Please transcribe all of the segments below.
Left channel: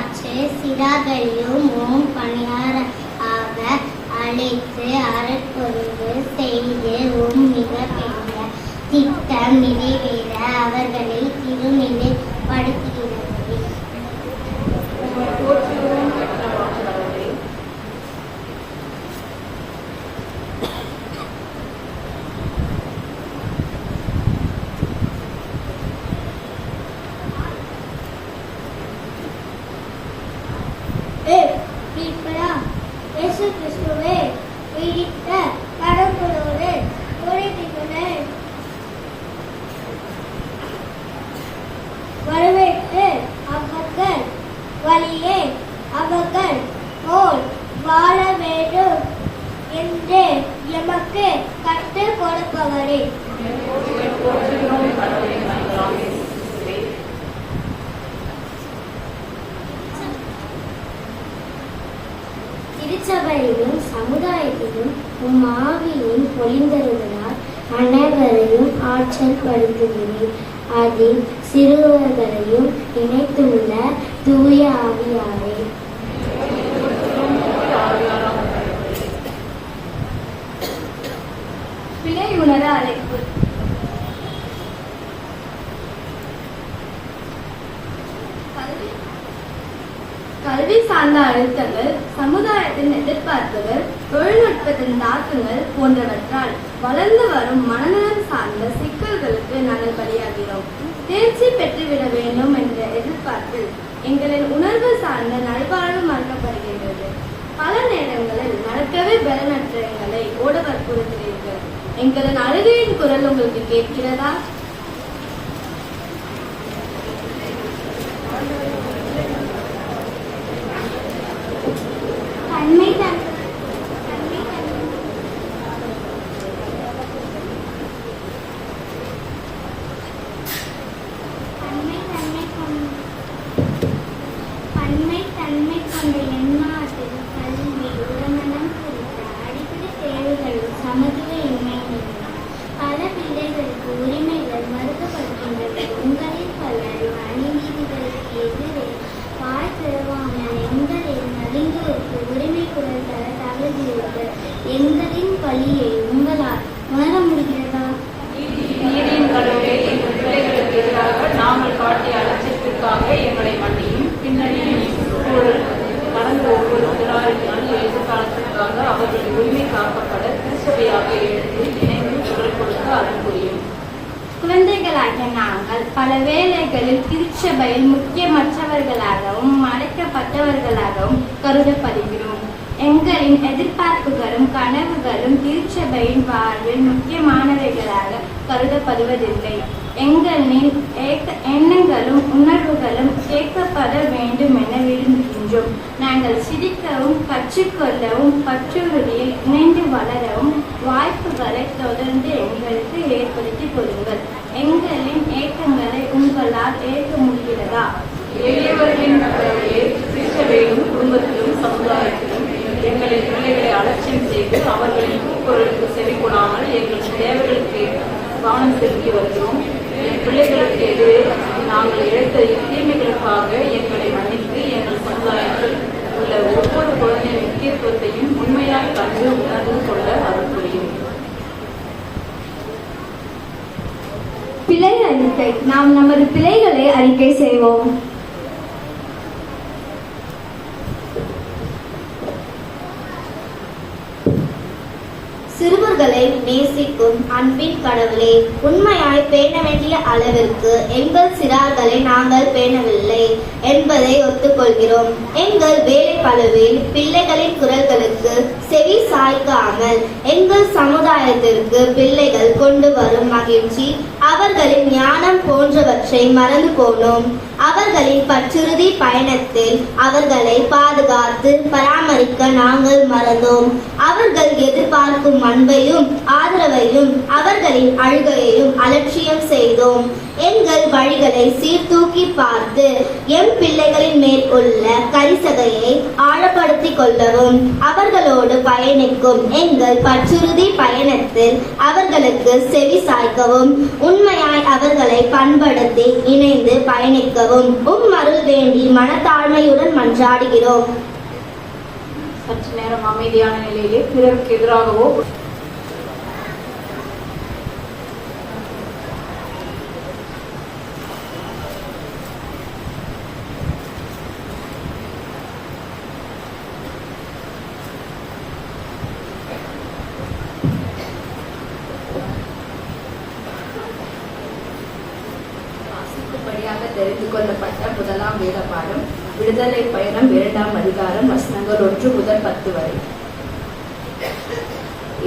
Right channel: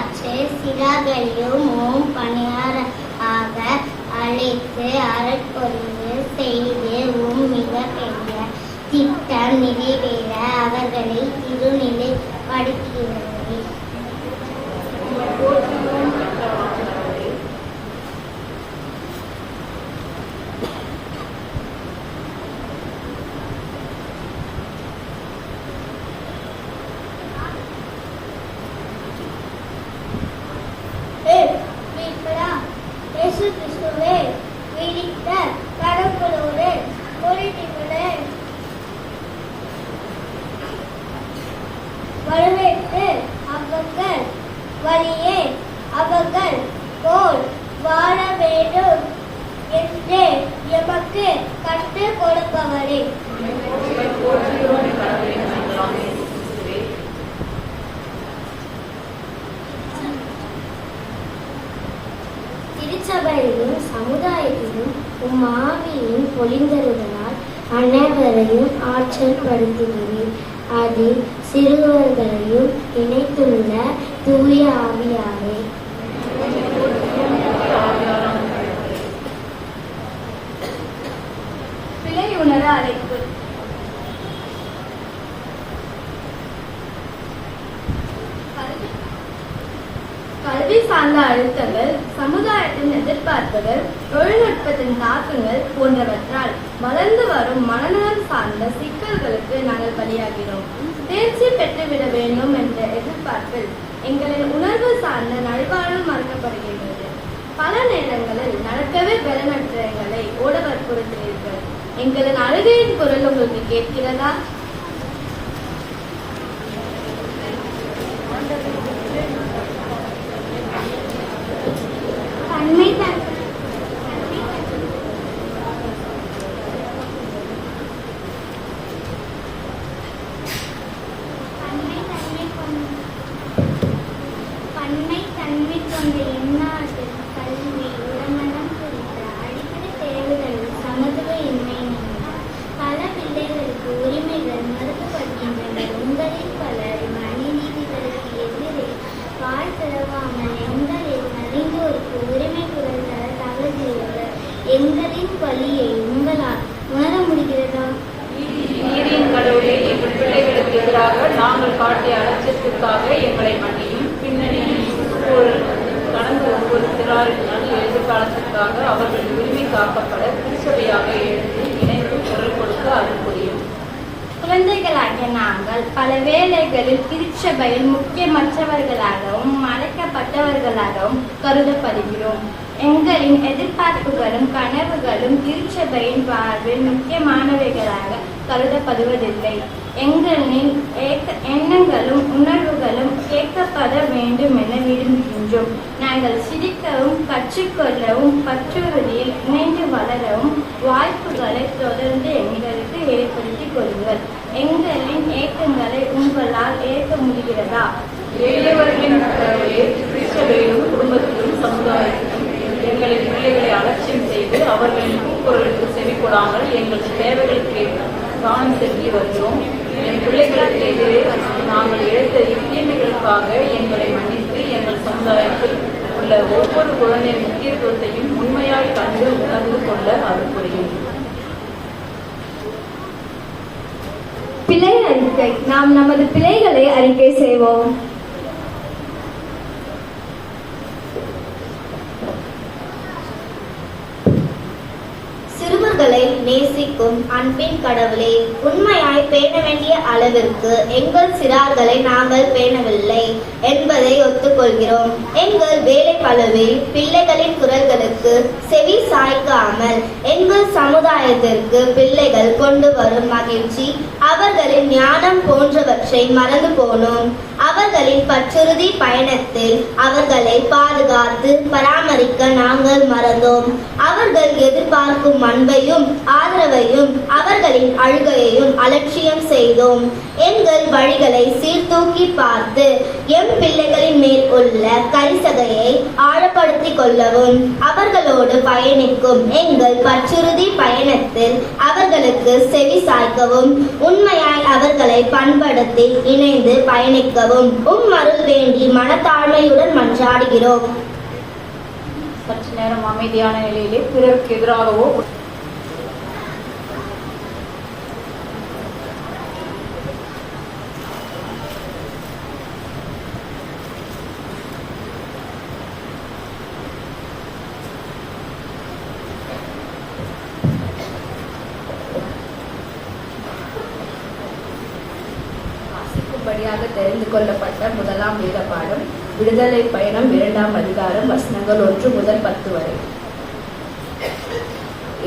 காற்று சிறார்களையும் ஓம் பணியார ஆக அழைத்து அறப்பொருள் செய்து ஓம் மிக பெரிய திட்டம் நிறைவேற அவர்களை திருநிலைப்படுத்துகிறது. வரவேற்று அவர்கள் வழியே அவர்கள் போல் வாழ வேண்டும் என்று எமக்கு கற்றுக் கொடுப்பவரே. திருச்சபையிலும் சமுதாயத்திலும் உம் ஆவியின் பொழிந்தருளால் அனைவரையும் ஆற்றல் படுத்துகிறேன். அதில் சிறுவர்களையும் இணைத்துள்ள தூய ஆவியாரே. பிழை உணர அழைப்பு. கல்வி சார்ந்த அழுத்தங்கள், சமுதாயத்தின் எதிர்பார்ப்புகள், தொழில்நுட்பத்தின் தாக்கங்கள் போன்றவற்றால் வளர்ந்து வரும் மனநலம் சார்ந்த சிக்கல்களுக்கு நாங்கள் பலியாகிறோம். தேர்ச்சி பெற்றுவிட வேண்டும் என்ற எதிர்பார்ப்பில் எங்களின் உணர்வு சார்ந்த நல்வாழ்வு மறுக்கப்படுகின்றது. பல நேரங்களில் நடக்கவே பலனற்ற எங்களை ஓட வற்புறுத்துகிறீர்கள். எங்களின் அழுகையின் குரல் உங்களுக்கு கேட்கிறதா? எங்களின் பலியை உங்களால் உணர முடிகிறதா? பிள்ளைகளுக்கு எதிராக நாங்கள் காட்டிய அலட்சியத்திற்காக எங்களை மன்னியும். பின்னணியில் கடந்த ஒவ்வொரு திராளிகளும் எதிர்காலத்திற்காக அவர்கள் உரிமை காக்கப்பட திருச்சபையாக எழுந்து இணைந்து குரல் கொடுத்து அருள் புரியும். குழந்தைகளாகிய நாங்கள் பல வேளைகளில் திருச்சபையில் முக்கியமற்றவர்களாகவும் மறைக்கப்பட்டவர்களாகவும் கருதப்படுகிறோம். எங்களின் எதிர்பார்ப்புகளும் கனவுகளும் திருச்சபையின் வாழ்வில் முக்கியமானவைகளாக கருதப்படுவதில்லை. எங்களின் எண்ணங்களும் உணர்வுகளும் கேட்கப்பட வேண்டும் என விரும்புகின்றோம். நாங்கள் சிரிக்கவும் கற்றுக்கொள்ளவும் பற்றுறுதியை இணைந்து வளரவும் வாய்ப்புகளை தொடர்ந்து எங்களுக்கு ஏற்படுத்தி கொடுங்கள். எங்களின் ஏக்கங்களை உங்களால் ஏற்க முடிகிறதா? குடும்பத்திலும் சமுதாயத்திலும் எங்களின் பிள்ளைகளை அலட்சியம் செய்து அவர்களின் கூக்குரலுக்கு செவி கொடாமல் எங்கள் தேவைகளுக்கு கவனம் செலுத்தி வருகிறோம். என் பிள்ளைகளுக்கு எதிரே நாங்கள் எடுத்த தீமைகளுக்காக எங்களை மன்னித்து எங்கள் சமுதாயத்தில் உள்ள ஒவ்வொரு குழந்தையின் முக்கியத்துவத்தையும் உண்மையாக கண்டு உணர்ந்து கொள்ள அருள் புரியும். பிழை அறிக்கை. நாம் நமது பிழைகளை அறிக்கை செய்வோம். சிறுவர்களை நேசிக்கும் அன்பின் கடவுளே, உண்மையாய் பேண வேண்டிய அளவிற்கு எங்கள் சிறார்களை நாங்கள் பேணவில்லை என்பதை ஒத்துக்கொள்கிறோம். எங்கள் வேலை பளுவில் பிள்ளைகளின் குரல்களுக்கு செவி சாய்க்காமல் எங்கள் சமுதாயத்திற்கு பிள்ளைகள் கொண்டு வரும் மகிழ்ச்சி, அவர்களின் ஞானம் போன்றவற்றை மறந்து போனோம். அவர்களின் பற்றுறுதி பயணத்தில் அவர்களை பாதுகாத்து பராமரிக்க நாங்கள் மறந்தோம். அவர்கள் எதிர்பார்க்கும் அன்பையும் ஆதரவையும் அவர்களின் அழுகையையும் அலட்சியம் செய்தோம். எங்கள் வழிகளை சீர்தூக்கி பார்த்து எம் பிள்ளைகளின் மேல் உள்ள கரிசகையை ஆழப்படுத்திக் கொள்ளவும் அவர்களோடு பயணிக்கும் எங்கள் பற்றுறுதி பயணத்தில் அவர்களுக்கு செவி சாய்க்கவும் உண்மையாய் அவர்களை பண்படுத்தி இணைந்து பயணிக்கவும் அருள் வேண்டி மனத்தாழ்மையுடன் மன்றாடுகிறோம். சற்று நேரம் அமைதியான நிலையிலே பிறருக்கு எதிராகவோ படியாக தெரிந்து கொள்ளப்பட்ட முதலாம் வேத பாடம் விடுதலை பயணம் 2ஆம் அதிகாரம் வசனங்கள் 1 முதல் 10 வரை.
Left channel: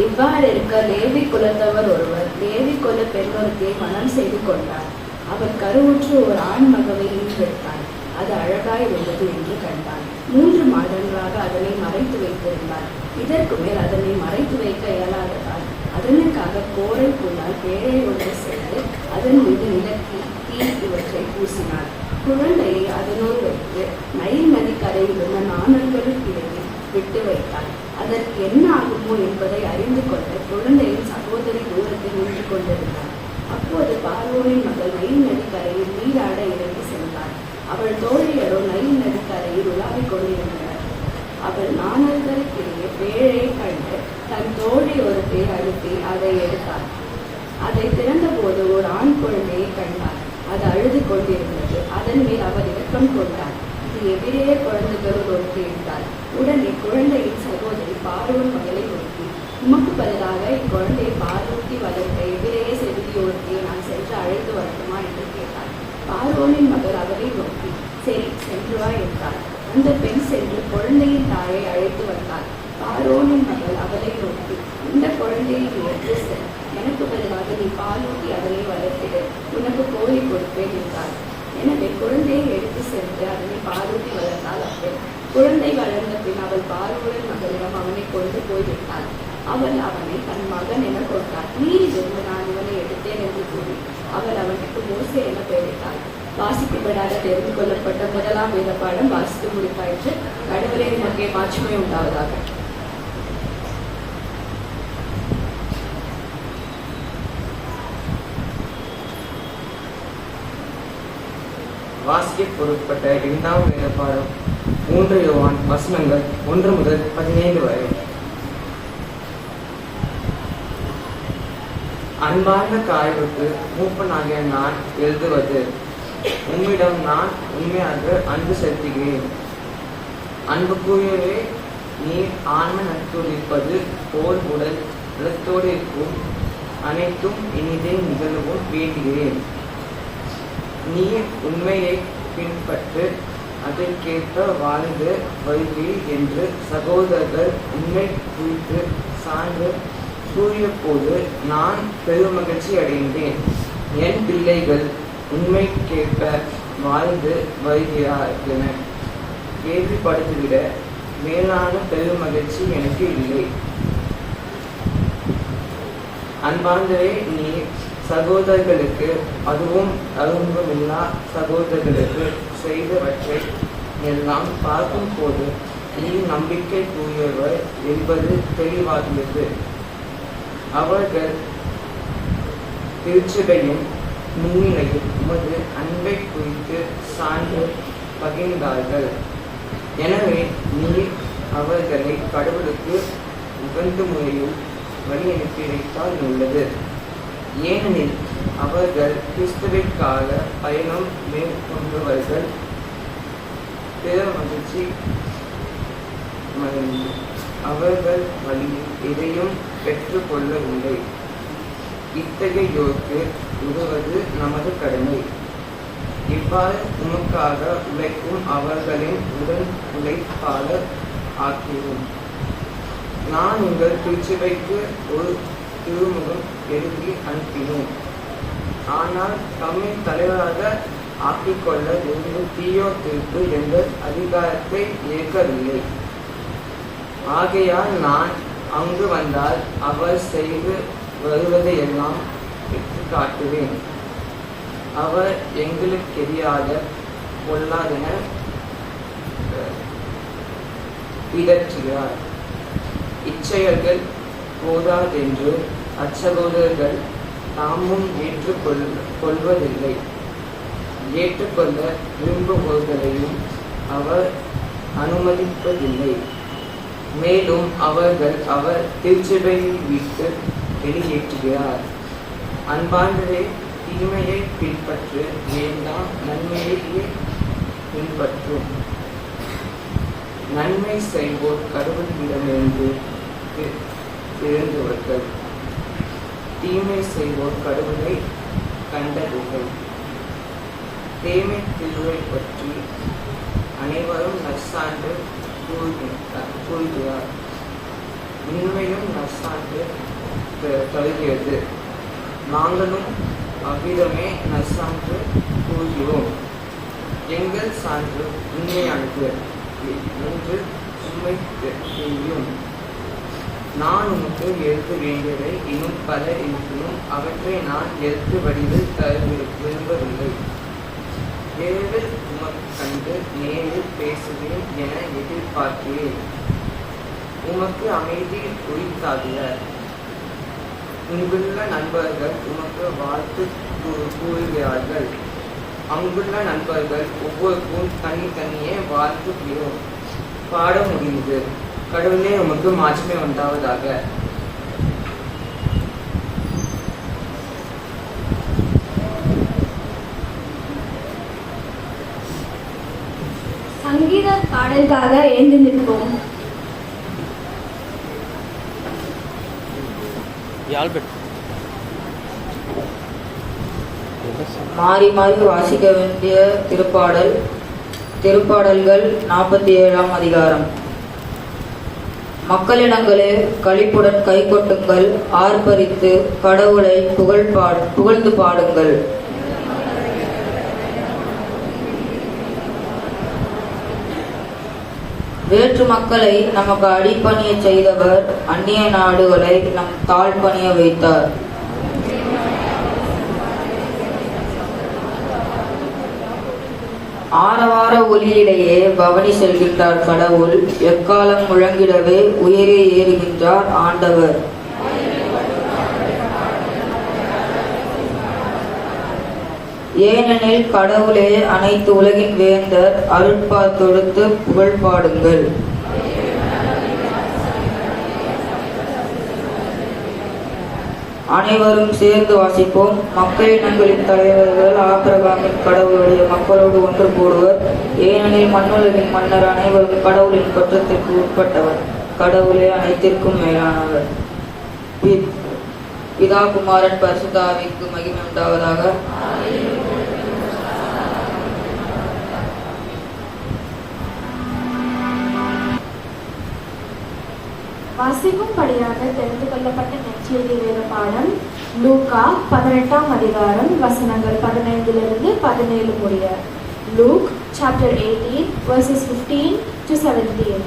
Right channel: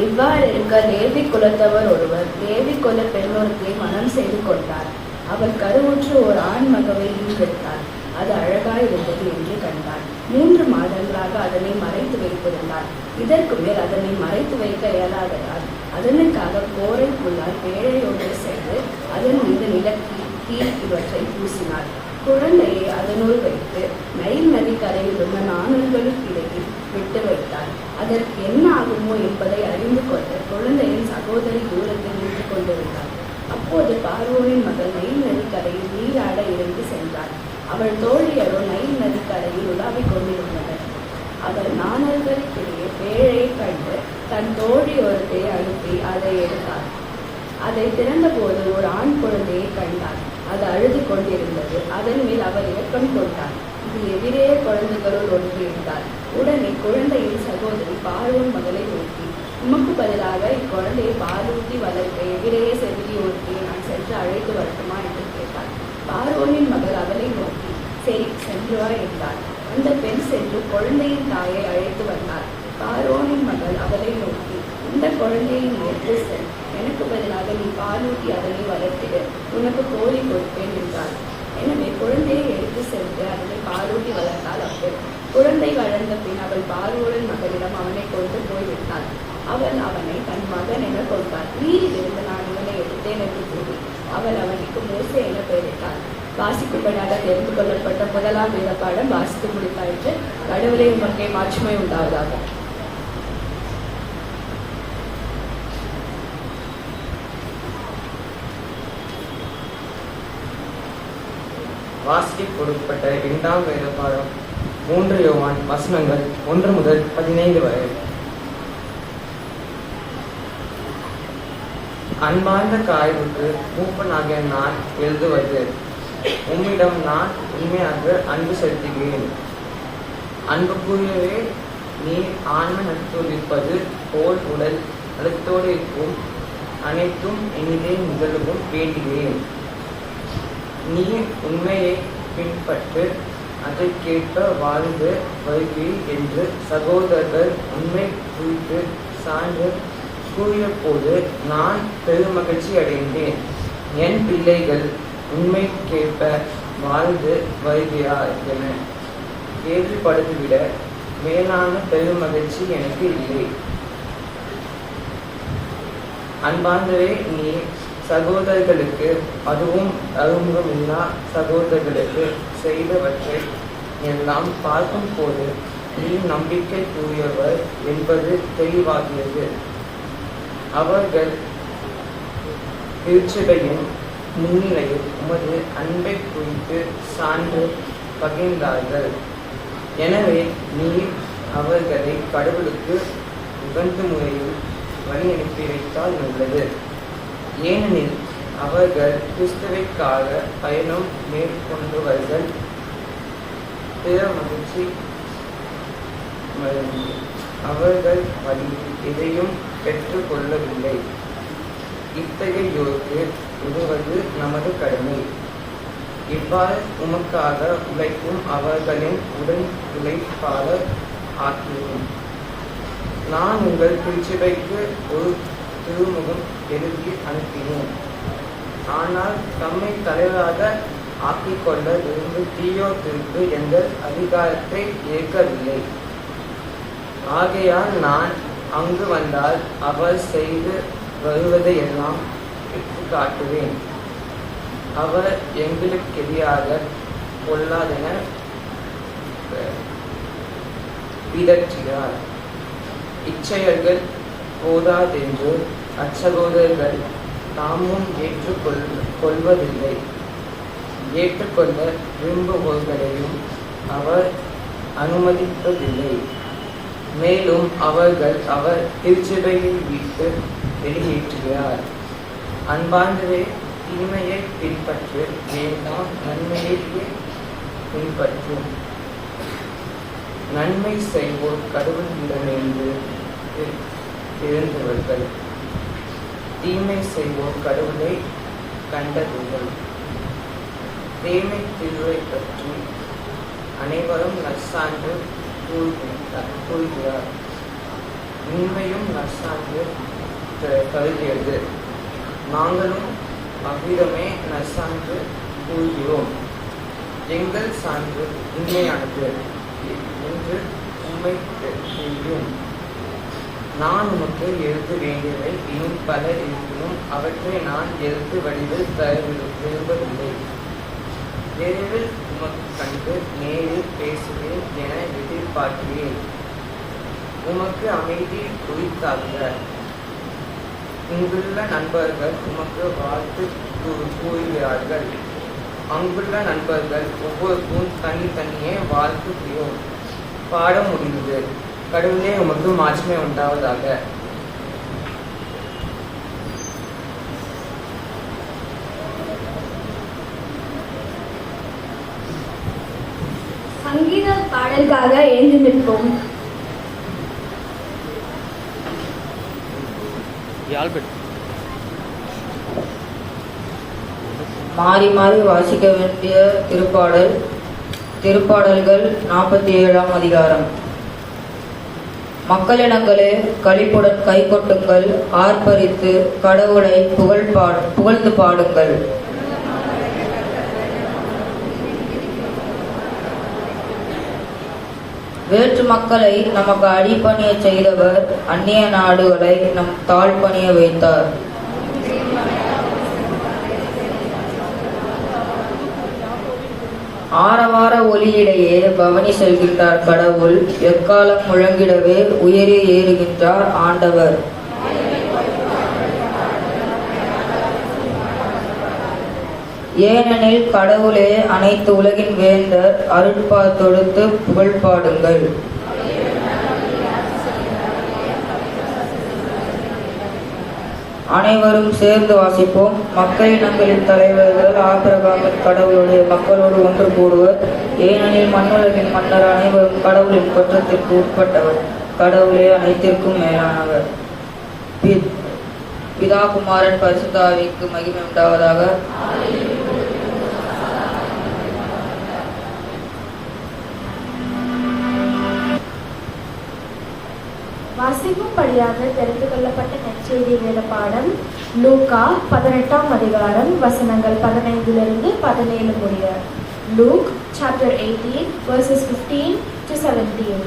இவ்வாறு இருக்க லேவி குலத்தவர் ஒருவர் லேவி குல பெண்ணொருத்தியை மனம் செய்து கொண்டார். அவர் கருவுற்று ஒரு ஆண் மகவை ஈன்றெடுத்தார். அது அழகாய் இருந்தது என்று கண்டார். 3 மாதங்களாக அதனை மறைத்து வைத்திருந்தார். இதற்கு மேல் அதனை மறைத்து வைக்க இயலாததால் அதனுக்காக கோரை புல்லால் பேழையோடு சேர்த்து அதன் மீது நிலக்கி இவற்றை பூசினார். குழந்தையை அதனுள் வைத்து நைல் நதிக்கரையில் உள்ள நாணல்களுக்கு இடையில் விட்டு வைத்தார். அதற்கு என்ன ஆகுமோ என்பதை அறிந்து கொள்ள குழந்தையின் சகோதரி தூரத்தில் நின்று கொண்டிருந்தார். அப்போது பார்வோனின் மகள் நைல் நதிக்கரையில் நீராட இறங்கி சென்றார். அவள் தோழியரோ நைல் நதிக்கரையில் உலாவிக் கொண்டிருந்தனர். அவள் நாணல்களுக்கிடையே பேழையை கண்டு தன் தோழி ஒருத்தையை அழுத்தி அதை எடுத்தார். அதை திறந்தபோது ஒரு ஆண் குழந்தையை கண்டார். அது அழுது கொண்டிருந்தது. அதன் மேல் அவர் இரக்கம் கொண்டார். இது எதிரே குழந்தைகளுள் ஒன்று இருந்தார். உடனே குழந்தையின் சகோதரி பார்வோன் மகளை நோக்கி, உமக்கு பதிலாக இக்குழந்தையை பாலூட்டி வளர்த்த எதிரையே செவிலியோர்த்தியை நான் சென்று அழைத்து வரட்டுமா என்று கேட்டார். பார்வோனின் மகள் அவரை நோக்கி, சரி சென்று வா என்றார். அந்த பெண் சென்று குழந்தையின் தாயை அழைத்து வந்தார். பார்வோனின் மகள் அவரை நோக்கி, இந்த குழந்தையை எடுத்து செல், எனக்கு பதிலாக நீ பாலூட்டி அதனை வளர்த்திடு, உனக்கு கோழி கொடுப்பேன் என்றார். எனவே குழந்தையை எடுத்து சென்று அதனை பாலூட்டி வளர்த்தாள். அப்போது குழந்தை வளர்ந்த பின் அவள் பார்வோனின் மகளிடம் அவனை கொண்டு போய்விட்டாள். அவள் அவனை தன் மகன் என கொடுத்தார். நீரிலிருந்து நான் இவனை எடுத்தேன் என்று கூறி அவள் அவனுக்கு மோசே என பெயரிட்டாள். வாசிக்கப்படாத தெரிந்து கொள்ளப்பட்ட முதலாம் வேத பாடம் வாசித்து முடித்தாயிற்று. கடவுளை உமக்கே மாட்சிமை உண்டாவதாக. வாசிக்க கொடுக்கப்பட்ட 2ஆம் வேத பாடம் 3 யோவான் வசனங்கள் 1 முதல் 15 வரை. அன்பார்ந்த காய்வுக்கு மூப்பனாகிய நான் எழுதுவது, உம்மிடம் நான் உண்மையாக அன்பு செலுத்துகிறேன். அன்புக்குரியவே, நீ ஆன்ம நட்போடு இருப்பது போல் உடல் நலத்தோடு இருக்கும் அனைத்தும் இனிதே நிகழவும் வேண்டுகிறேன். நீ உண்மையை பின்பற்று, அதற்கேற்ப வாழ்ந்து வருகிறீர் என்று சகோதரர்கள் உண்மை குறித்து சான்று கூறிய போது நான் பெருமகிழ்ச்சி அடைந்தேன். என் பிள்ளைகள் உண்மைக்கேற்ப வாழ்ந்து வருகிறார் என கேள்விப்படுத்திவிட மேலான பெருமகிழ்ச்சி எனக்கு இல்லை. அன்பார்ந்தவே, நீ சகோதரர்களுக்கு, அதுவும் அறிமுகமில்லா சகோதரர்களுக்கு செய்தவற்றை எல்லாம் பார்க்கும் போது நீ நம்பிக்கை கூறியவர் என்பது தெளிவாகிறது. அவர்கள் திருச்சபையும் முன்னிலையில் உமது அன்பை குறித்து சான்று பகிர்ந்தார்கள். எனவே நீ அவர்களை கடவுளுக்கு உகந்த முறையில் வழியனுப்பி வைத்தால் உள்ளது. ஏனெனில் அவர்கள் கிறிஸ்துவிற்காக பயணம் மேற்கொண்டவர்கள் பிற மகிழ்ச்சி மகிழ்ந்து அவர்கள் வழியில் எதையும் பெற்றுக் கொள்ளவில்லை. இத்தகையோருக்கு உதவுவது நமது கடமை. இவ்வாறு உமக்காக உழைக்கும் அவர்களின் உடல் உழைப்பாளர் ஆக்கியோம். நான் உங்கள் திருச்சபைக்கு ஒரு திருமுகம் எழுதி அனுப்பினோம். ஆனால் தம்மை தலைவராக ஆக்கிக்கொள்ள விரும்பும் தீயோத்திற்கு எந்த அதிகாரத்தை ஏற்கவில்லை. ஆகையால் நான் அங்கு வந்தால் அவர் செய்து வருவதையெல்லாம் எடுத்து காட்டுவேன். அவர் எங்களுக்கு எதிராக பொல்லாதன பிதற்றுகிறார். இச்செயல்கள் போதாதென்று அச்சகோதரர்கள் தாமும் கொள்வதில்லை. ஏற்றுக்கொள்ள விரும்புபவர்களையும் அவர் அனுமதிப்பதில்லை. மேலும் அவர்கள் அவர் திருச்சபையை விட்டு வெளியேற்றுகிறார். அன்பாண்டவே, தீமையை பின்பற்று வேண்டாம், நன்மையையே பின்பற்றும். நன்மை செய்வோர் கடவுளிடமிருந்து பிறந்தவர்கள், தீமை செய்வோர் கடவுளை கண்டவர்கள். தேமை திருவை பற்றி அனைவரும் நற்சான்று கூறுகிறார். உண்மையும் நற்சான்று தருகிறது. நாங்களும் அவ்விதமே நற்சான்று கூறுகிறோம். எங்கள் சான்று உண்மையானது என்று உண்மை செய்யும். நான் உனக்கு எழுத வேண்டியவை இன்னும் பல இருப்பினும் அவற்றை நான் எழுத்து வடிவில் தர விரும்பவில்லை. விரைவில் உமக்கு கண்டு நேரில் பேசுவேன் என எதிர்பார்க்கிறேன். உமக்கு அமைதி குறித்தாகுக. இங்குள்ள நண்பர்கள் உமக்கு வாழ்த்து கூறுகிறார்கள். அங்குள்ள நண்பர்கள் ஒவ்வொருக்கும் தனித்தனியே வாழ்த்து பாட முடிந்தது. கடவுளே உமக்கு மாற்றமே உண்டாவதாக. சங்கீத பாடலுக்காக எழுந்து நிற்போம். மாறி மாறி வாசிக்க வேண்டிய திருப்பாடல்கள் 47ஆம் அதிகாரம். மக்களிடங்களே களிப்புடன் கை கொட்டுங்கள், ஆர்ப்பரித்து கடவுளை புகழ்ந்து பாடுங்கள். வேற்று மக்களை நமக்கு அடிபணிய செய்தவர், அந்நிய நாடுகளை நம் தாழ்பணிய வைத்தார். ஆரவார ஒலியிடையே பவனி செல்கின்றார் கடவுள், எக்காலம் முழங்கிடவே உயரே ஏறுகின்றார் ஆண்டவர். ஏனெனில் கடவுளே அனைத்து உலகின் வேந்தர், அருட்பா தொடுத்து புகழ் பாடுங்கள். அனைவரும் சேர்ந்து வாசிப்போம். மக்களினங்களின் தலைவர்கள் ஆபிரகாமின் கடவுளுடைய மக்களோடு ஒன்று கூடுவர். ஏனெனில் மண்ணுலகின் மன்னர் அனைவரும் கடவுளின் தோற்றத்திற்கு உட்பட்டவர். கடவுளே அனைத்திற்கும் மேலானவர். பிதா குமாரன் பரிசுத்த ஆவிக்கு மகிமை உண்டாவதாக. வாசிக்கும்படியாக தெரிந்து கொள்ளப்பட்ட நற்செய்தி வேத பாடம் லூக்கா 18ஆம் அதிகாரம் வசனங்கள் 15 to 17 முடிய. Luke chapter 18 verses 15 to 17.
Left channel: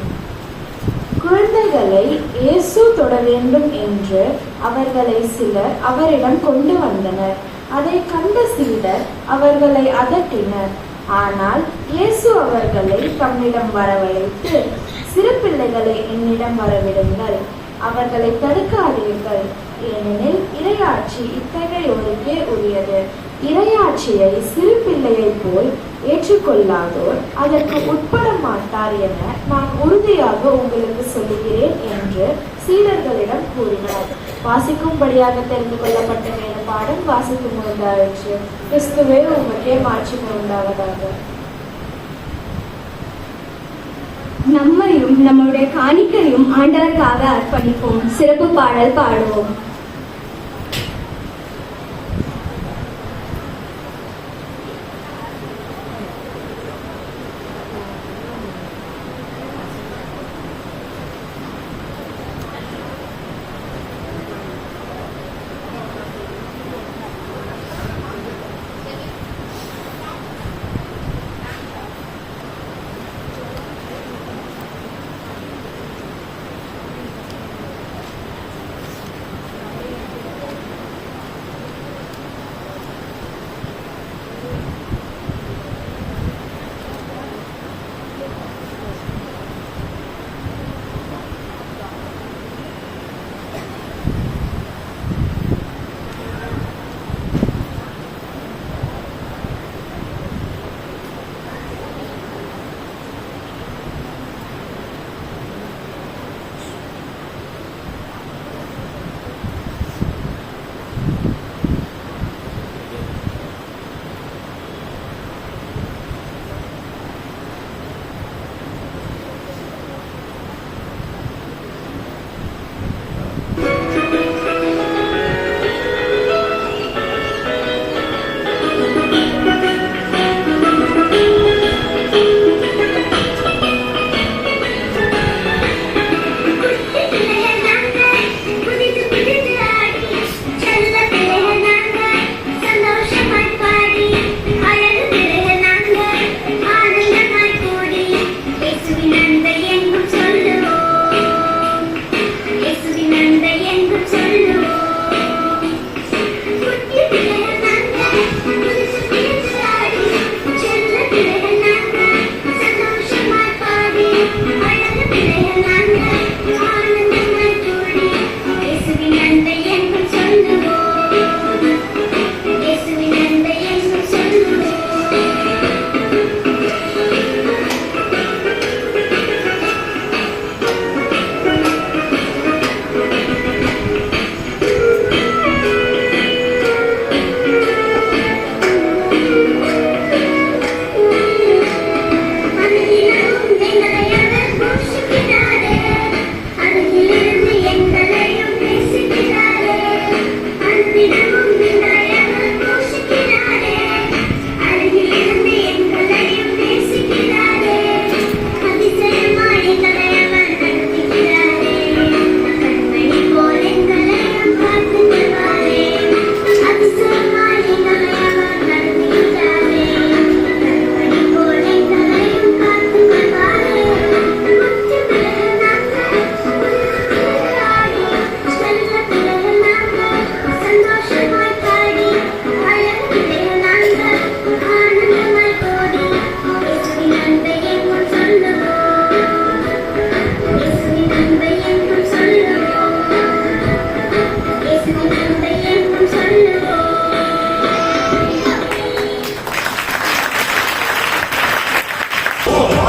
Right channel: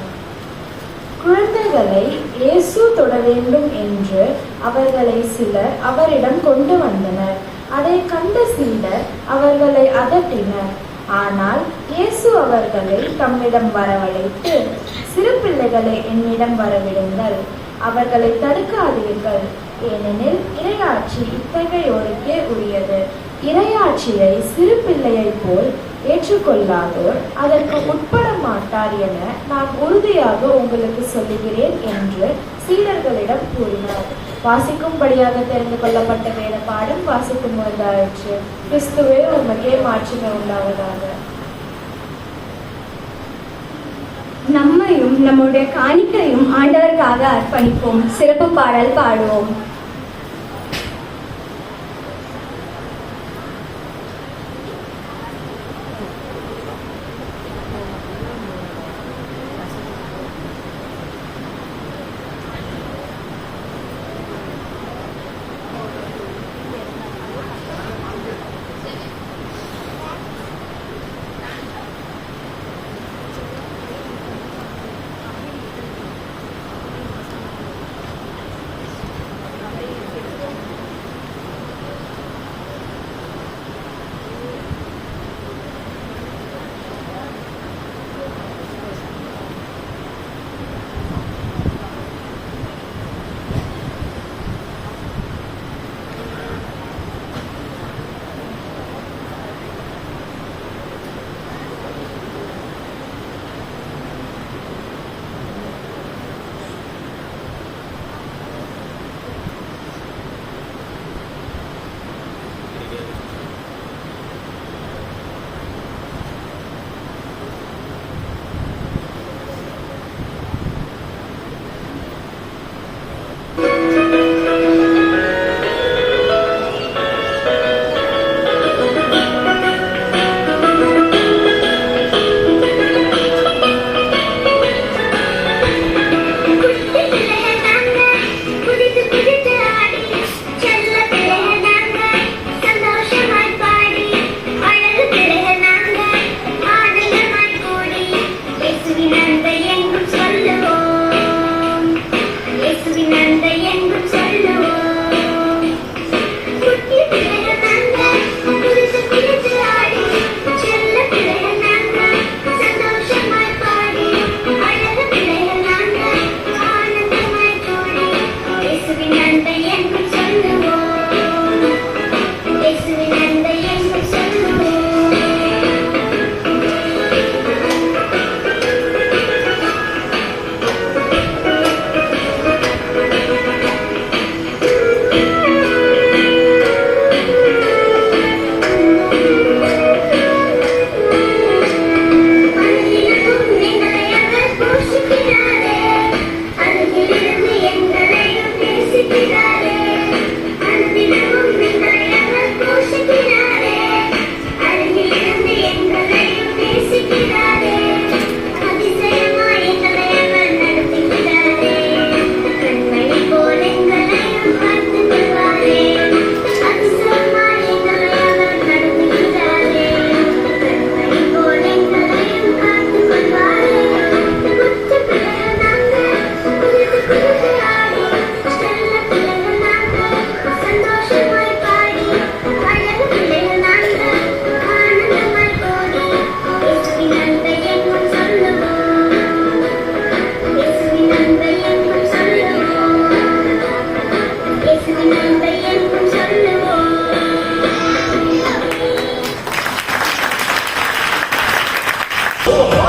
குழந்தைகளை இயேசு தொட வேண்டும் என்று அவர்களை சிலர் அவரிடம் கொண்டு வந்தனர். அதை கண்ட சிலர் அவர்களை அதட்டினர். ஆனால் இயேசு அவர்களை தம்மிடம் வரவழைத்து, சிறு பிள்ளைகளை என்னிடம் வரவிடுங்கள், அவர்களை தடுக்காதீர்கள், ஏனெனில் இறையாட்சி இத்தகையோருக்கே உரியது. இறையாட்சியை சிறு பிள்ளையைப் போல் ஏற்றுக்கொள்ளாதோர் அதற்கு உட்பட மாட்டார் என நான் உறுதியாக உங்களுக்கு சொல்லுகிறேன் என்று சீடர்களிடம் கூறினார். வாசிக்கும்படியாக தெரிந்து கொள்ளப்பட்ட வேத பாடம் வாசிக்கும் வந்தாயிற்று. கிறிஸ்துவே உங்களுக்கே மாற்றமே உண்டாவதாக. நம்மையும் நம்முடைய காணிக்கையும் ஆண்டவருக்காக அர்ப்பணிப்போம். சிறப்பு பாடல் பாடுவோம்.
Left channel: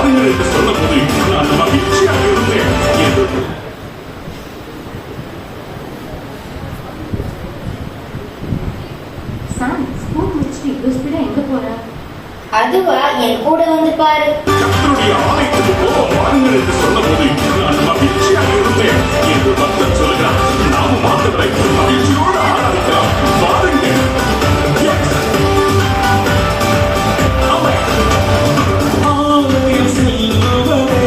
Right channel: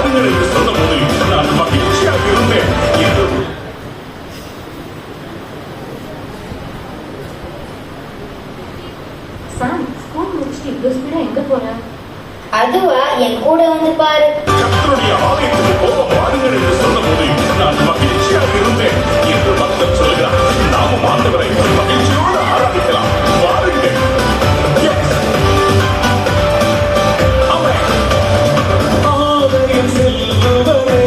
வாருங்கள் என்று சொன்னபோது நான் மகிழ்ச்சியாக இருந்தேன் என்று சாம், ஸ்கூல் முடிச்சுட்டு இவ்வளோ ஸ்பீடா எங்க போன? அதுவா, என் கூட வந்து பாரு. கர்த்தருடைய ஆலயத்துக்கு போக வாருங்கள் என்று சொன்னபோது நான் மகிழ்ச்சியாக இருந்தேன் என்று பக்தர் சொல்கிறார். நாமும் ஆண்டவரை மகிழ்ச்சியோடு ஆராதிக்கலாம். வாருங்கள். Yes. ஆலயம் செல்லுவதே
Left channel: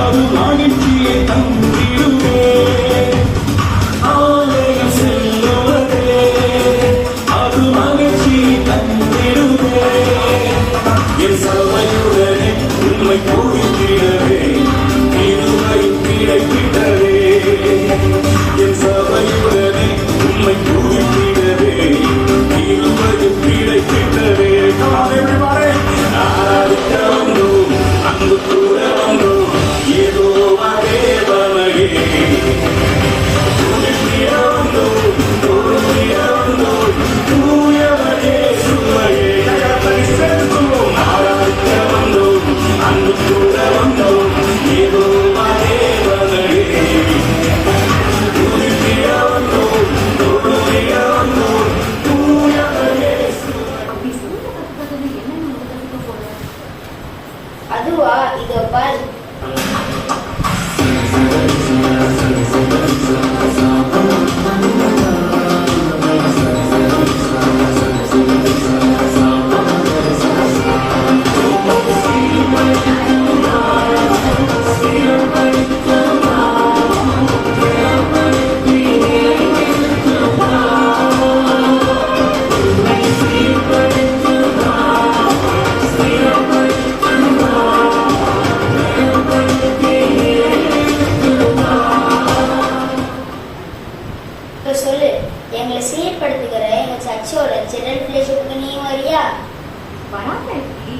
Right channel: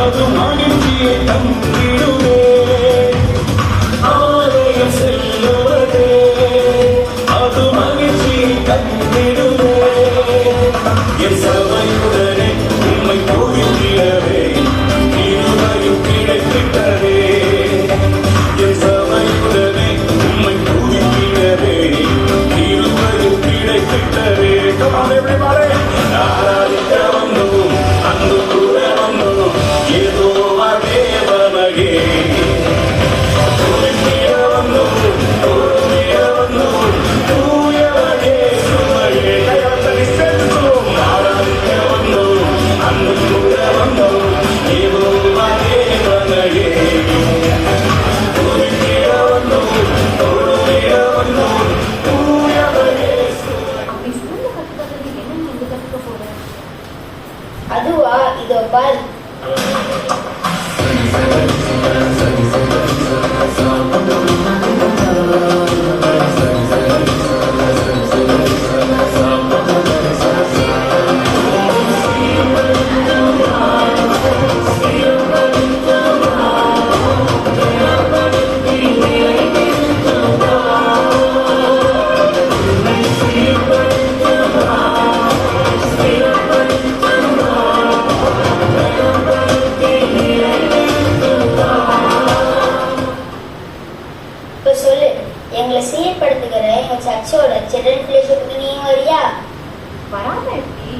அது மகிழ்ச்சியை தந்திடுவே. ஆலயம் செல்லுவதே அது மகிழ்ச்சியை தந்திடுவே. என் சபையுடனே உம்மை பூவிக்கிறவே நீருமையும் கிடைக்கின்றவே. என் சபையுடனே உம்மை பூவிக்கிறவே நீருமையும் கிடைக்கின்றவே. Come on everybody. ஆராதிக்க வந்தோம், அன்பு கூற வந்தோம், ஏதோ தேவனையே. துதிக்க வந்தோம், தோழிய வந்தோம், தூயவனே சுவையே. கையத்தனை சேர்ந்தோம், ஆராதிக்க வந்தோம், அன்பு கூற வந்தோம், ஏதோ தேவனையே. துதிக்க வந்தோம், தோழிய வந்தோம், தூயவனே. அப்படி ஸ்கூல்ல கத்துக்கிறது என்ன நீ எங்க கத்துக்க போற? அதுவா, இதோ பாரு. இப்ப சொல்லு, எங்களை சீர்படுத்துகிற எங்க சர்ச்சோட சில்ட்ரன் பிளேஷிப்க்கு நீ வரியா? வராம எப்படி?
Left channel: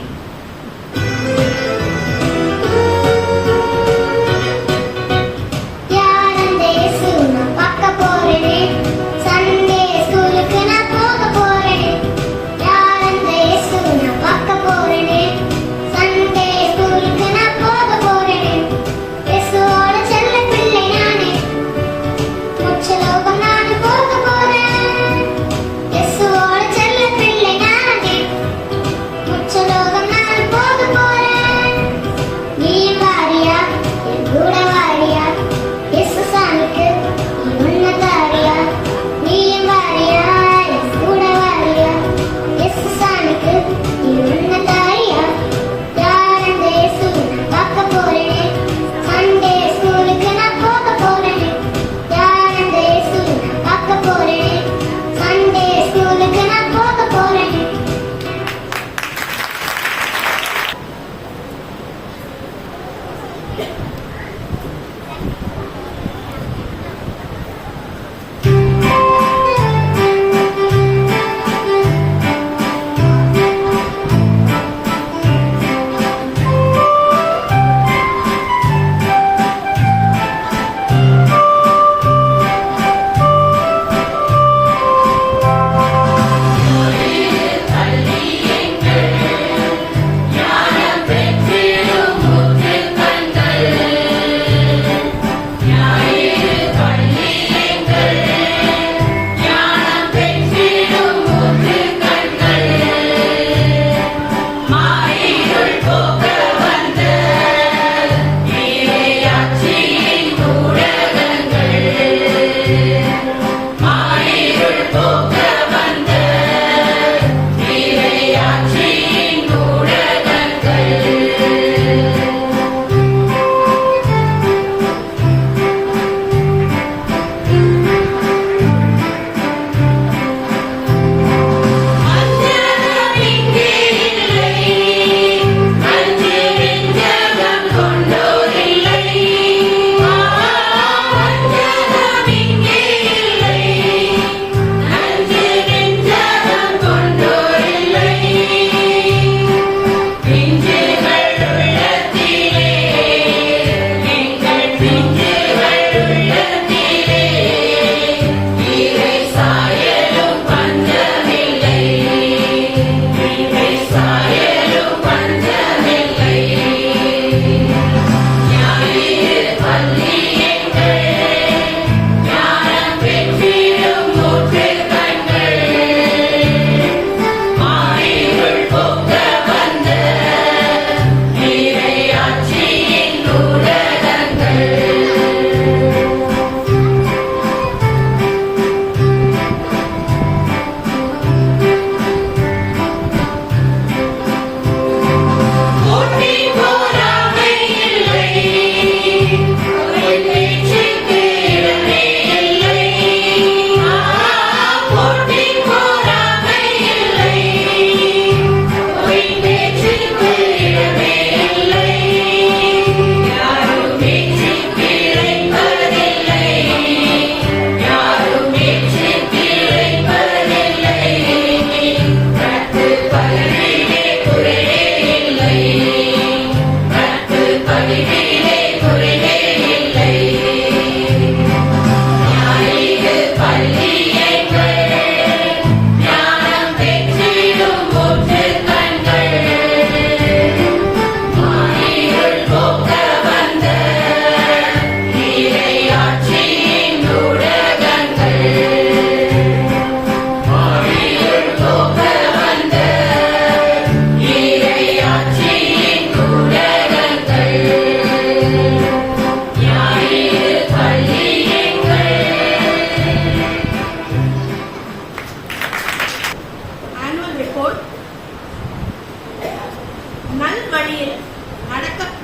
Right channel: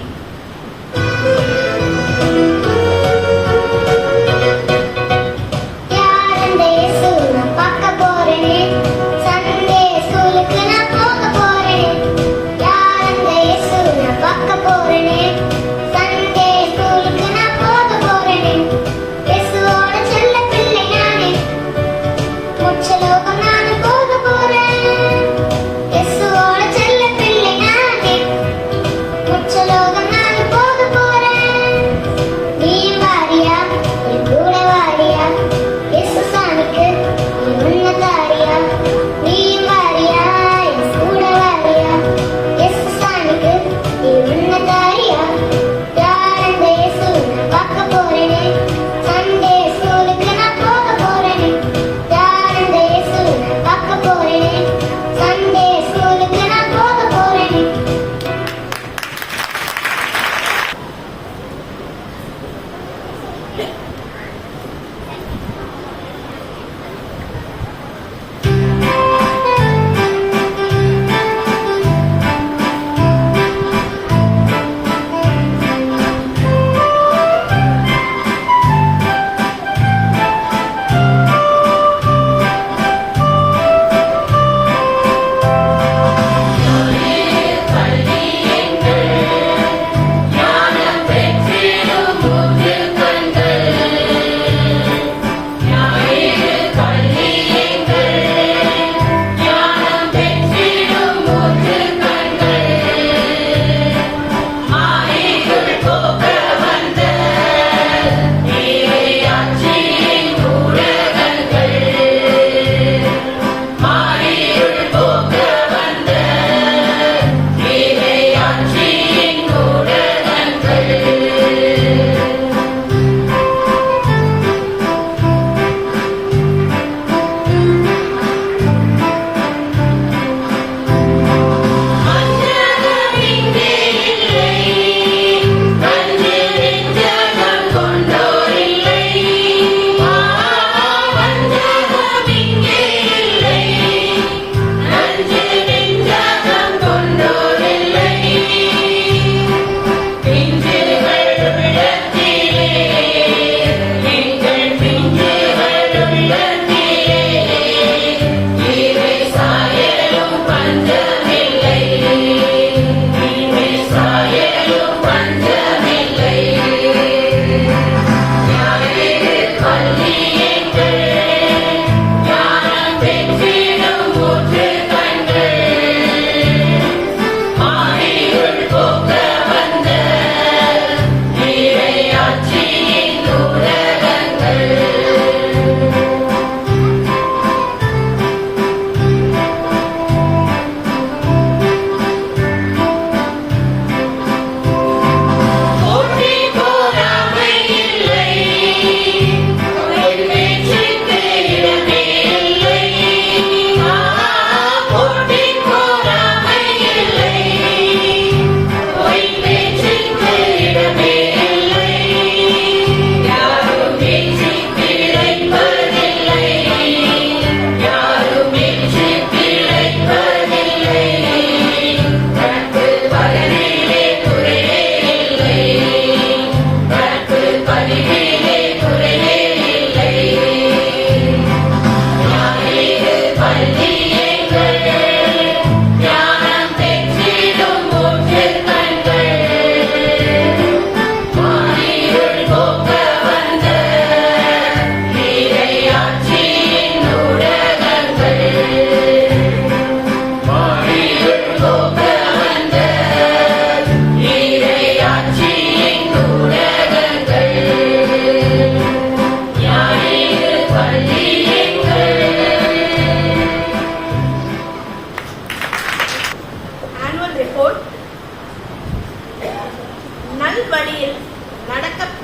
ஞானம் பெற்றிடும் முற்று கண்கள்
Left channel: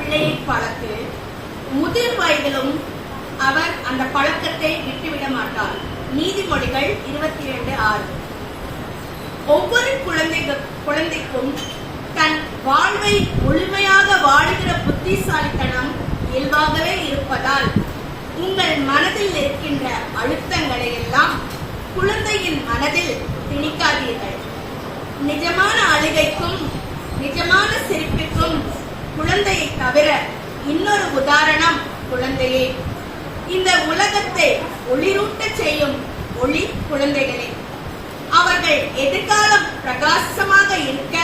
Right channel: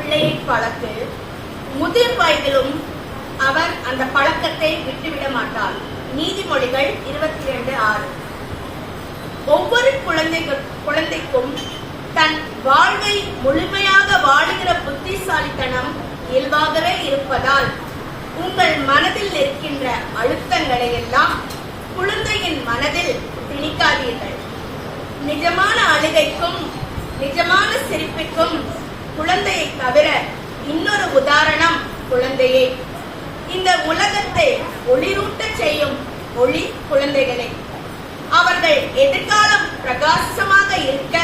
பிள்ளையை பழக்கு, முதிர் வயதிலும் அவர் அந்த பழக்கத்தை விட்டுவிட மாட்டார். நீதிமொழிகள் 22:6. ஒவ்வொரு குழந்தைக்கும் தன் வாழ்வை முழுமையாக வாழுகிற புத்திசாலித்தனம் இயல்பாகவே இருப்பதால் உங்கள் மனதில் இருக்கின்ற அழுத்தங்களை எல்லாம் குழந்தையின் மனதில் திணிக்காதீர்கள். நிஜமான அழுகைக்கும் நிஜமான சிரிப்புக்கும் குழந்தையை தவிர இன்னொரு உதாரணம் குழந்தையே. இந்த உலகத்தை ஒளிரூட்ட செய்யும் ஒளி குழந்தைகளே. அவர்கள் எதிர்காலம் பிரகாசமாக இருக்க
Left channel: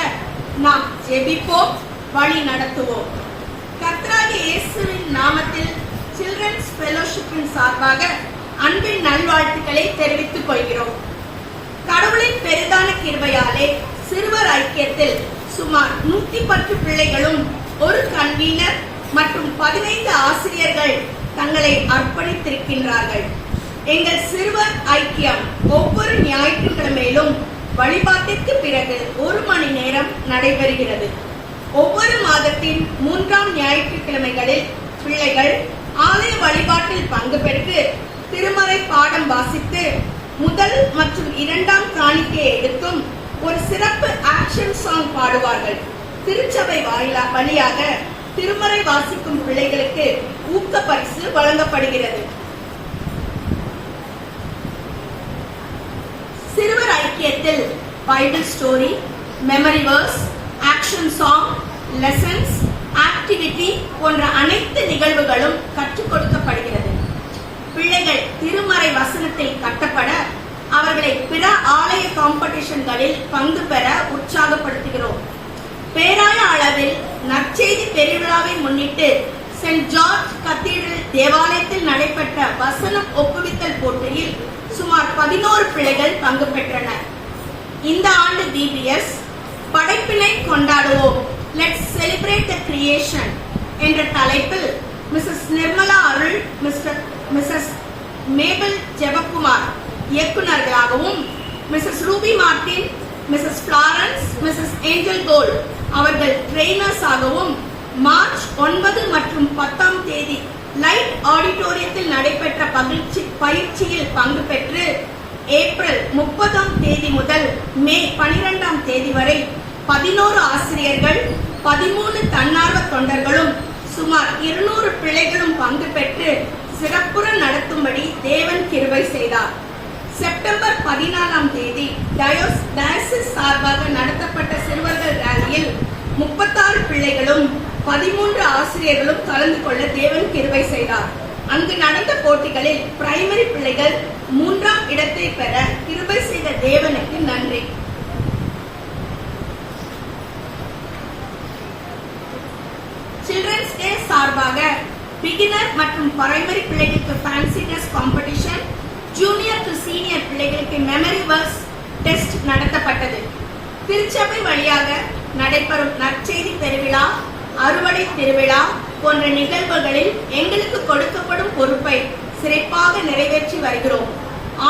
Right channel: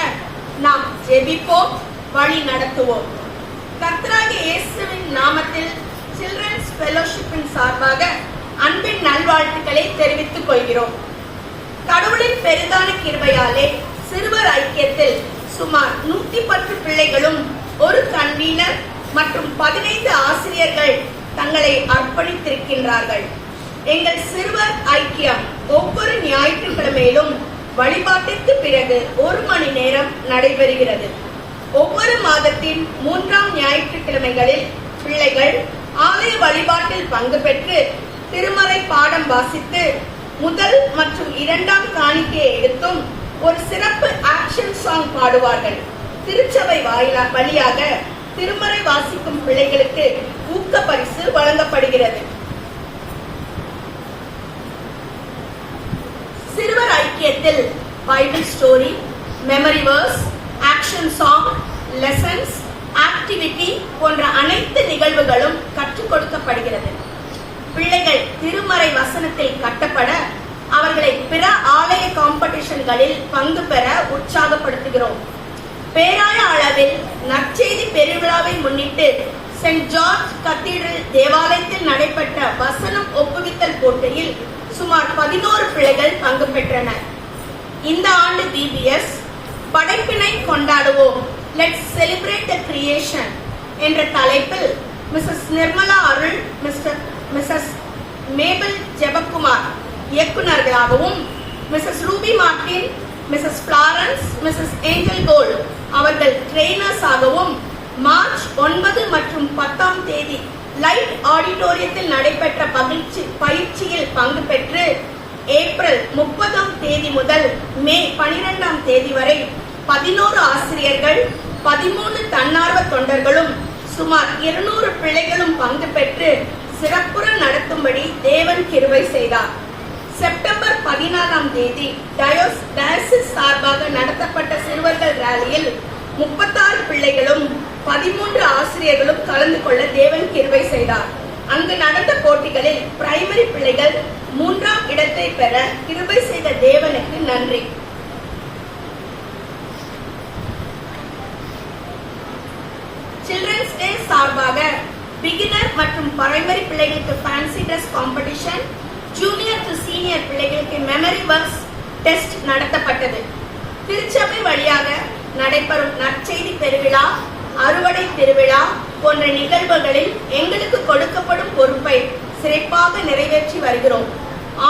நாம் ஜெபிப்போம், வழி நடத்துவோம். கர்த்தராகிய இயேசுவின் நாமத்தில் சில்ட்ரன்ஸ் ஃபெலோஷிப்பின் சார்பாக அன்பின் நல்வாழ்த்துக்களை தெரிவித்துக் கொள்கிறோம். கடவுளின் பெரிதான கிருபையாலே சிறுவர் ஐக்கியத்தில் சுமார் 110 பிள்ளைகளும் ஒரு கன்வீனர் மற்றும் 15 ஆசிரியர்கள் தங்களை அர்ப்பணித்திருக்கின்றார்கள். எங்கள் சிறுவர் ஐக்கியம் ஒவ்வொரு ஞாயிற்றுக்கிழமையிலும் வழிபாட்டிற்கு பிறகு 1 மணி நேரம் நடைபெறுகிறது. ஒவ்வொரு மாதத்தின் 3ஆம் ஞாயிற்றுக்கிழமைகளில் பிள்ளைகள் ஆலய வழிபாட்டில் பங்கு பெற்று திருமறை பாடம் வாசித்து முதல் மற்றும் 2ஆம் காணிக்கையை எடுத்தும் ஒரு சிறப்பு ஆக்ஷன் சாங் பாடுவார்கள். திருச்சபை வழியாக திருமறை வாசிக்கும் பிள்ளைகளுக்கு ஊக்க பரிசு வழங்கப்படுகிறது. சிறுவர் ஐக்கியத்தில் Bible story, memory verse, action song, lessons, activity போன்ற அனைத்து நிகழ்வுகளும் கற்றுக் கொடுக்கப்படுகிறது. பிள்ளைகள் திருமறை வசனத்தில் கட்டப்பட அவர்களை பிற ஆலய காம்படிஷன்களில் பங்கு பெற உற்சாகப்படுத்துகிறோம். பேராய அளவில் நற்செய்தி பெருவிழாவை முன்னிட்டு சென்ட் ஜார்ஜ் கத்தீட்ரல் தேவாலயத்தில் நடைபெற்ற வசனம் ஒப்புவித்தல் போட்டியில் சுமார் 11 பிள்ளைகள் பங்கு பெற்றனர். இந்த ஆண்டு பிபிஎஸ் படைப்பினை கொண்டாடுவோம், லெட்ஸ் செலிப்ரேட் தி கிரியேஷன் என்ற தலைப்பில் Mrs Nirmala Arul, Mrs Mabel Jebakumar இயக்குநர்களாகவும், Mrs Ruby Martin, Mrs Florence, Mrs Angel Gold அவர்கள் ட்ரெய்னர்ஸ் ஆகவும் மார்ச் 9 மற்றும் 10ஆம் தேதி லைட் ஆடிட்டோரியத்தில் நடைபெற்ற பயிற்சியில் பங்கு பெற்று ஏப்ரல் 30ஆம் தேதி முதல் மே 12ஆம் தேதி வரை 11 ஆசிரியர்கள், 13 தன்னார்வ தொண்டர்களும் சுமார் 200 பிள்ளைகளும் பங்கு பெற்று சிறப்புற நடத்தும்படி தேவன் கிருபை செய்தார். செப்டம்பர் 14ஆம் தேதி டயசிஸ் சார்பாக நடத்தப்பட்ட சிறுவர்கள் ராலியில் 36 பிள்ளைகளும் 13 ஆசிரியர்களும் கலந்து கொள்ள தேவன் கிருபை செய்தார். அங்கு நடந்த போட்டிகளில் பிரைமரி பிள்ளைகள் 3ஆம் இடத்தை பெற கிருபை செய்த தேவனுக்கு நன்றி. சில்ட்ரன்ஸ் டே சார்பாக பிகினர் மற்றும் பிரைமரி பிள்ளைகளுக்கு fancy dress competition, junior to senior பிள்ளைகளுக்கு மெமரி வர்ஸ் டெஸ்ட் நடத்தப்பட்டது. திருச்சபை வழியாக நடைபெறும் நற்செய்தி பெருவிழா, அறுவடை திருவிழா போன்ற நிகழ்வுகளில் எங்களுக்கு கொடுக்கப்படும் பொறுப்பை சிறப்பாக நிறைவேற்றி வருகிறோம்.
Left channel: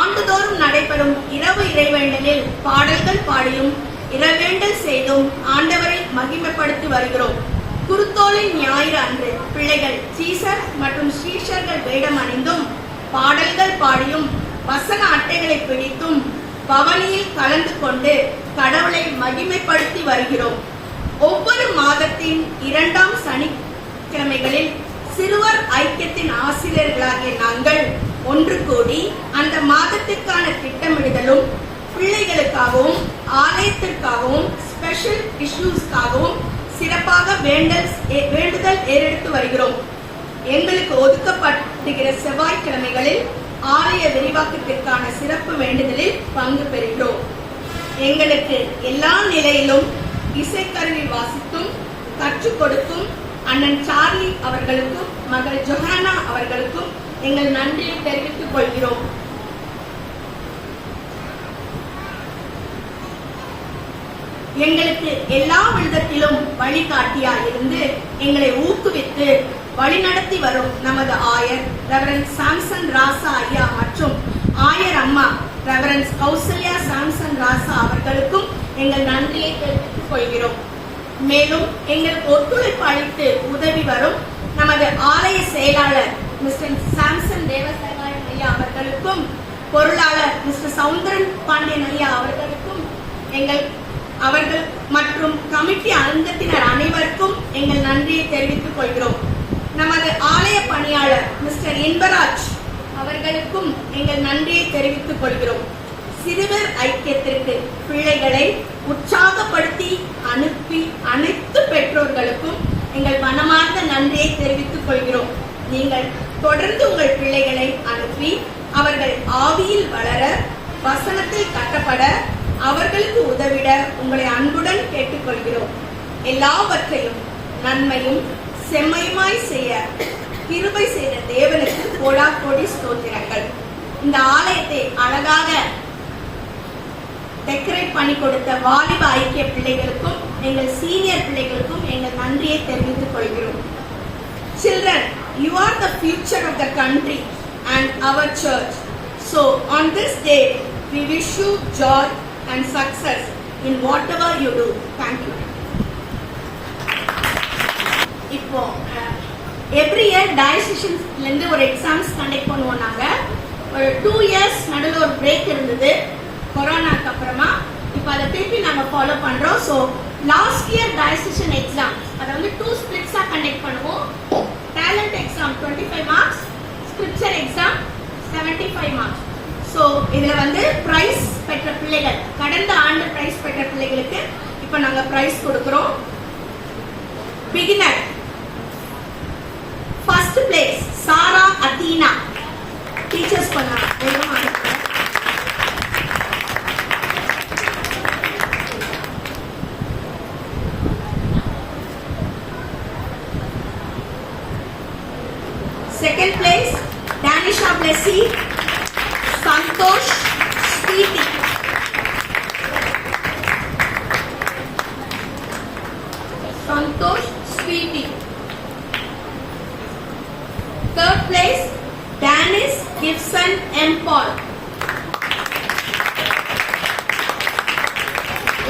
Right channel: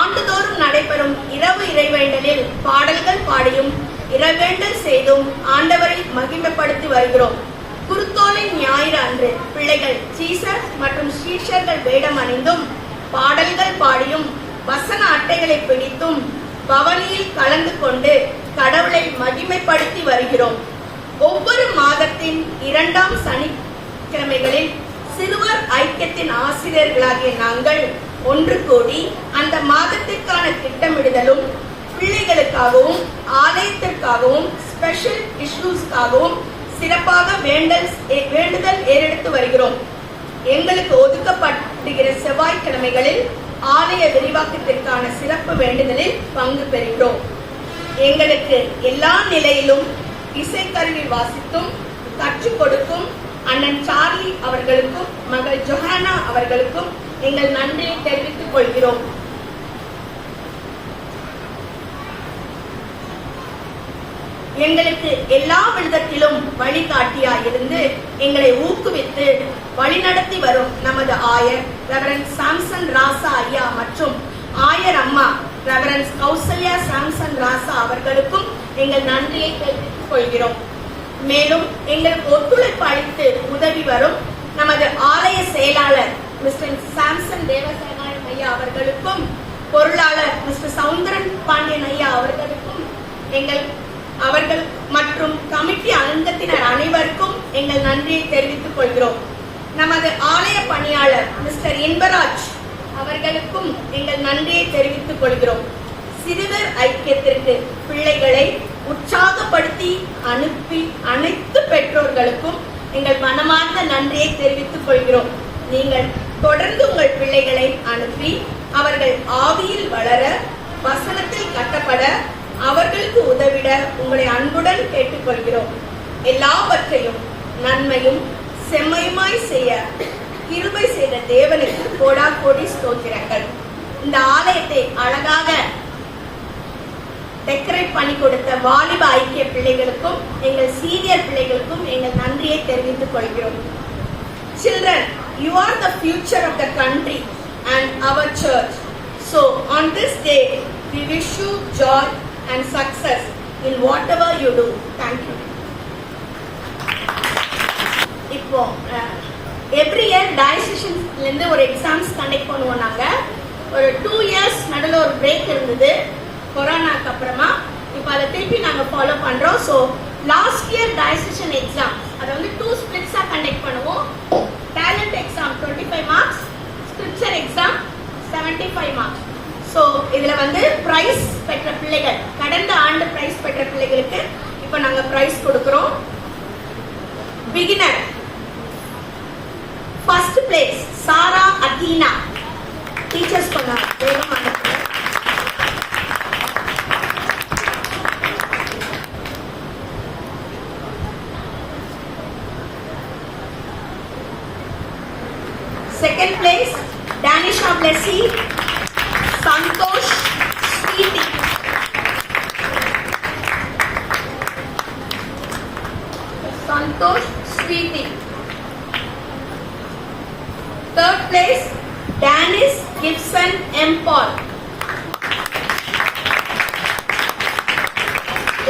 ஆண்டுதோறும் நடைபெறும் இரவு இறைவேண்டலில் பாடல்கள் பாடியும் இறைவேண்டல் செய்தும் ஆண்டவரை மகிமைப்படுத்தி வருகிறோம். குருத்தோலை ஞாயிறு அன்று பிள்ளைகள் சீசர் மற்றும் சீஷர்கள் வேடம் அணிந்தும் பாடல்கள் பாடியும் வசன அட்டைகளை பிடித்தும் பவனியில் கலந்து கொண்டு கடவுளை மகிமைப்படுத்தி வருகிறோம். ஒவ்வொரு மாதத்தின் 2ஆம் சனிக்கிழமைகளில் சிறுவர் ஐக்கியத்தின் ஆசிரியர்களாகிய நாங்கள் ஒன்று கூடி அந்த மாதத்திற்கான திட்டமிடுதலும் பிள்ளைகளுக்காகவும் ஆலயத்திற்காகவும் ஸ்பெஷல் இஷ்யூஸ்க்காகவும் சிறப்பாக வேண்டுதல் ஏறெடுத்து வருகிறோம். எங்களுக்கு ஒதுக்கப்படுகிற செவ்வாய்க்கிழமைகளில் ஆலய விரிவாக்கத்திற்கான சிறப்பு வேண்டுதலில் பங்கு பெறுகிறோம். எங்களுக்கு எல்லா நிலையிலும் இசைக்கருவி வாசித்தும் கற்றுக் கொடுக்கும் அண்ணன் சார்லி அவர்களுக்கும் மகள் ஜொஹானா அவர்களுக்கும் எங்கள் நன்றியை தெரிவித்துக் கொள்கிறோம். எங்களுக்கு எல்லா விதத்திலும் வழிகாட்டியாயிருந்து எங்களை ஊக்குவித்து வழிநடத்தி வரும் நமது ஆயர் ரெவரண்ட் சாம்சன் ராசா ஐயா மற்றும் ஆயர் அம்மா ரெவரண்ட் கௌசல்யா சாம்சன் ராசா அவர்களுக்கும் எங்கள் நன்றியை தெரிவித்துக் கொள்கிறோம். மேலும் எங்களுக்கு ஒத்துழைப்பு அளித்து உதவி வரும் செயலாளர் மிஸ்டர் சாம்சன் தேவசகாயம் ஐயா அவர்களுக்கும் பொருளாளர் மிஸ்டர் சவுந்தரன் பாண்டியன் ஐயா அவர்களுக்கும் அவர்கள் மற்றும் கமிட்டி அங்கத்தினர் அனைவருக்கும் எங்கள் நன்றியை தெரிவித்துக் கொள்கிறோம். நமது ஆலய பணியாளர் மிஸ்டர் இன்பராஜ் அவர்களுக்கும் எங்கள் நன்றியை தெரிவித்துக் கொள்கிறோம். சிறுவர் ஐக்கியத்திற்கு பிள்ளைகளை உற்சாகப்படுத்தி அனுப்பி அனைத்து பெற்றோர்களுக்கும் எங்கள் மனமார்ந்த நன்றியை தெரிவித்துக் கொள்கிறோம். நீங்கள் தொடர்ந்து உங்கள் பிள்ளைகளை அனுப்பி அவர்கள் ஆவியில் வளர, வசனத்தில் கட்டப்பட, அவர்களுக்கு உதவிட உங்களை அன்புடன் கேட்டுக்கொள்கிறோம். எல்லாவற்றையும் நன்மையும் செம்மையுமாய் செய்ய கிருபை செய்த தேவனுக்கு கோடா கோடி ஸ்தோத்திரங்கள். இந்த ஆலயத்தை அழகாக டெக்கரேட் பண்ணி கொடுத்த வாலிப ஐக்கிய பிள்ளைகளுக்கும் எங்கள் சீனியர் பிள்ளைகளுக்கும் எங்கள் நன்றியை தெரிவித்துக் கொள்கிறோம். Children, you are the future of the country and our church. So on this day, we wish you joy and success in whatever you do. Thank you. இப்போ எவ்ரி இயர் டயசிஷன்ஸ்ல இருந்து ஒரு எக்ஸாம்ஸ் கண்டக்ட் பண்ணுவோம். நாங்க ஒரு 2 years நடுவில் ஒரு break இருந்தது கொரோனாக்கு அப்புறமா. இப்போ அதை திருப்பி நாங்க ஃபாலோ பண்றோம். So last year diocesan exam அதை வந்து 2 ஸ்பிளிட்ஸா கண்டக்ட் பண்ணுவோம். Talent exam 25 marks, scripture exam 75 marks. So இதுல வந்து பிரைஸ் பெற்ற பிள்ளைகள், கடந்த ஆண்டு பிரைஸ் பெற்ற பிள்ளைகளுக்கு இப்ப நாங்க பிரைஸ் கொடுக்கிறோம். பிகினர் ஃபர்ஸ்ட் பிளேஸ் சாரா அதீனா, டீச்சர்ஸ் பண்ணாங்க. Second place, Danisha Blessy, Santosh Sweetie. Santosh Sweetie. Third place, Danis Gibson M. Paul.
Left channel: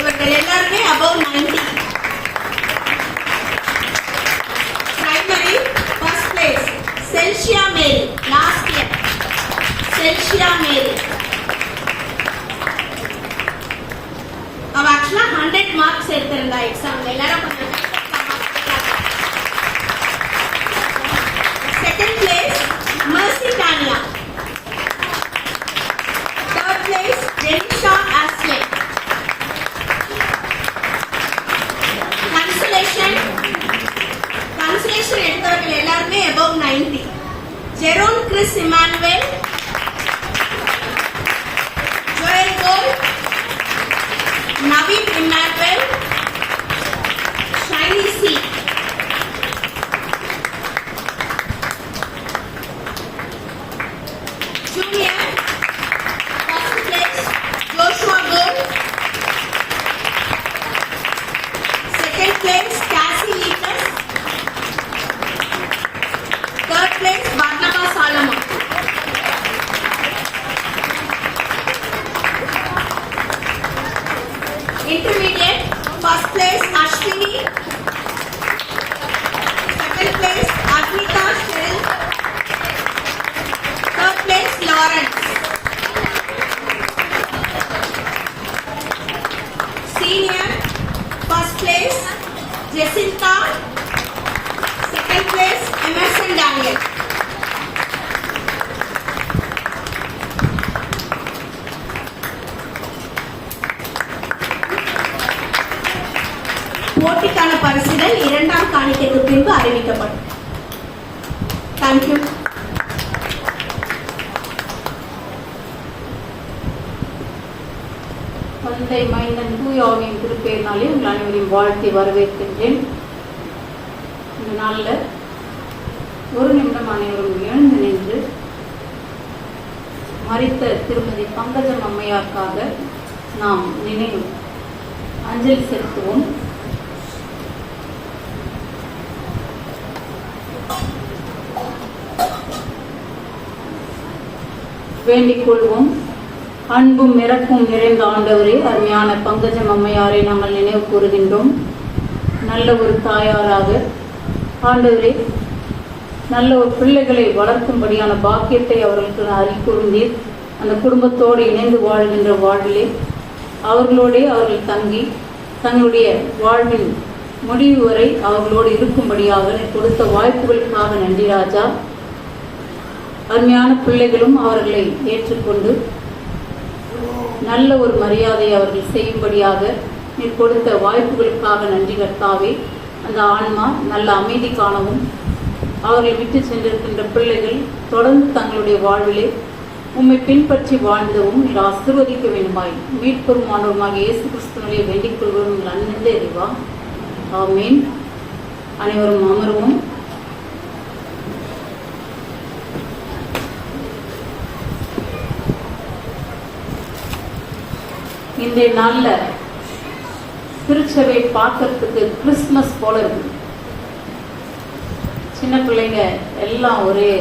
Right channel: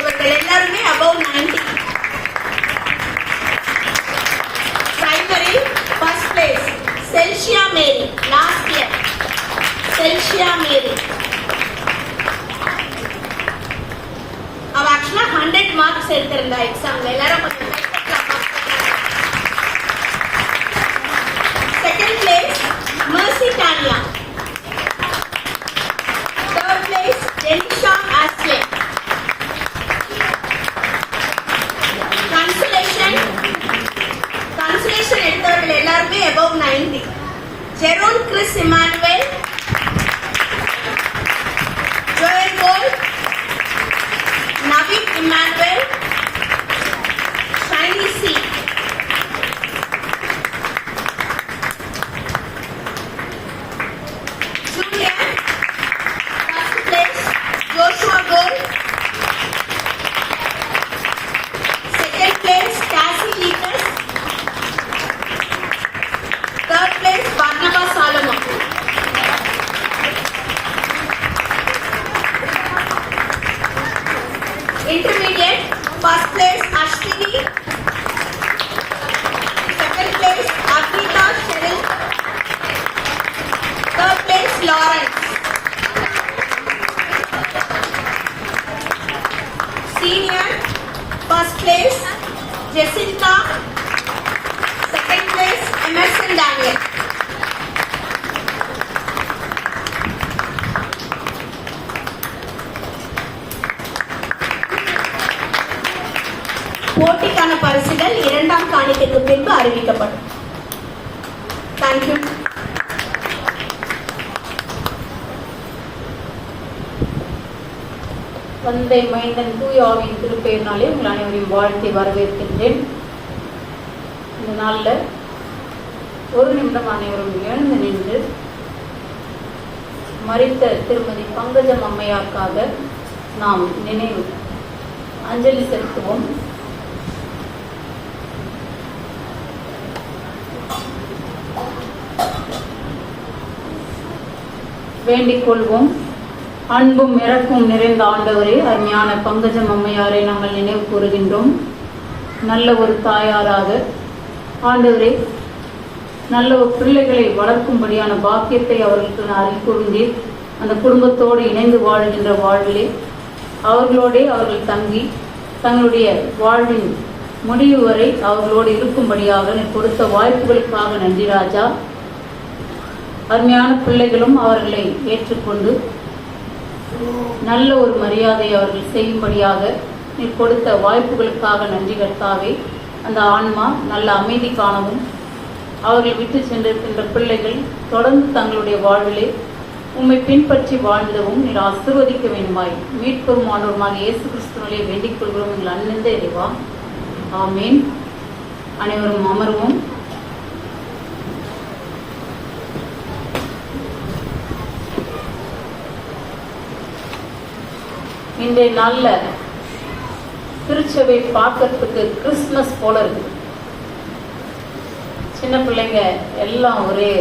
இவர்கள் எல்லாருமே above 90. Primary, first place, Celsia Mary, last year. Celsia Mary. அவ ஆக்சுவலா 100 மார்க்ஸ் எடுத்திருந்தா எக்ஸாம்ல. எல்லாரும் second place Mercy Tanya. Third place Denisha Ashley. Consolation எடுத்தவர்கள் எல்லாருமே above 90. Jerome Chris Emmanuel, Joel Gold, Naveen Emmanuel, Shiny C. Junior, first place Joshua Gold. Second place Cassie Leatus. Third place Barnabas Solomon. Intermediate, first place Ashwini. Second place Agnita Cheryl. Third place Lawrence. Senior, first place Jacinta. Second place Emerson Daniel. போட்டிக்கான பரிசுகள் 2ஆம் காணிக்கைக்கு பின்பு அறிவிக்கப்படும். Thank you. தந்தை மைந்தன் தூயாவின் திருப்பெயரினாலே உங்கள் அனைவரையும் வாழ்த்தி வரவேற்கின்றேன். இந்த நாளில் ஒரு நிமிடம் அனைவரும் எழுந்து நின்று மரித்த திருமதி பங்கஜம் அம்மையாருக்காக நாம் நினைவு அஞ்சலி செலுத்துவோம். வேண்டிக் கொள்வோம். அன்பும் இறப்பும் நிறைந்த ஆண்டவரே, அருமையான பங்கஜம் அம்மையாரை நாங்கள் நினைவு கூறுகின்றோம். நல்ல ஒரு தாயாராக ஆண்டவரே நல்ல ஒரு பிள்ளைகளை வளர்க்கும்படியான பாக்கியத்தை அவர்களுக்கு நான் அறிக்கூர்ந்தேன். அந்த குடும்பத்தோடு இணைந்து வாழ்கின்ற வாழ்விலே அவர்களோடே அவர்கள் தங்கி தங்களுடைய வாழ்வின் முடிவு வரை அவர்களோடு இருக்கும்படியாக நீ கொடுத்த வாய்ப்புகளுக்காக நன்றி ராஜா. அருமையான பிள்ளைகளும் அவர்களை ஏற்றுக்கொண்டு நல்ல ஒரு மரியாதையை அவர்கள் செய்யும்படியாக நீ கொடுத்த வாய்ப்புகளுக்காக நன்றி கர்த்தாவே. அந்த ஆன்மா நல்ல அமைதி காணவும் அவர்கள் விட்டு சென்றிருக்கின்ற பிள்ளைகள் தொடர்ந்து தங்களுடைய வாழ்விலே உம்மை பின்பற்றி வாழ்ந்தவும் நீர் ஆசீர்வதிக்க வேண்டுமாய் மீட்பும் ஆண்டவருமாக இயேசு கிறிஸ்துவிலே வேண்டிக் கொள்கிறோம் எங்கள் அன்பிந்த இறைவா. ஆமீன். அனைவரும் அமர்வும். இன்றைய நாள்ல திருச்சபை பார்க்கறதுக்கு கிறிஸ்துமஸ் போல இருக்கு. சின்ன பிள்ளைங்க எல்லாம் ஒரே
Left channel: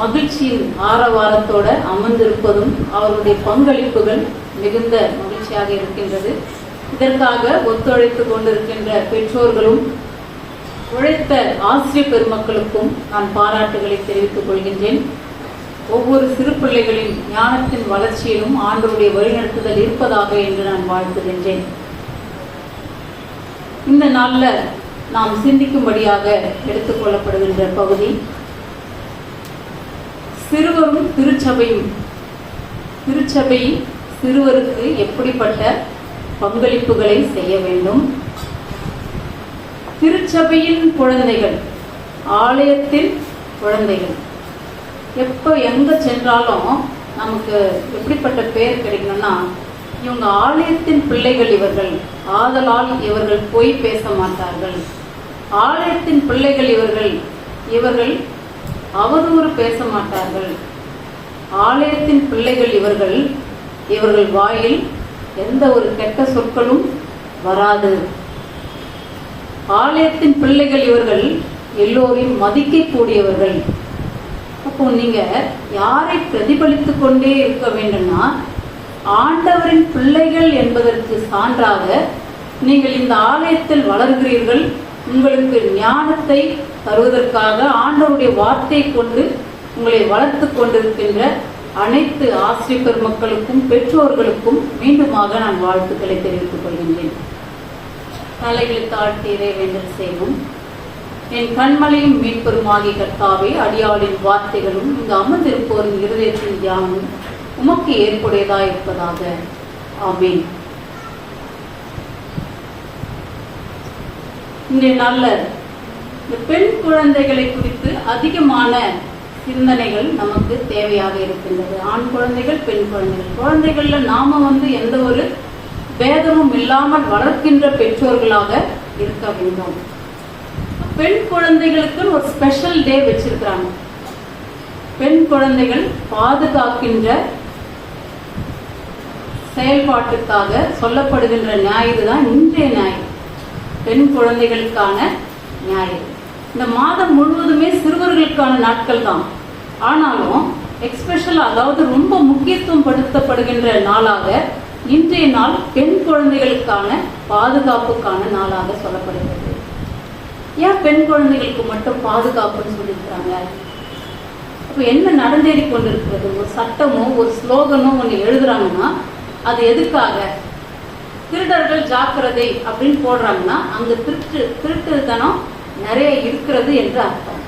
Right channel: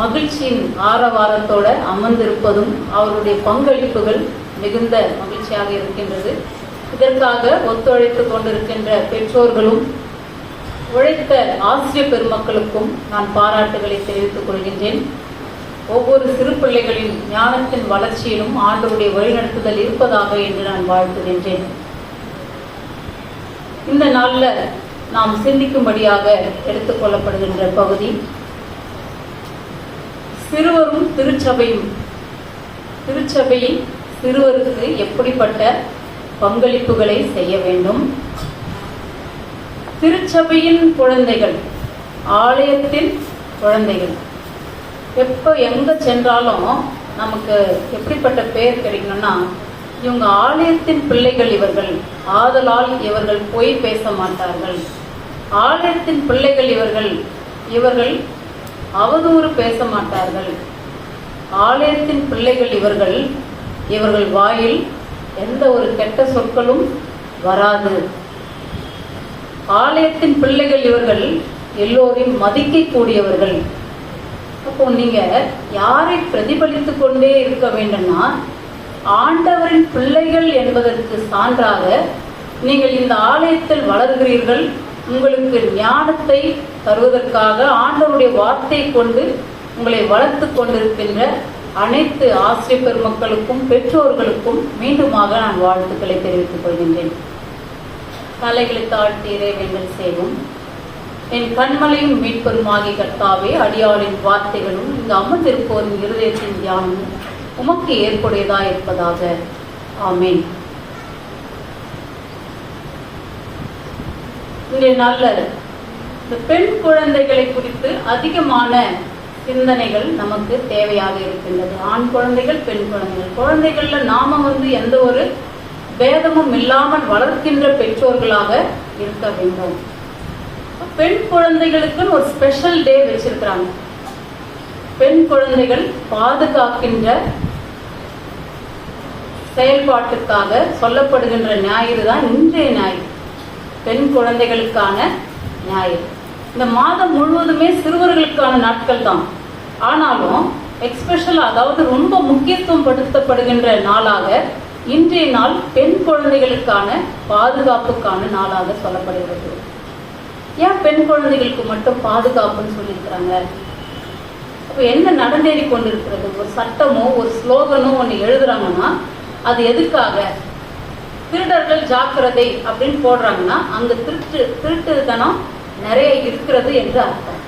மகிழ்ச்சியின் ஆரவாரத்தோட அமர்ந்திருப்பதும் அவருடைய பங்களிப்புகள் மிகுந்த மகிழ்ச்சியாக இருக்கின்றது. இதற்காக ஒத்துழைத்துக் கொண்டிருக்கின்ற பெற்றோர்களும் உழைத்த ஆசிரியர் பெருமக்களுக்கும் நான் பாராட்டுகளை தெரிவித்துக் கொள்கின்றேன். ஒவ்வொரு சிறு பிள்ளைகளின் ஞானத்தின் வளர்ச்சியிலும் ஆண்டவருடைய வழிநடத்துதல் இருப்பதாக என்று நான் வாழ்த்துகின்றேன். இந்த நாள்ல நாம் சிந்திக்கும்படியாக எடுத்துக் கொள்ளப்படுகின்ற பகுதி சிறுவரும் திருச்சபையும். திருச்சபையின் சிறுவருக்கு எப்படிப்பட்ட பங்களிப்புகளை செய்ய வேண்டும்? திருச்சபையின் குழந்தைகள், ஆலயத்தின் குழந்தைகள் எப்ப எங்க சென்றாலும் நமக்கு எப்படிப்பட்ட பெயர் கிடைக்கணும்னா, இவங்க ஆலயத்தின் பிள்ளைகள் இவர்கள், ஆதலால் இவர்கள் போய் பேச மாட்டார்கள். ஆலயத்தின் பிள்ளைகள் இவர்கள், இவர்கள் அவதூறு பேச மாட்டார்கள். ஆலயத்தின் பிள்ளைகள் இவர்கள், இவர்கள் வாயில் எந்த ஒரு கெட்ட சொற்களும் வராது. ஆலயத்தின் பிள்ளைகள் இவர்கள் எல்லோரையும் மதிக்கக்கூடியவர்கள். அப்போ நீங்க யாரை பிரதிபலித்துக் கொண்டே இருக்க வேண்டும்னா, ஆண்டவரின் பிள்ளைகள் என்பதற்கு சான்றாக நீங்கள் இந்த ஆலயத்தில் வளர்கிறீர்கள். உங்களுக்கு ஞானத்தை தருவதற்காக ஆண்டவருடைய வார்த்தை கொண்டு உங்களை வளர்த்து கொண்டிருக்கின்ற அனைத்து ஆசிரியர் பெருமக்களுக்கும் பெற்றோர்களுக்கும் மீண்டுமாக நான் வாழ்த்துக்களை தெரிவித்துக் கொள்கின்றேன். தலைகளை தாழ்த்தி இறைவேண்டல் செய்வோம். என் கண்மலையும் மீட்பெருமாகிய கர்த்தாவே, அடியாளின் வார்த்தைகளும் இங்கு அமர்ந்திருப்போரின் இருதயத்தின் தியானமும் உமக்கு ஏற்புடையதா இருப்பதாக. ஆமீன். இன்றைய நாள்ல இந்த பெண் குழந்தைகளை குறித்து அதிகமான சிந்தனைகள் நமக்கு தேவையாக இருக்கின்றது. ஆண் குழந்தைகள், பெண் குழந்தைகள். குழந்தைகள்ல நாம எந்த ஒரு பேதமும் இல்லாமல் வளர்க்கின்ற பெற்றோர்களாக இருக்க வேண்டும். பெண் குழந்தைகளுக்கு ஒரு ஸ்பெஷல் டே வச்சிருக்கிறாங்க. பெண் குழந்தைகள் பாதுகாக்கின்ற செயல்பாட்டுக்காக சொல்லப்படுகின்ற ஞாயிறு தான் இன்றைய ஞாயிறு, பெண் குழந்தைகளுக்கான ஞாயிறு. இந்த மாதம் முழுவதுமே சிறுவர்களுக்கான நாட்கள் தான். ஆனாலும் எக்ஸ்பெஷல், அதாவது ரொம்ப முக்கியத்துவம் படுத்தப்படுகின்ற நாளாக இன்றைய நாள் பெண் குழந்தைகளுக்கான பாதுகாப்புக்கான நாளாக சொல்லப்படுகிறது. ஏன் பெண் குழந்தைகளுக்கு மட்டும் பாதுகாப்புன்னு சொல்லியிருக்கிறாங்க? இப்ப என்ன நடந்தேறி கொண்டிருக்கிறது? ஒரு சட்டமோ ஒரு ஸ்லோகனோ ஒண்ணு எழுதுறாங்கன்னா அது எதுக்காக? திருடர்கள் ஜாக்கிரதை அப்படின்னு போடுறாங்கன்னா அங்க திருட்டுத்தனம் நிறைய இருக்கிறது என்று அர்த்தம்.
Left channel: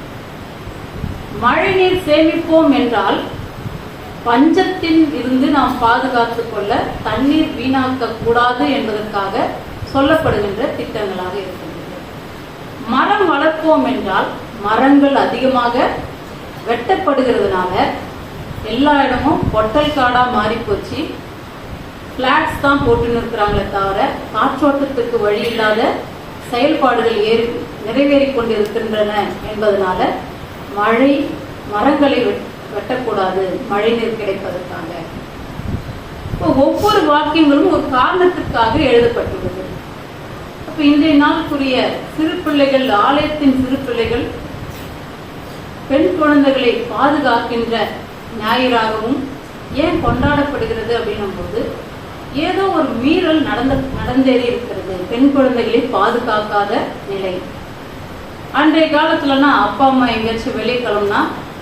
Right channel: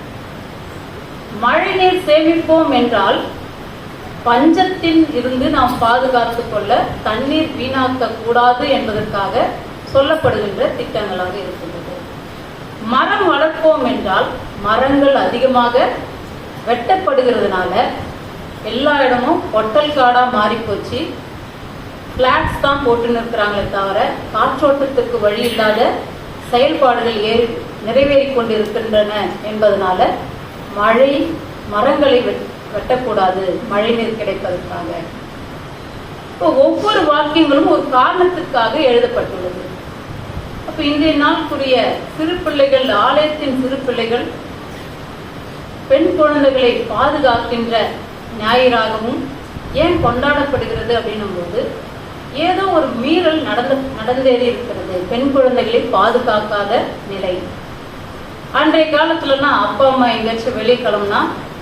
மழைநீர் சேமிப்போம் என்றால் பஞ்சத்தில் இருந்து நாம் பாதுகாத்துக் கொள்ள தண்ணீர் வீணாக்க கூடாது என்பதற்காக சொல்லப்படுகின்ற திட்டங்களாக இருக்கிறது. மரம் வளர்ப்போம் என்றால் மரங்கள் அதிகமாக வெட்டப்படுகிறதுனால எல்லா இடமும் பொட்டல் காடா மாறி போச்சு. பிளாட்ஸ் தான் போட்டு இருக்கிறாங்களே தவிர காற்றோட்டத்திற்கு வழி இல்லாத செயல்பாடுகள் நிறைவேறிக் கொண்டிருக்கின்றன என்பதனால மரங்களை வெட்டக்கூடாது, மழை நீர் கிடைப்பதற்காக. ஒவ்வொரு வாக்கியங்களும் ஒரு காரணத்துக்காக எழுதப்பட்டுள்ளது. அப்ப இன்றைய நாளுக்குரிய சிறு பிள்ளைகள், ஆலயத்தின் சிறு பிள்ளைகள் பெண் குழந்தைகளை பாதுகாக்கின்ற ஞாயிறாகவும் ஏன் கொண்டாடப்படுகிறது அப்படின்னும் போது ஏதோ ஒரு மீறல் நடந்தேறி இருக்கிறது. பெண் குழந்தைகளை பாதுகாக்காத நிலை. பண்டைய காலத்துலன்னா அப்பா அம்மா எங்கேயாச்சும் வெளியே கிளம்புனா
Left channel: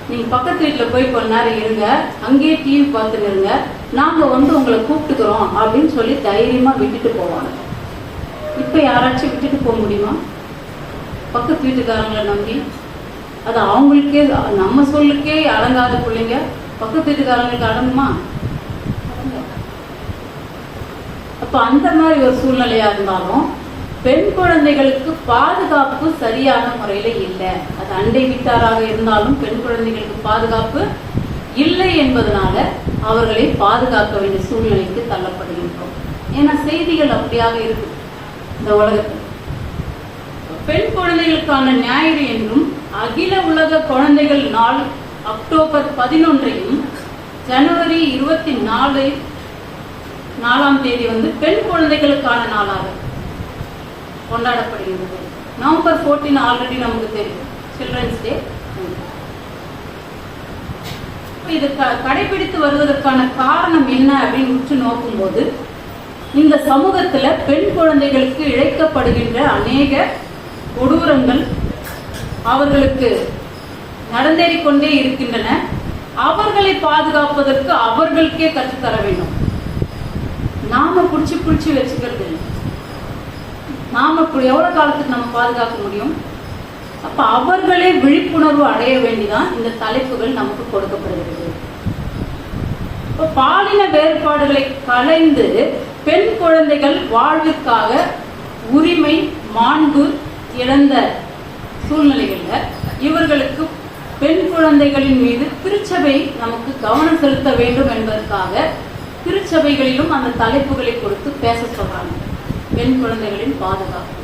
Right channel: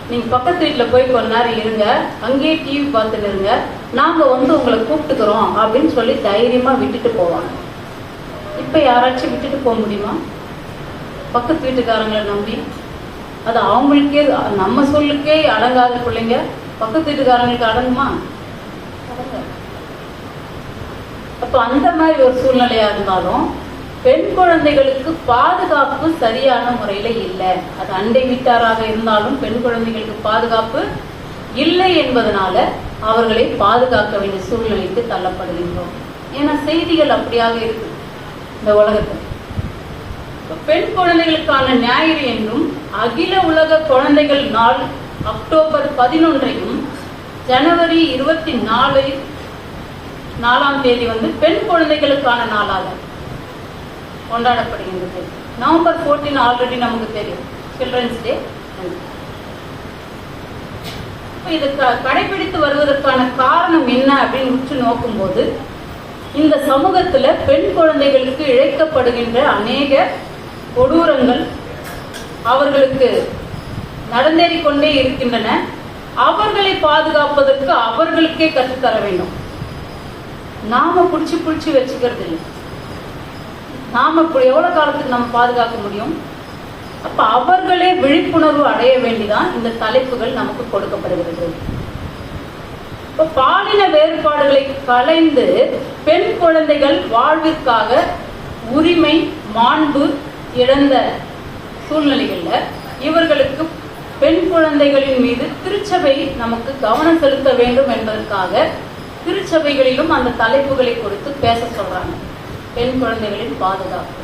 நீங்க பக்கத்து வீட்டுல போய் கொஞ்ச நேரம் இருங்க, அங்கேயே டிவி பார்த்துட்டு இருங்க, நாங்க வந்து உங்களை கூப்பிட்டுக்கிறோம் அப்படின்னு சொல்லி தைரியமா விட்டுட்டு போவாங்க. இப்ப யாராச்சும் விட்டுட்டு போக முடியுமா? பக்கத்து வீட்டுக்காரங்களை நம்பி அது அவங்களுக்கே நம்ம சொல்லுக்கே அடங்காத பிள்ளைங்க பக்கத்து வீட்டுக்காரங்களுக்கு அடங்குமா? அப்ப அந்த மாதிரி ஒரு சூழ்நிலையா இருந்தாலும் பெண் குழந்தைகளுக்கு பாதுகாப்பு சரியான முறையில இல்லை. அது அண்டை வீட்டாராக இருந்தாலும் பெண் குழந்தைகளுக்கு பாதுகாப்பு இல்லை என்பதனால அவர்களை பாதுகாக்க வேண்டிய சூழ்நிலைக்கு தள்ளப்படுகின்றோம். ஏன்னா செய்திகள் அப்படியாக இருக்கு இந்த உலகத்தில். பெண் குழந்தைகளுக்கான ஞாயிறு என்றும் அகில உலக குழந்தைகள் நாள் அக்டோபர் 11 ஜனவரி 24 வந்து பெண் குழந்தைகளுக்கான நாளாக கொண்டாடப்படுகிறது. நவம்பர் 14 ஆல்ரெடி நமக்கு தெரியும், சில்ட்ரன்ஸ் டே. இது கடைபிடித்து வருவதற்கான காரணம் என்ன அப்படின்னு உற்று நோக்கும் போது இந்த சமூகத்துல பெண் குழந்தைகளுக்கு இழைக்கப்படுகின்ற அநேக கொடூரங்கள் அவர்களுக்கு நடந்தேறிக்கொண்டே இருக்கின்றன. அவர்களை பாதுகாப்பதற்கு அவர்களுக்கே கற்றுத்தர வேண்டும். நாம புடிச்சு வச்சுக்கிறது இல்லை. நாம இப்படி எவ்வளவு காலத்துக்கு நம்ம பாதுகாக்க முடியும்? அப்ப அவர்களே விழிப்புணர்வு அடைய வேண்டிதான் இந்த தலைப்புகள் நமக்கு கொடுக்கப்படுகிறது. பாலின வேறுபாடுகளை களைந்து பெண் குழந்தைகள் வாழ்விற்காக உரிமை மாண்பு இழந்த சூழ்நிலைகள்ல இவர்களுக்கு பெண் குழந்தைகளின் மீது திருச்சபை நமக்கு கவனம் செலுத்த வேண்டும் என்பதற்காக திருச்சபைகளிலும் அந்த தலைப்புகளை கொடுத்து பேச சொல்றாங்க. பெண் குழந்தைகளின் பாதுகாப்பு.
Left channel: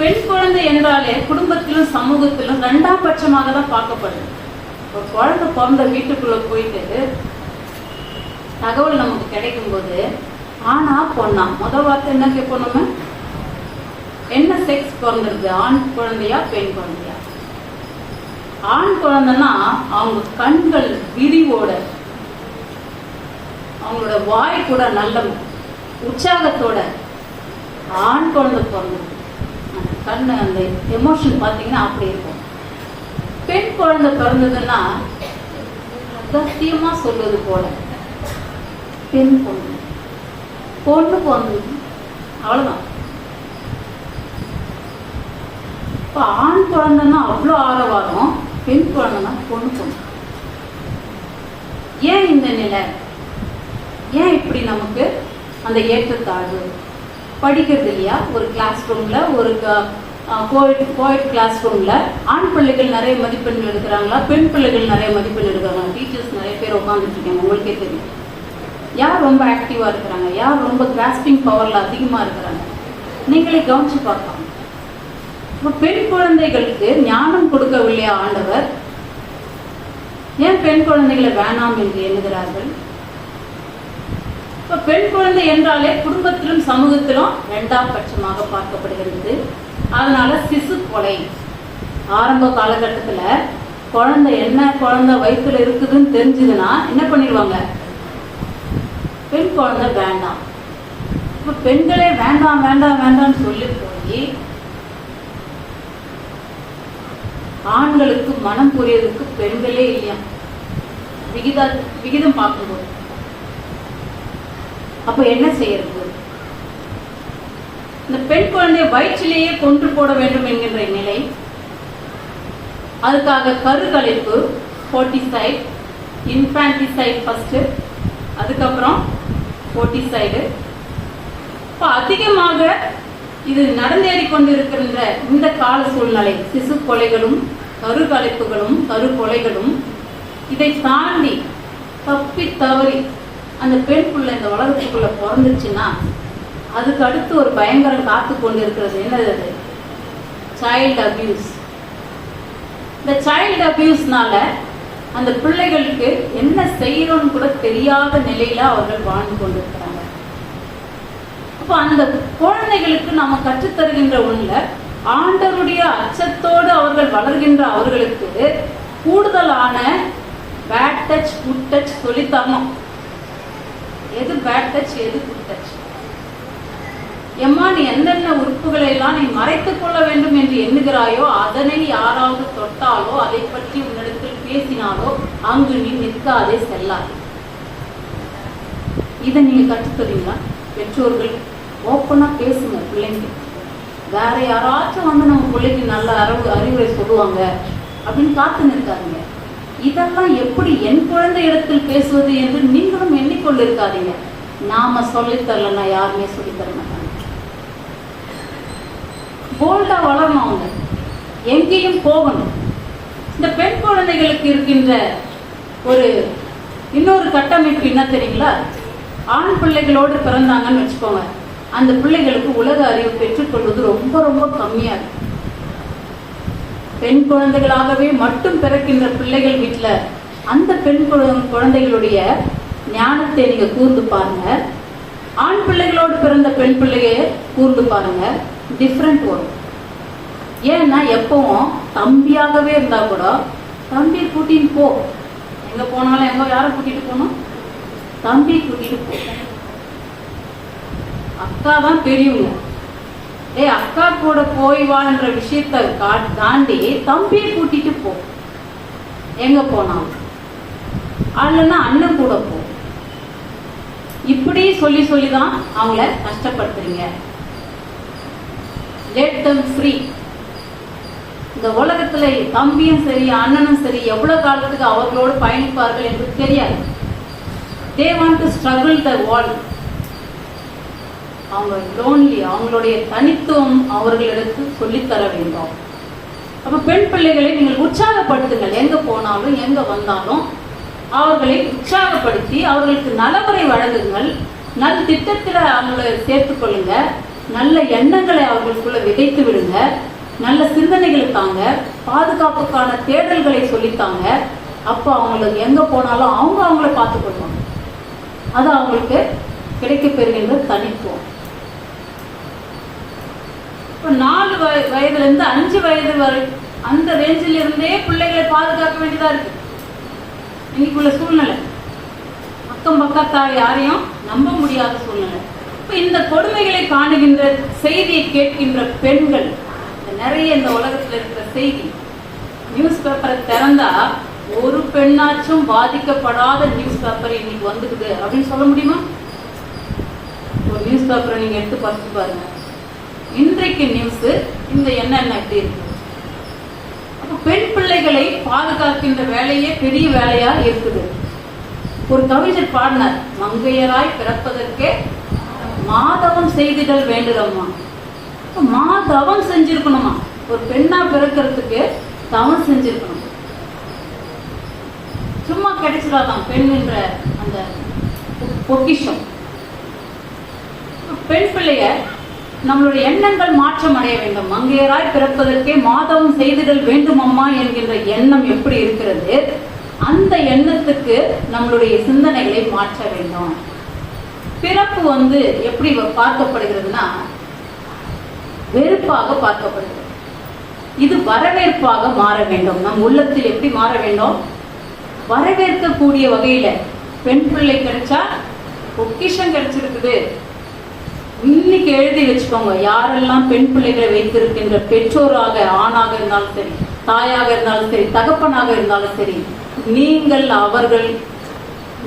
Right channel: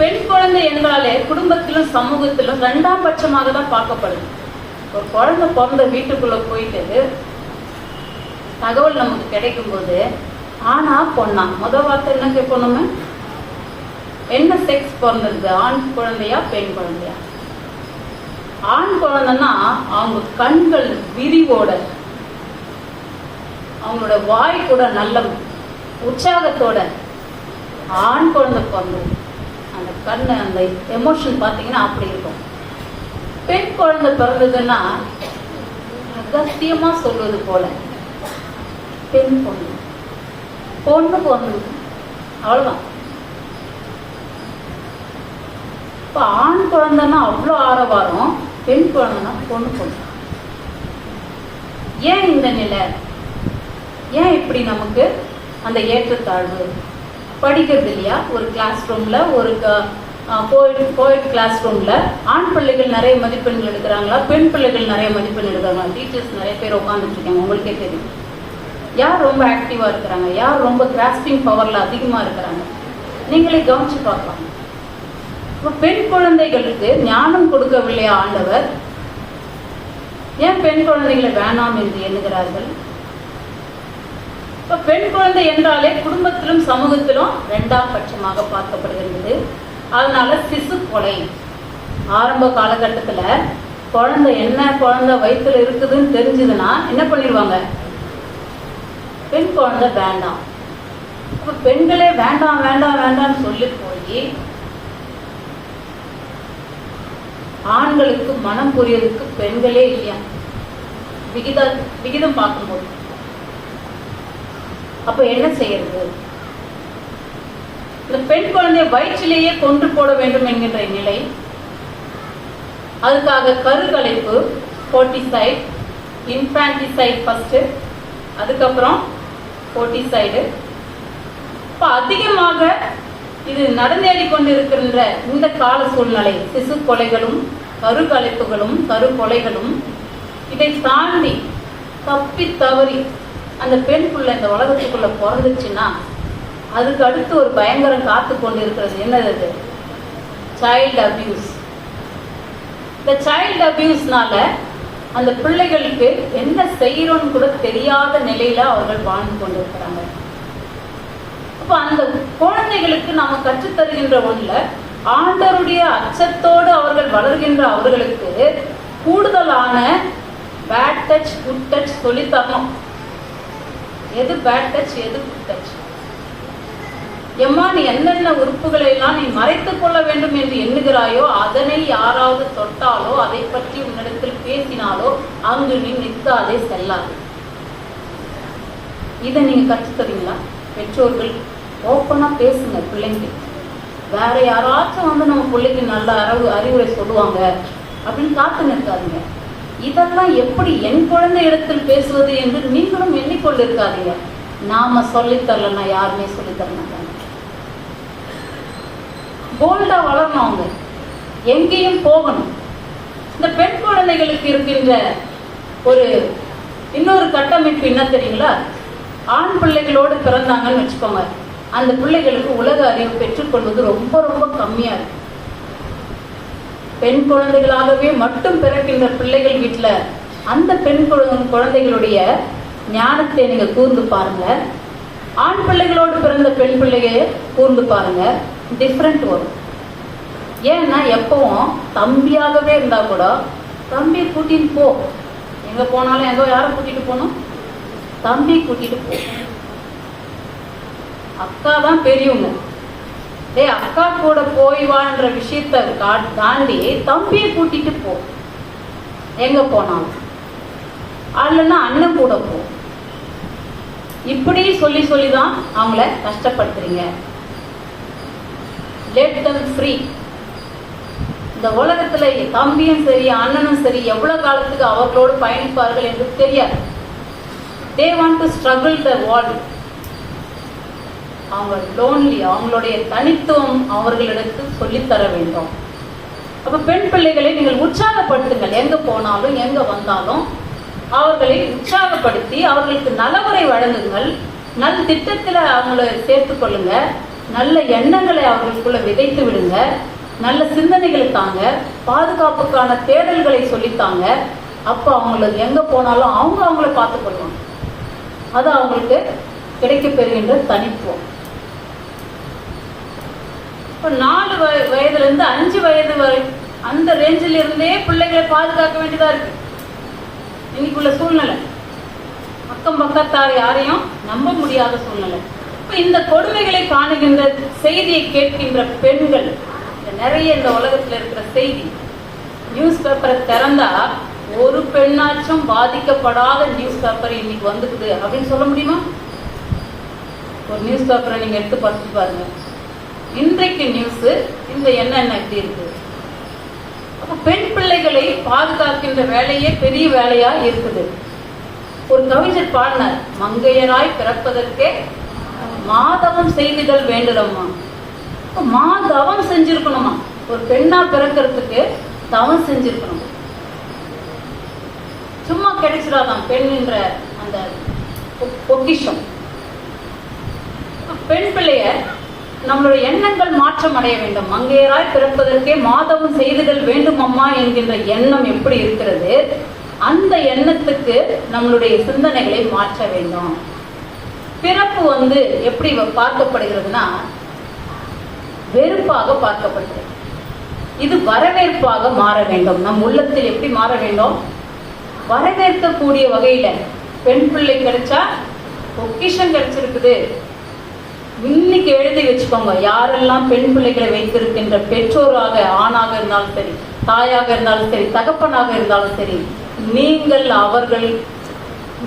பெண் குழந்தை என்றாலே குடும்பத்திலும் சமூகத்திலும் 2ஆம் பட்சமாக தான் பார்க்கப்படுது. ஒரு குழந்தை பிறந்த வீட்டுக்குள்ள போயிட்டு தகவல் நமக்கு கிடைக்கும் போது ஆனா பொண்ணா முத வார்த்தை என்ன கேட்கணுமே, என்ன செக்ஸ் பிறந்திருக்கு, ஆண் குழந்தையா பெண் குழந்தையா? ஆண் குழந்தைன்னா அவங்க கண்கள் விரிவோட, அவங்களோட வாய் கூட நல்ல உற்சாகத்தோட ஆண் குழந்தை பிறந்தது. அந்த கண்ணு அந்த எமோஷன் பாத்தீங்கன்னா அப்படி இருக்கும். பெண் குழந்தை பிறந்ததுன்னா சத்தியமா சொல்வது போல பெண் பொண்ணு பிறந்தது அவ்வளவுதான். இப்ப ஆண் குழந்தைன்னா அவ்வளவு ஆரவாரம், பெண் குழந்தைன்னா பொண்ணு. ஏன் இந்த நிலை? ஏன் இப்படி நமக்கு அந்த ஏற்றத்தாழ்வு? படிக்கிறது இல்லையா? ஒரு கிளாஸ் ரூம்ல, ஒரு கோயட் கிளாஸ் ரூம்ல ஆண் பிள்ளைகள் நிறைய மதிப்பெண்கள் எடுக்கிறாங்களா, பெண் பிள்ளைகள் நிறைய மதிப்பெண் எடுக்கிறாங்க? டீச்சர்ஸ் நிறைய பேர் உட்காந்துட்டு இருக்காங்க, உங்களுக்கே தெரியும். யார் ரொம்ப ஆக்டிவா இருக்கிறாங்க, யார் ரொம்ப கிராஸ்பிங் பவர்ல அதிகமா இருக்கிறாங்க, நீங்களே கவனிச்சு பார்க்கலாம். பெண் குழந்தைகளுக்கு ஞானம் கொடுக்கவில்லையா ஆண்டவர்? ஏன் பெண் குழந்தைகளை வேணாம் என்று எண்ணுகிறார்கள்? பெண் குழந்தை என்றாலே குடும்பத்திலும் சமூகத்திலும் 2ஆம் பட்சமாக பார்க்கப்படுகிறது. அதனால சிசு கொலை ஆரம்ப காலகட்டத்துல குழந்தை என்ன குழந்தை வயிற்றுல இருக்குதுன்னு தெரிஞ்சதுன்னா என்ன பண்ணிடுவாங்க? பெண் குழந்தை வேண்டாம். பெண்களே வேண்டாம் வேண்டாம் வேண்டாம் சொல்லி போய் ஆண்களுக்கு மனம் புரியறதுக்கு பெண்களே இல்லையா விகிதம் பார்க்கும்போது. அப்ப என்ன செய்யறது? இந்த பெண் குழந்தைய வயிற்றிலேயே கொன்று போட வேண்டும் என்கின்ற நிலை. அதுக்காக கருக்கலைப்பு, ஃபோர்ட்டிசைட், இன்ஃபான்டிசைட் ஃபர்ஸ்ட், அதுக்கப்புறம் ஃபோர்ட்டிசைடு. இப்ப அதிகமாக இது நடந்தேறி கொண்டிருக்கின்ற இந்த கால சூழ்நிலை, சிசு கொலைகளும் கருக்கலைப்புகளும் கருக்கொலைகளும், இதை தாண்டி தப்பி தவறி அந்த பெண் பிள்ளை இந்த உலகத்துக்குள்ள பிறந்துச்சுன்னா அதுக்கு அடுத்து ஒரு பயங்கரம் காத்து கொண்டிருக்கிறது. என்னது? Child abuse. இந்த சைல்டு அபியூஸ்னால அந்த பிள்ளைகளுக்கு என்ன செய்யணும்னு கூட தெரியாத நிலையில அவர்கள் வாழ்ந்து கொண்டிருக்கிறாங்க. இப்ப அந்த குழந்தைகளுக்கு நாம கற்றுத்தருகின்ற ஒண்ணுல ஆண்டவருடைய அச்சத்தோடு அவர்கள் வளர்கின்ற அவர்களுக்கு கூடுதலான பேட் டச் குட் டச் சொல்லித்தரணும். எது பேட் டச், எது குட் டச், எம்மா நீ என்னென்ன உறுப்புகளை எல்லாம் நீ மறைத்துக் கொள்ள வேண்டும் என்று எண்ணுகிறாயோ அதனை யாராவது தொட்டாலோ அதை பற்றி உன்னிடத்தில் பேசினாலோ அங்கு நீ நிற்காதே செல்லாது. இதை நீங்க கற்றுத்தரீங்களா? பெற்றோர்கள் ஓப்பனா பேசுங்க பிள்ளைங்க. வேற யாராச்சும் வந்து நம்ம பிள்ளைக்கு நல்ல அறிவுரை சொல்லுவாங்க அப்படின்னு காத்து நிற்காதீங்க. இதெல்லாம் எப்படி என் குழந்தை இடத்தில் பேசுவது என்று நீங்களும் எண்ணிக்கொண்டு இருக்காதீங்க. நாம சொல்லித்தரலன்னா யாருமே சொல்லித்தர மாட்டாங்க. போல்டா வளரணும், அவங்க எங்கேயும் போகணும். இந்த பெண் குழந்தைகளுக்கு இருக்கின்ற ஒரு இன்னொரு கட்டமைப்பு என்ன தெரியுங்களா? ஆண் பிள்ளைகளோடு பிறந்தாங்கன்னு வச்சுக்கோங்க, அந்த பிள்ளைகளுக்கு உலக அறிவு பெற்றுக்கொள்வது ரொம்ப ரொம்ப கம்மியா இருக்கு. பெண் குழந்தைகளாகவே மட்டும் பிறக்கின்ற பிள்ளைகள் வீட்டுல அந்த பெண் குழந்தைகளுடைய ஞானத்தை நீங்க கூர்ந்து பாருங்க. ஆண் பிள்ளைகளோடு பிறந்த பெண் பிள்ளைய கூர்ந்து பாருங்க. டிஃப்ரெண்ட் வரும். ஏன்னா எப்பவும் தம்பியாகவே இருந்தா கூட தம்பி கூட்டிட்டு போ, எங்க போனாலும் எங்க யாரும் கூட்டிட்டு போகணும், தம்பி கூட்டிட்டு போ. அக்கா தான் பெரியவங்க, அக்கா கூட போய் வாழ்ற விஷயத்த தாண்டி தம்பியை கூட்டிட்டு போ எங்க போனாலும், அல்லனா அண்ணன் கூட போ. இப்படி சொல்லி சொல்லிதான் அவங்கள கஷ்டப்படுத்துறீங்க. Let them free. இந்த உலகத்துல தம்பியும் சரி அண்ணனும் சரி எவ்வளவு காலத்துக்கு அவர்களோடு பயணிப்பார்கள் என்று தெரியாது. They want to struggle the world. அவங்க லோன்லி, அவங்களுடைய தனித்துவம் அவர்களிடத்து சொல்லித்தர வேண்டும். அப்ப பெண் பிள்ளைகளை நீங்கள் உற்சாகப்படுத்துங்கள். எங்க போனாலும் எங்க வந்தாலும் அவர்களை உற்சாகப்படுத்தி அவர்களுக்கு நலமுறை வழங்குங்கள். நல்ல திட்டத்துல அவங்களை சேர்த்துக் கொள்ளுங்க. நல்ல எண்ணங்களை அவர்களுக்குள்ள விதைத்து விடுங்க. நல்ல சிந்தனைகளை தாங்க. பாதுகாப்புக்கான தேடல்களை சொல்லித்தாங்க. அப்ப அவங்களுக்கு எங்க போனாலும் அவங்க அவங்கள பார்த்துக் கொள்ளணும். அது அவங்களுக்கு கிடைக்க பெறுகின்ற தனித்துவம். 4 வயதுல இருந்து 5 வயது வரை அந்த ரேஞ்சில் இருந்தே பிள்ளைகளை பாதுகாக்க வேண்டியதா இருக்கு இன்னைக்குள்ள சூழ்நிலை. அக்கம் பக்கத்தார் யாரையும் நம்ப முடியாத சூழ்நிலை. இந்த கொடுமைகளை காணுகின்ற செய்தியை கேட்கின்ற பெண்கள் நிறைய இந்த உலகத்துல இருக்கிற செய்தி, நியூஸ் பேப்பரை திறந்தா ஒரு பெண்ணாச்சும் பாதிக்கப்படாத நியூஸ் பேப்பர் இன்னைக்கு வந்துக்குது அப்படின்னு சொல்ல முடியுமா? ஒரு நியூஸ் பேப்பரை நீங்க எடுத்து பார்த்து பாருங்க. இன்றைக்கு நியூஸ் இந்த என்னென்ன எப்படி இருக்கு. பெண் பிள்ளைகளை பாதுகாக்கின்ற வேலையே பெரிய வேலையா இருக்குது. ஒரு கவிஞர் பாடினார், மங்கையராய் பிறப்பதற்கே மாதவம் செய்திடல் வேண்டுதம்மா. மாதவம் செஞ்சிருக்கணுமா? ஒரு பெண்ணா பிறக்கிறதுக்கு தவம் செஞ்சிருக்கணும். சும்மா கிடைச்சிடாதான் பெண் என்ற அந்த பொக்கிஷம். பெண் பிள்ளைய நம்மளுடைய எண்ணங்கள் மாற்றம் அடைய வேண்டும். மங்கையராய் பிறப்பதற்கே மாதவம் செய்திடல் வேண்டும் அம்மா என்கின்ற எண்ணம் எப்படி இருக்கிறது, அந்த எண்ணத்துக்கு நம்மளுடைய சிந்தனைகளை மாற்ற வேண்டும். பிறப்பு எப்படி பார்க்கப்படுகிறதுனா வெறுப்பாக பார்க்கப்படுகிறது. இது வரவேற்பாக மாற வேண்டும். நம் உள்ளத்தில் எப்படி மாற வேண்டும்? வரவேற்கக்கூடிய வகையில. பெண் பிள்ளை கிடைச்சா பொக்கிஷம் கிடைச்சிருக்குது. இன்னைக்கு எழுதி வச்சுக்கோங்க, யாரெல்லாம் பெண் பிள்ளைகளை வைத்திருக்கின்ற பெற்றோராக, ஆணாக இருந்தாலும் சரி, தாயாக இருந்தாலும் சரி, தகப்பனாக இருந்தாலும் சரி, நீங்கள் அவர்கள்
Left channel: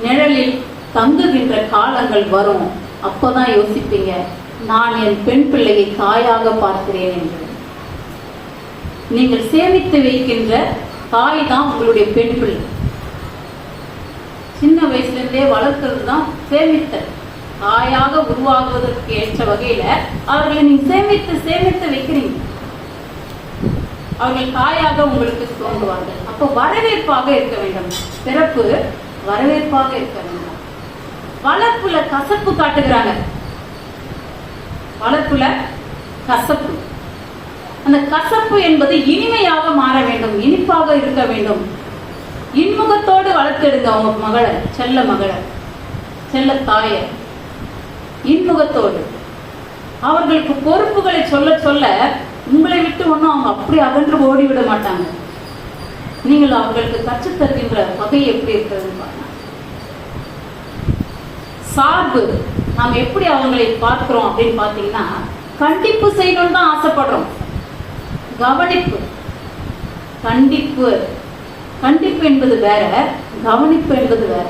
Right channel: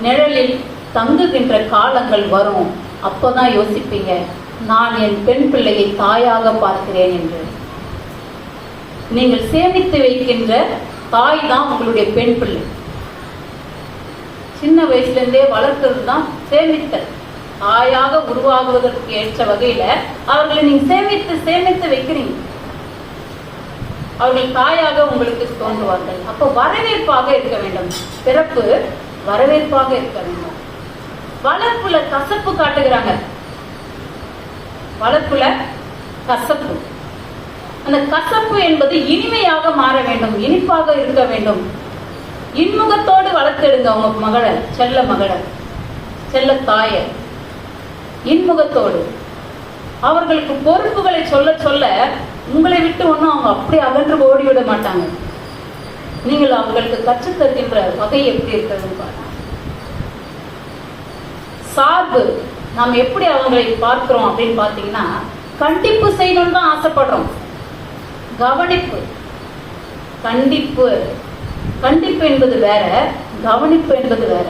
நிழலில் தங்குகின்ற காலங்கள் வரும். அப்போதான் யோசிப்பீங்க, நான் என் பெண் பிள்ளையை தாயாக பார்க்கிறேன் என்று. நீங்கள் சேமித்து வைக்கின்ற தாய் தான் உங்களுடைய பெண் பிள்ளை. சின்ன வயசுல இருந்தே வளர்க்கிறது தான் சேமித்தல். தாயாக உருவாகுவதற்கு ஏற்ற வகையில அவர்களை நீங்க சேமித்து சேமித்து வைக்கிறீங்க. அவர்கள் தாயாக உங்களுக்கு தோன்றுவார்கள். அப்போ வரவேற்பாக இருக்க வேண்டும். பிறப்பு வரவேற்பாக இருக்க வேண்டும். வளர்ப்புல கசப்பு காட்டுகிறாங்க. வளர்ப்புல கசப்பு, அந்த கசப்பு என்பது இனிமையாக மாற வேண்டும், இனிப்பாக இருக்க வேண்டும். இன்முகத்தோடு வளர்த்தெடுங்க உங்க மகளை, செல்ல மகளை, செல்ல தாயை இன்முகத்தோடு. அவர்களுக்கு பொறுப்புகளை சொல்ல சொல்ல உங்களை விட்டு ஒன்னும் அவங்க அப்படி அகன்று ஓடிவிட மாட்டாங்க. நீங்கள் அவர்களுக்கு கற்றுத் தருகின்ற வகை எப்படி இருக்கிறது. சார்பு நாம் எப்படி அவங்களை பார்க்கிறோம் அப்படின்னு பாத்தீங்கன்னா, கண்டிப்பு செய்யணும்னு தான் ஆசைப்படுறோம். கவனிப்பு, கண்டிப்பு கண்டிப்பு என்பது வேற, கவனிப்பு என்பது வேற.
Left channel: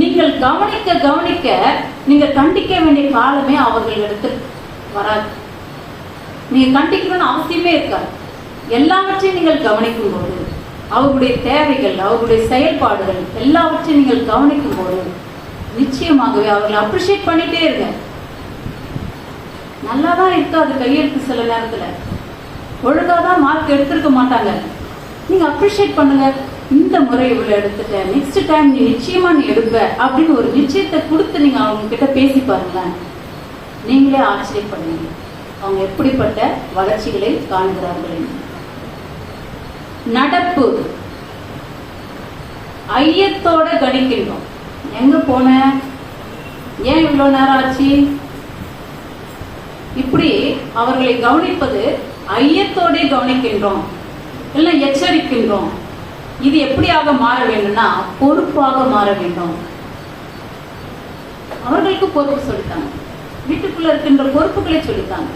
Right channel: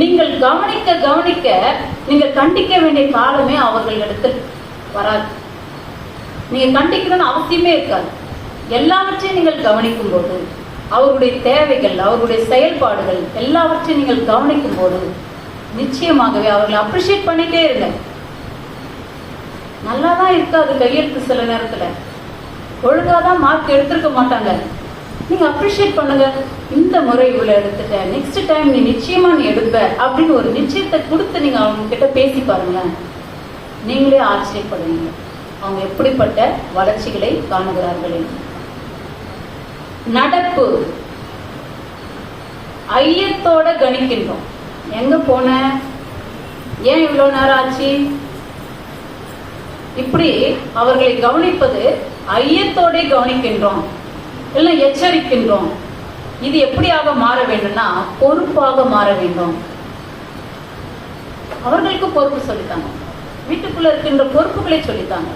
நீங்கள் கவனிக்க கவனிக்க நீங்கள் கண்டிக்க வேண்டிய காலமே அவர்களிடத்தில் வராது. நீங்க கண்டிக்கணும்னு அவசியமே இருக்காது. எல்லாவற்றையும் நீங்கள் கவனிக்கும் போது, அவருடைய தேவைகள், அவருடைய செயல்பாடுகள் எல்லாவற்றையும் நீங்கள் கவனிக்கும் போது நிச்சயமாகவே அவர்களை அப்ரிஷியேட் பண்ணிட்டே இருங்க. நல்லாதான் இருக்காது கையெழுத்து, சில நேரத்துல ஒழுங்காதான் மார்க் எடுத்திருக்க மாட்டாங்க. நீங்க அப்ரிஷியேட் பண்ணுங்க. இந்த முறை இவ்வளவு எடுத்துட்ட, நெக்ஸ்ட் டைம் நீ நிச்சயமா நீ எடுப்ப அப்படின்னு ஒரு நிச்சயத்தை கொடுத்து நீங்க அவங்க கிட்ட பேசி பாருங்க. நீங்களே ஆச்சரியப்படுவீங்க அவங்க எப்படிப்பட்ட வளர்ச்சிகளை காண்கிறார்கள். நடப்பு, ஐயத்தோட கணிக்கின்றோம். எங்க போன, ஏன் இவ்வளவு நேரம் ஆச்சு, இப்படி அவர்களை கவனிப்பது ஐயத்தோட கவனிக்கின்றோம், இல்ல எச்சரிக்கின்றோம். இது எப்படியாக மாற வேண்டும்னா பொறுப்பாக மாற வேண்டும். அவர்களுக்கு பொறுப்பு சொல்லிட்டாங்க, வீட்டுக்குள்ள இருக்கின்ற பொறுப்புகளை சொல்லிட்டாங்க.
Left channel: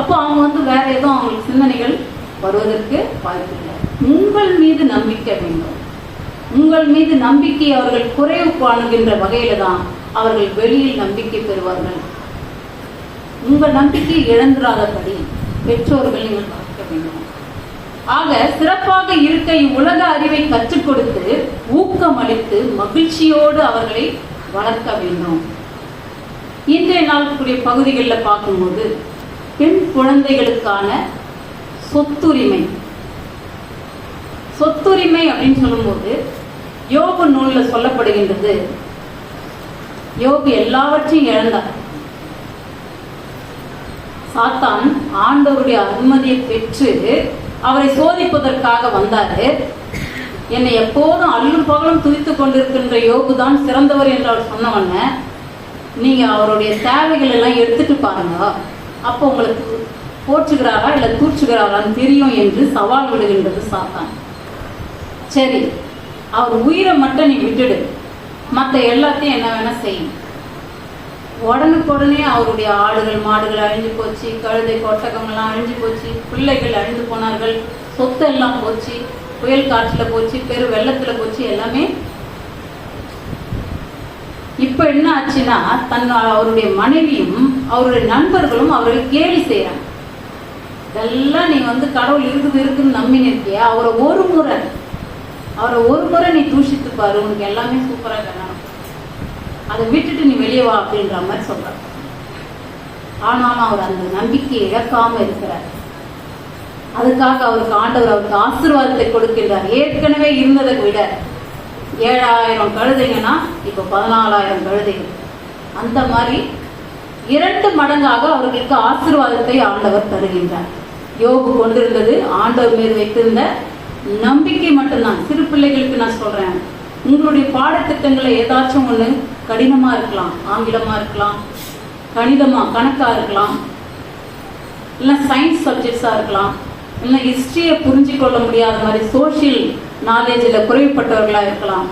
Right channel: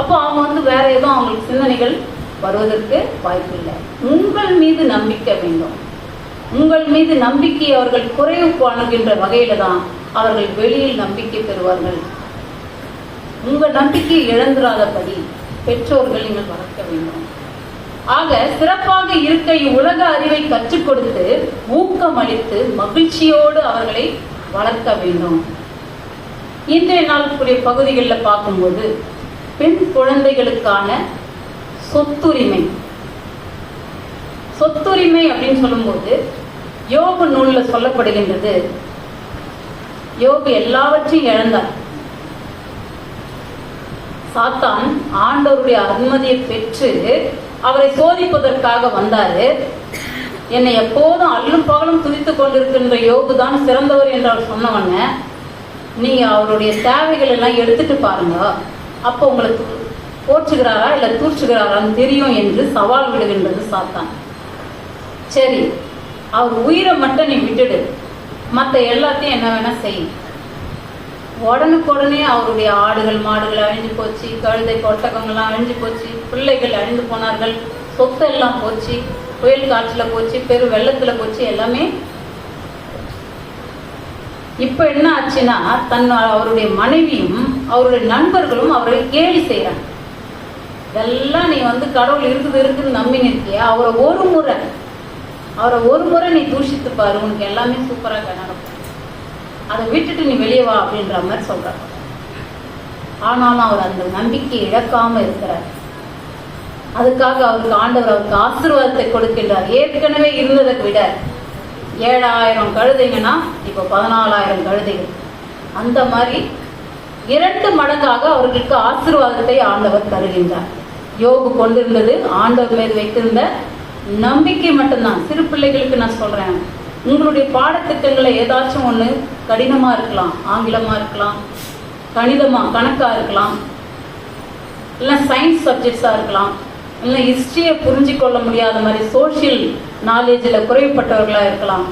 அப்போ அவங்க வேற எதுவும் அவங்களுக்கு சிந்தனைகள் வருவதற்கு வாய்ப்பு இல்லை. உங்கள் மீது நம்பிக்கை வேண்டும். உங்கள் மீது நம்பிக்கை அவர்கள் குறைவு காணுகின்ற வகையில தான் அவர்கள் வெளியில் நம்பிக்கை பெறுவார்கள். உங்கள் நம்பிக்கை இழந்துராதபடி பெற்றோர்கள் நீங்கள் பார்க்க வேண்டும். ஆக சிறப்பாக இருக்க உலக அறிவை கற்றுக் கொடுத்து ஊக்கம் அளித்து மகிழ்ச்சியோடு அவர்களை வளர்க்க வேண்டும். இன்றைய நாளுக்குரிய பகுதிகளில் பார்க்கும்போது பெண் குழந்தைகளுக்கான சொத்துரிமை, சொத்துரிமை அப்படின்னு சொல்லும்போது யோபு நூல்ல சொல்லப்படுகின்றது, யோபு எல்லாவற்றையும் இழந்தார். சாத்தான் ஆண்டவருடைய அனுமதியை பெற்று அவரை சோதிப்பதற்காக வந்தாரு. என்னை எப்போதும் அல்லும் பகலும் துதித்துக் கொண்டிருக்கின்ற யோபு தான் சிறந்தவர் என்றால் சொன்னவண்ண, நீங்க அவருடைய தேவைகள் எல்லாம் எடுத்துட்டு பாருங்க, அப்போ உங்களுக்கு போற்றுகிறாரா இல்ல தூற்றுகிறாரான்னு தெரியும் என்று சவால் விடுகின்றது சாத்தான். சரி, அவர் உயிரை மட்டும் நீ விட்டுடு, மற்ற எல்லாத்தையும் என்ன வேணா செய்யும். உடனுக்குடனே அவருடைய ஆடுகள் மாடுகள் அழிஞ்சு போச்சு, கழுதை ஒட்டகங்கள்லாம் அழிஞ்சு போச்சு, பிள்ளைகள் அழிந்து போனார்கள், சொத்து எல்லாம் போச்சு, புயல் காற்றுல போச்சு, பெரு வெள்ளத்துல போச்சு, எல்லாமே. இப்ப என்ன ஆச்சுன்னா அவருடைய மனைவியும் அவருடைய நண்பர்களும் அவரை கேலி செய்யறாங்க. இதெல்லாம் நீ கடவுள் இருக்குன்னு நம்பின்னு இருக்கியா, அவரை ஒரு முறை நீ தூஷித்து பாரு, உனக்கு எல்லாமே சூப்பரா காணும், அதை விட்டுட்டு நீ வெளியே வா அப்படின்ற மாதிரி சொல்றார். ஆனாலும் அவர் அந்த நம்பிக்கையை இழக்காம இருக்கிறார். அதுக்காக அவருக்கு ஆண்டவர் அவருக்கு ஆசீர்வாதத்தை கொடுக்கின்றார். ஏற்கனவே இருந்ததை விட 7000 கழுதைங்கன்னா இப்ப 14,000 கழுதைகள், அந்த மாதிரி 2 மடங்காக அவர்களுக்கு ஆசீர்வாதத்தை ஆண்டவர் தருகின்றார். யோபு கொண்டிருந்தது ஆண்டவர் மீது வைத்திருந்த நம்பிக்கை மட்டும்தான். சிறு பிள்ளைகளுக்கு நான் சொல்றேன், உங்களுடைய பாடத்திட்டங்களை ஏதாச்சும் ஒண்ணு கடினமா இருக்கலாம், ஆங்கிலமா இருக்கலாம், கணக்கா இருக்கலாம், இல்ல சயின்ஸ் சப்ஜெக்ட்ஸா இருக்கலாம், இல்ல ஹிஸ்டரியை புரிஞ்சு கொள்ள முடியாத மாதிரி சோசியல் நாலேஜ்ல குறைப்பட்டவர்களா இருக்கலாம்.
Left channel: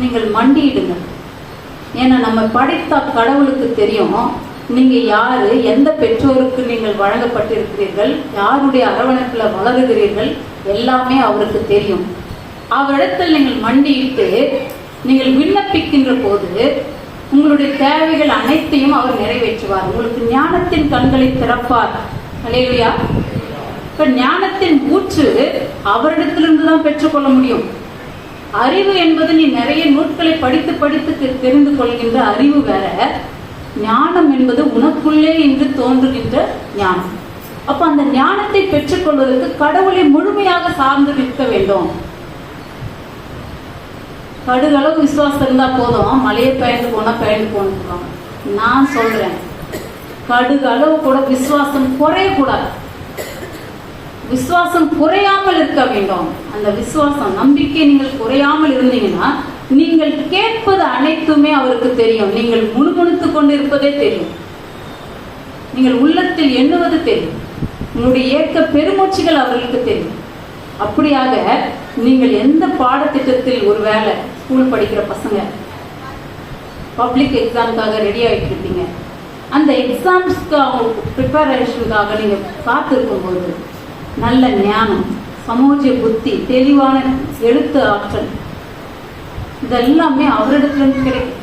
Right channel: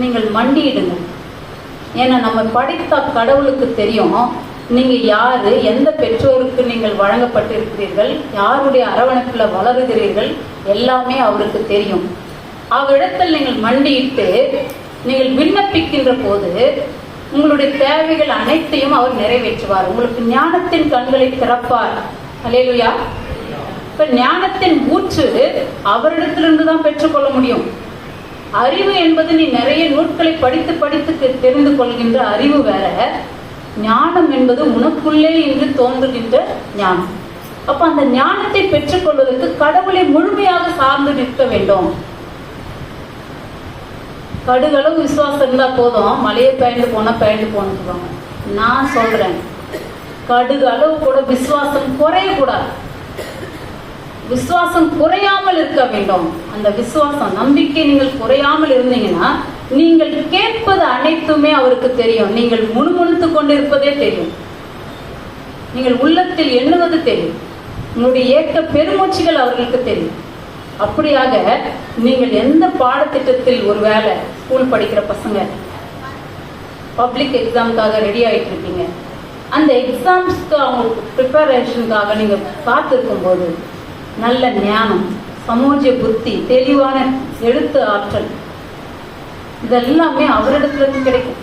நீங்கள் மண்டியிடுங்க. ஏன்னா நம்ம படித்த கடவுளுக்கு தெரியும் நீங்க யாரு, எந்த பெற்றோருக்கு நீங்கள் வழங்கப்பட்டிருக்கிறீர்கள், யாருடைய அரவணைப்புல வளருகிறீர்கள், எல்லாமே அவருக்கு தெரியும். அவரிடத்தில் நீங்கள் மண்டியிட்டு நீங்கள் விண்ணப்பிக்கின்ற போது உங்களுடைய தேவைகள் அனைத்தையும் அவர் நிறைவேற்றுவார். உங்களுக்கு ஞானத்தின் கண்களை திறப்பார். அல்லேலூயா. இப்ப ஞானத்தின் ஊற்று அவரிடத்திலிருந்து தான் பெற்றுக்கொள்ள முடியும். அறிவு என்பது நீ நிறைய நூட்களை படித்து படித்து தெரிந்து கொள்கின்ற அறிவு வேற, ஞானம் என்பது உனக்குள்ளே இன்று தோன்றுகின்ற ஞானம். அப்ப அந்த ஞானத்தை பெற்றுக் கொள்வதற்கு கடவுளை முழுமையாக சார்ந்து நிற்க வேண்டும். கடுகளவு விசுவாசம் இருந்தா போதும், மலையை பெயர்ந்து போன நான் சொல்றேன், கடுகளவு கூட விசுவாசம் குறையக்கூடாது. விசுவாசம் குறையாமல் இருக்க வேண்டும். அந்த விசுவாசம் நம்பிக்கை நீங்கள் குறையாமல் இருந்தீங்கன்னா நீங்கள் கேட்பது அனைத்துமே அவருக்கு தெரியும். நீங்கள் முணுமுணுத்துக் கொண்டிருப்பதே தெரியும். நீங்கள் உள்ளத்தில் எண்ணுவது தெரியும். உங்களுடைய ஏற்க பெருமூச்சுகள் அவர்களுக்கு தெரியும். அப்படியாக நீங்கள் எந்த பாடத்திட்டத்தில், ஒருவேளை ஸ்கூல் படிக்கிற பசங்க பப்ளிக் எக்ஸாமுக்காக ரெடி ஆயிட்டு இருப்பீங்க, அந்த எக்ஸாம்ஸ்க்கு அவங்களுக்கு ப்ரிப்பரேஷனுக்காக நீங்க காத்திருக்கும் போது நல்ல ஞானம், சமூக புத்தி, தெளிவான எழுத்து ஆற்றல் இதெல்லாமே அவரிடத்துல இருந்து கிடைக்கும்.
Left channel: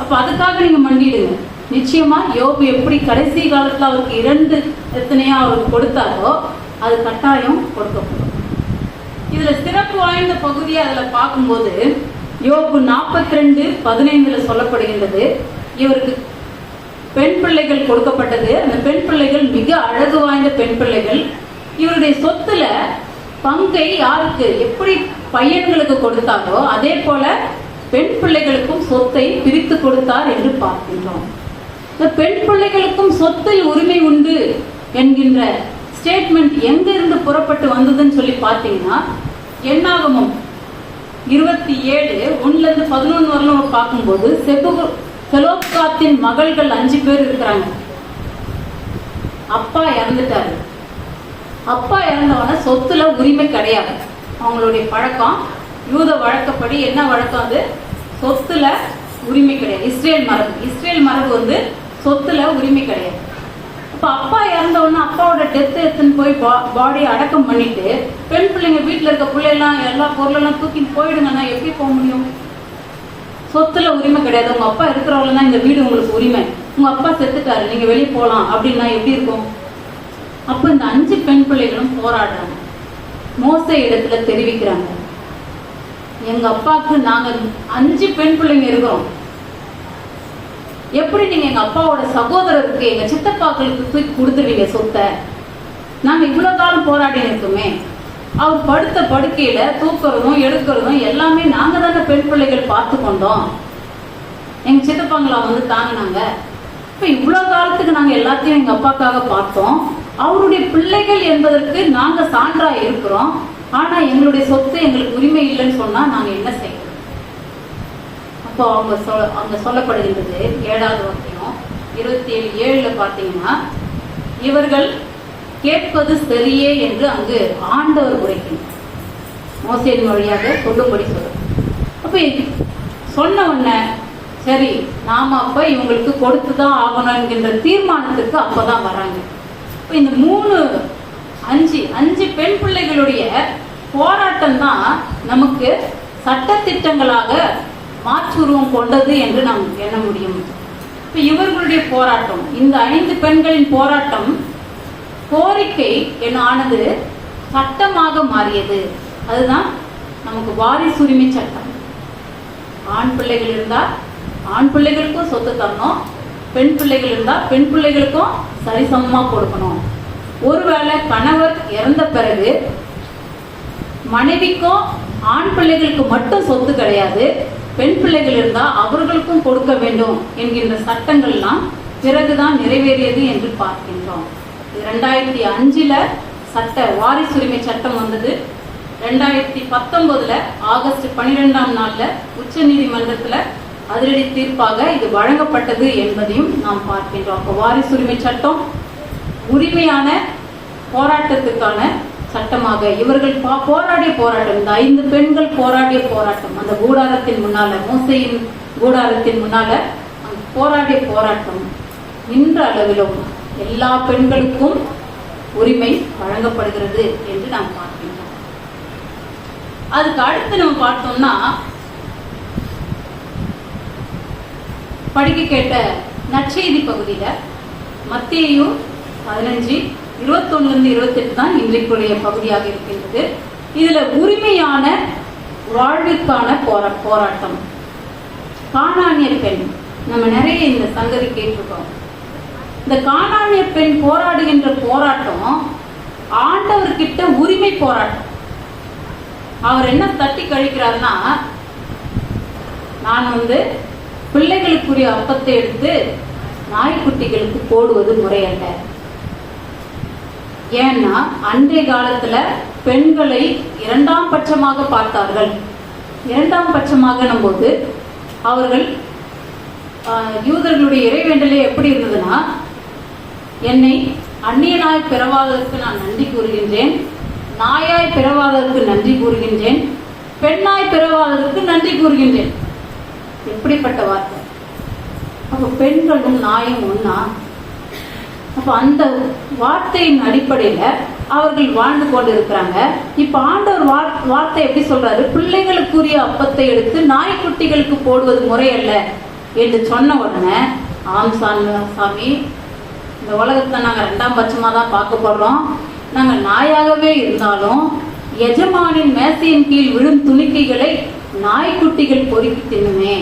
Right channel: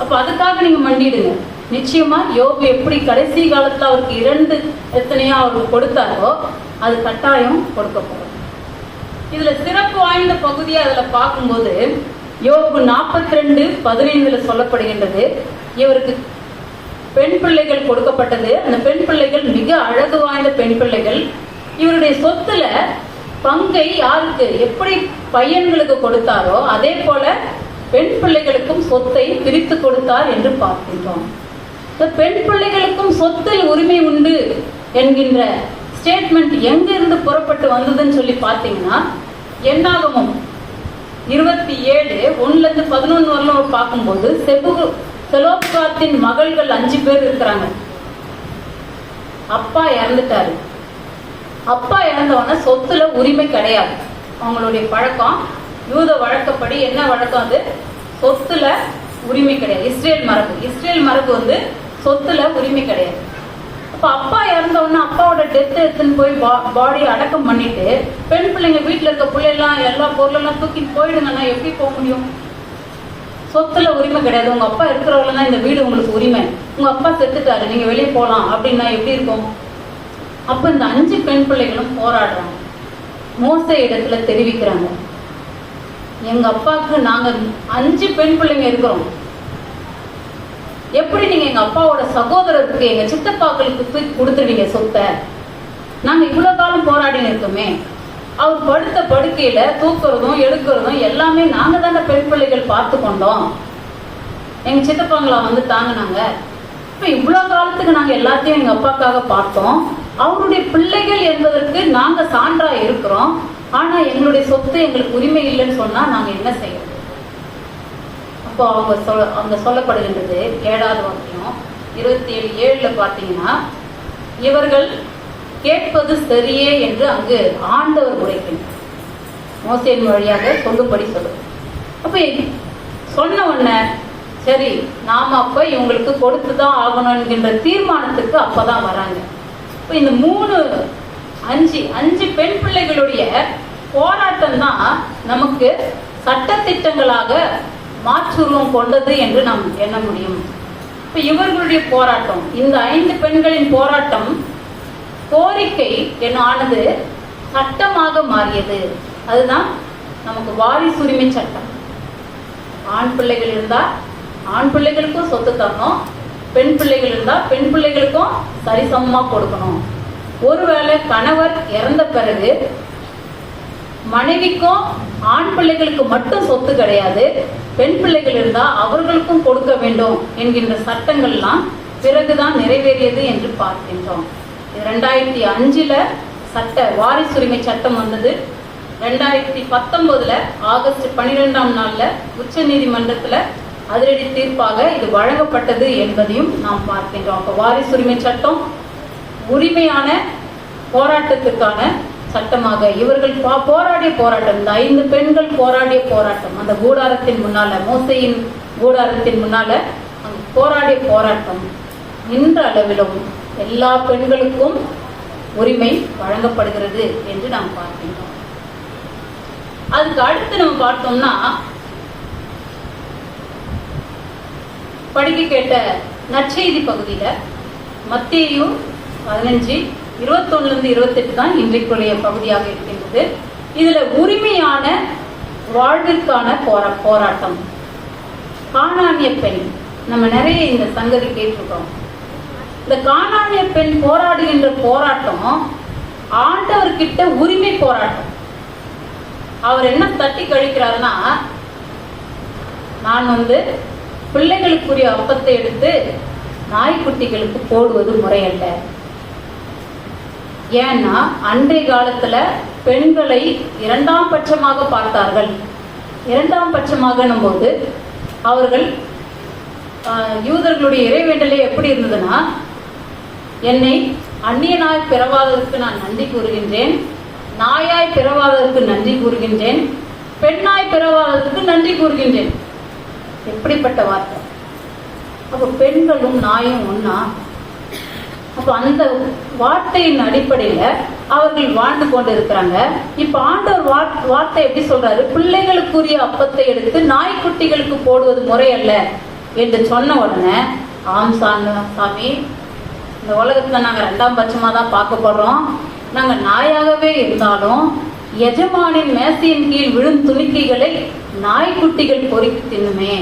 அப்ப அதுக்காக நீங்க மண்டிடுங்க. நிச்சயமா யோபு எப்படி கடைசி காலத்துல அவருக்கு 2 எத்தனையோ அவருக்கு கொடுத்தாரோ அது கட்டாயம் கொடுக்கப்படும். இதுல சிறப்பு வாய்ந்த பகுதியை அதுல பார்க்கும்போது யோபு 42:15 சொல்லப்படுகின்றது. இவருக்கு பெண் பிள்ளைகள் கொடுக்கப்பட்டது. அந்த பெண் பிள்ளைகள் மிக அழகு வாய்ந்த பெண் பிள்ளைகள். இவருடைய சொத்துல பங்கை யாருக்கு எப்படி பையன்களுக்கு கொடுத்தாரோ அதே போல பெண் பிள்ளைகளுக்கும் சொத்தை பிரித்து கொடுத்தார் என்று பார்க்கின்றோம். இந்த பெண் பிள்ளைகளுக்கும் சொத்தில் உரிமை உண்டு என்கின்ற ஸ்டேட்மெண்ட் எங்க இருந்து புறப்பட்டு வந்ததுன்னு சொல்லி பார்த்தீங்கன்னா, என்னாகமம் 27:1-11 வரலும் பார்க்கும்போது செலோப்காத்தின் மகள்கள் 5 பேர் இருக்கிறாங்க. அப்பா இறந்துட்டாரு. அப்பா இறந்தவன சொத்துல உரிமை கிடையாது. அவங்களுடைய பழக்கம் யூத வழக்கப்படி என்ன வழக்கம், அது சொத்துல உரிமை கிடையாது. இஸ்ரேல் மரபு சொத்துல உரிமை கிடையாது. இப்ப அப்பா இறந்தவொன்னு அப்பாவோட டெத் எடுத்துன்னு போய் பாடியை அடக்கம் பண்ணிட்டு பெண் பிள்ளைங்க வீட்டுல இருக்க பிள்ளைலாம் எல்லா பொருளெல்லாம் தூக்கிட்டு போயிடுங்கன்னா எப்படி போக முடியும்? சொத்துல உரிமை கிடையாது. உங்க அப்பா இருக்கிறவங்க இந்த வீடு உங்களுக்கு உரிமை. உங்க அப்பா செத்துட்டாரு, நீங்க வெளியே போலாம் அப்படின்னா எப்படி இருக்கும்? அப்ப இந்த 5 பெண் பிள்ளைகளும் போராடுறாங்க. மோசே இடத்துல தெரிவிக்கிறாங்க, எங்க அப்பாவுக்கு நாங்க 5 பெண் பிள்ளைங்க இருக்கிறோம். எப்படி நீங்க எங்க அப்பாவோட சகோதரருக்கு, எங்க சித்தப்பாக்களுக்கு கொடுத்துருவீங்க சொத்தை? நாங்க இவ்வளவு காலம் போராடி இருக்கோமே. அவர் படுத்த படுக்கையில தூக்குறதும் எடுக்கிறதும் எல்லாமே நாங்க தானே பெண் பிள்ளைகள் பார்த்து கொண்டோம். எங்க சித்தப்பாங்களா தாங்கினாங்க. இப்ப இவ்வளவு காலத்துக்கு நாங்க எல்லாத்தையும் எங்க அப்பாக்காக பார்த்தோம். அவருடைய பிள்ளைகள் என்பதற்கு நாங்க சான்றா இருக்கிறோம். ஆனா எங்களுடைய சொத்து எங்களுக்கு உரிமை இல்லைன்னு சொன்னா நாங்க என்ன செய்யணும்? அப்போ அவங்க சொல்லப்படுகின்றது 7வது வாக்கியம் 27:7 பாத்தீங்கன்னா, இவர்கள் கேட்பது சரியே என்று அங்கு ஆண்டவர் உரைக்கின்றார். மோசேயின் வழியாக சொல்லும்படி சொல்லுங்க. அப்ப சொன்ன உடனே சரி நாம அப்ப இவங்களுக்கு கொடுத்துதான் ஆகணும் என்கின்ற தீர்மானத்துக்கு அப்பதான் வராங்க. இந்த 5 பெண் பிள்ளைகளுடைய போராட்டம் தான் நமக்கு சட்டத்திட்டங்களாக மாற்றுருவம் கொண்டது என்று நாம் எண்ண முடியும். இப்ப இவர்களுடைய போராட்டம், இந்த 5 பெண்களின் போராட்டம், கோரிக்கை என்ன ஆனது, சட்டமாக மாறியது. அதுதான் நமக்கு வாரிசுரிமை சட்டம். ஆண் பிள்ளைகள் இருந்தா ஆண் பிள்ளைகளுக்கும் சொத்து தரணும், பெண் பிள்ளைகள் இருந்தா பெண் பிள்ளைகளுக்கும் சரிசமமா கொடுக்கணும். ஒருவேளை கணவர் இறந்த பிறகு மனைவிக்கும் ஆண் பிள்ளைகளுக்கு மட்டும் சொத்து கிடையாது, பெண் பிள்ளைகள் இருந்தா அவர்களுக்கும் கொடுக்க வேண்டும் என்கின்ற சட்டங்கள்லாம் பிறகுதான் நிறைவேறியது என்று பார்க்கின்றோம். 2005 சட்ட வாரிசுரிமை சட்டம் வந்தது. 2019 ஆகஸ்ட் 12ஆம் நாள்ல உச்ச நீதிமன்றத்துல அதிரடி தீர்ப்பாக இது வழங்கப்பட்டது என்பதையும் நாம் பார்க்கின்றோம். அப்ப வாரிசுரிமை சட்டம் உரிமையான போராட்டத்துக்கான சட்டமாக இவர்கள் போராடிய போராட்டம், இந்த 5 பெண்கள் போராடிய போராட்டம், அந்த கூடாரத்தின் முன்னால, மோசேயின் கூடாரத்தின் முன்னால போராடிய போராட்டம் இன்ற அளவிலும் எல்லா பெண்களுக்கும் உரிமை வழங்கப்படுகிறது என்று நாம் பார்க்கின்றோம். அதுக்கு அடுத்து நம்ம பார்த்தோம்னா, படிக்க கேட்ட நற்செய்தி பகுதியில மத்தேயு 15:21-28 தான் இன்றைக்குரிய பகுதியாக இருக்கின்றது. இதுல உரிமையான வாழ்விற்கான போராட்டம். கானானிய பெண், நம்ம நிறைய இந்த சங்கதி கேட்டிருக்கோம். இந்த கானானிய பெண் போராடுகின்ற போராட்டம் ஆண்டவர்கிட்ட உரிமை போராட்டம். அவர் என்ன தட்டி கழிக்கிறாருன்னா, நான் பிள்ளைகளுக்குரிய அப்பத்தை எடுத்து நாய்க்குட்டிகளுக்கு போடுவது முறையல்ல. ஏன்னா அன்றைய காலத்துல பெண்களை 2ஆம் பட்சமாக பார்த்தார்கள். 2ஆம் பட்சமாக போது அவர்கள் யூதர்களுடைய இறைவேண்டலே எப்படி இருந்ததுன்னா, என்னை அந்நியனாய் பிறவாததற்கு நான் நன்றி கூறுகின்றேன், நாயாய் பிறவாததற்கு நன்றி கூறுகின்றேன், பெண்ணாய் பிறவாததற்கு நன்றி கூறுகின்றேன். எப்படிப்பட்ட வார்த்தை! அப்ப பெண்களும் நாயும் ஒன்னா? அப்ப அந்த வார்த்தையின் அடிப்படையில அவர்கள் வாழ்ந்து கொண்டு இருக்கிறாங்க. இப்ப ஆண்டவர் வார்த்தை எப்படி சொல்றாரு? பிள்ளைகளுக்குரிய அப்பத்தை எடுத்து நாய்க்குட்டிகளுக்கு போடுவது முறை அல்ல என்று சொன்ன உடனே, ஆம் சாமி, இந்த உலகத்தை நாங்க 2ஆம் பட்சமா தான் பார்க்க போறோம். நாங்க நாயாகவே இருந்தாலும் எஜமானின் மேசையின் கீழ் விழும் துணிக்கைகளை நாய்க்குட்டிகள் பொறுக்கி தின்னுமே.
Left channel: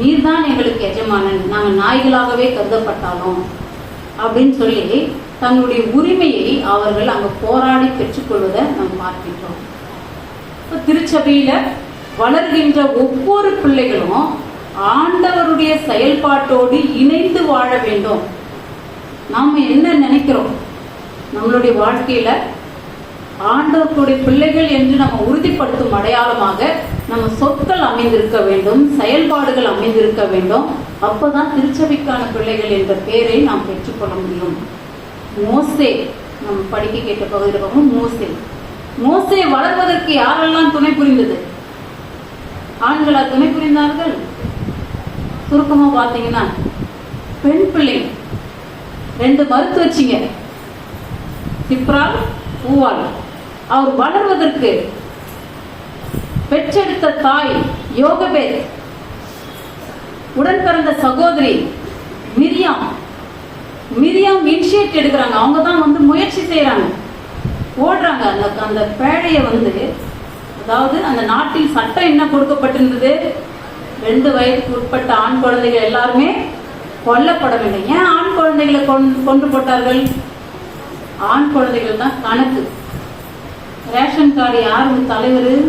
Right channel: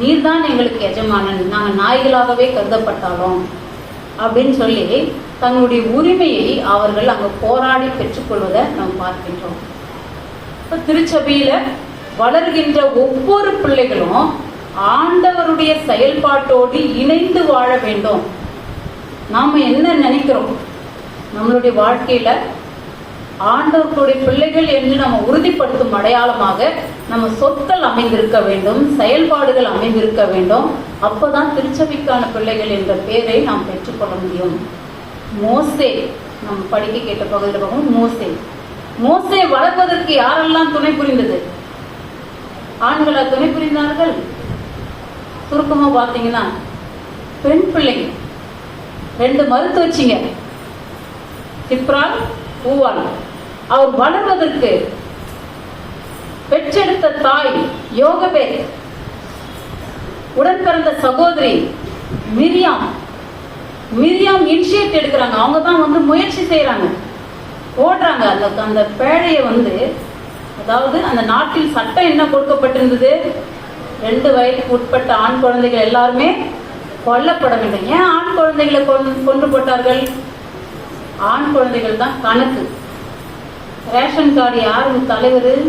நீர்தான் எங்களுக்கு எஜமானன், நாங்கள் நாய்களாகவே கருதப்பட்டாலும் அப்படின்னு சொல்லி தங்களுடைய உரிமையை அவர்கள் அங்க போராடி பெற்றுக்கொள்வதை நாம் பார்க்கின்றோம். திருச்சபையில வளர்கின்ற ஒவ்வொரு பிள்ளைகளும் ஆண்டவருடைய செயல்பாட்டோடு இணைந்து வாழ வேண்டும். நாம என்ன நினைக்கிறோம்? நம்மளுடைய வாழ்க்கையில ஆண்டவருடைய பிள்ளைகள் என்று நம்ம உறுதிப்படுத்தும் அடையாளமாக நம்ம சொற்கள் அமைந்திருக்க வேண்டும், செயல்பாடுகள் அமைந்திருக்க வேண்டும். அப்பதான் திருச்சபைக்கான பிள்ளைகள் என்ற பெயரை நாம் பெற்றுக்கொள்ள முடியும். மோசே, நம்ம படிக்க கேட்ட பகுதியில் மோசே வளர்வதற்கு யாரெல்லாம் துணை புரிந்தது? ஆண்களா துணை புரிந்தார்கள்? சுருக்கமா பாத்தீங்கன்னா பெண் பிள்ளைங்க 2 மறுத்து வச்சிங்க, சிப்ரா, ஊவாள். அவர் வளர்வதற்கு பெற்றெடுத்த தாய் யோகபேத், உடன் பிறந்த சகோதரி மிரியாம் இனிஷியேட் எடுக்கிறாங்க. அவங்க தான் முயற்சி செய்யறாங்க, ஓடுறாங்க. அந்த பேழைய அதாவது அந்த நாட்டில் சட்டம் என்ன கொடுக்கப்பட்டிருந்தது? 2 வயதுக்கு உட்பட்ட ஆண் குழந்தைகள் எல்லாருமே கொல்லப்பட வேண்டும். ஏன் ஆண் குழந்தைகளை கொண்டு போட்டார்கள்? ஆண் குழந்தைகள் தான் கணக்கு. ரேஷன் கார்டு யாரு தலைவர்?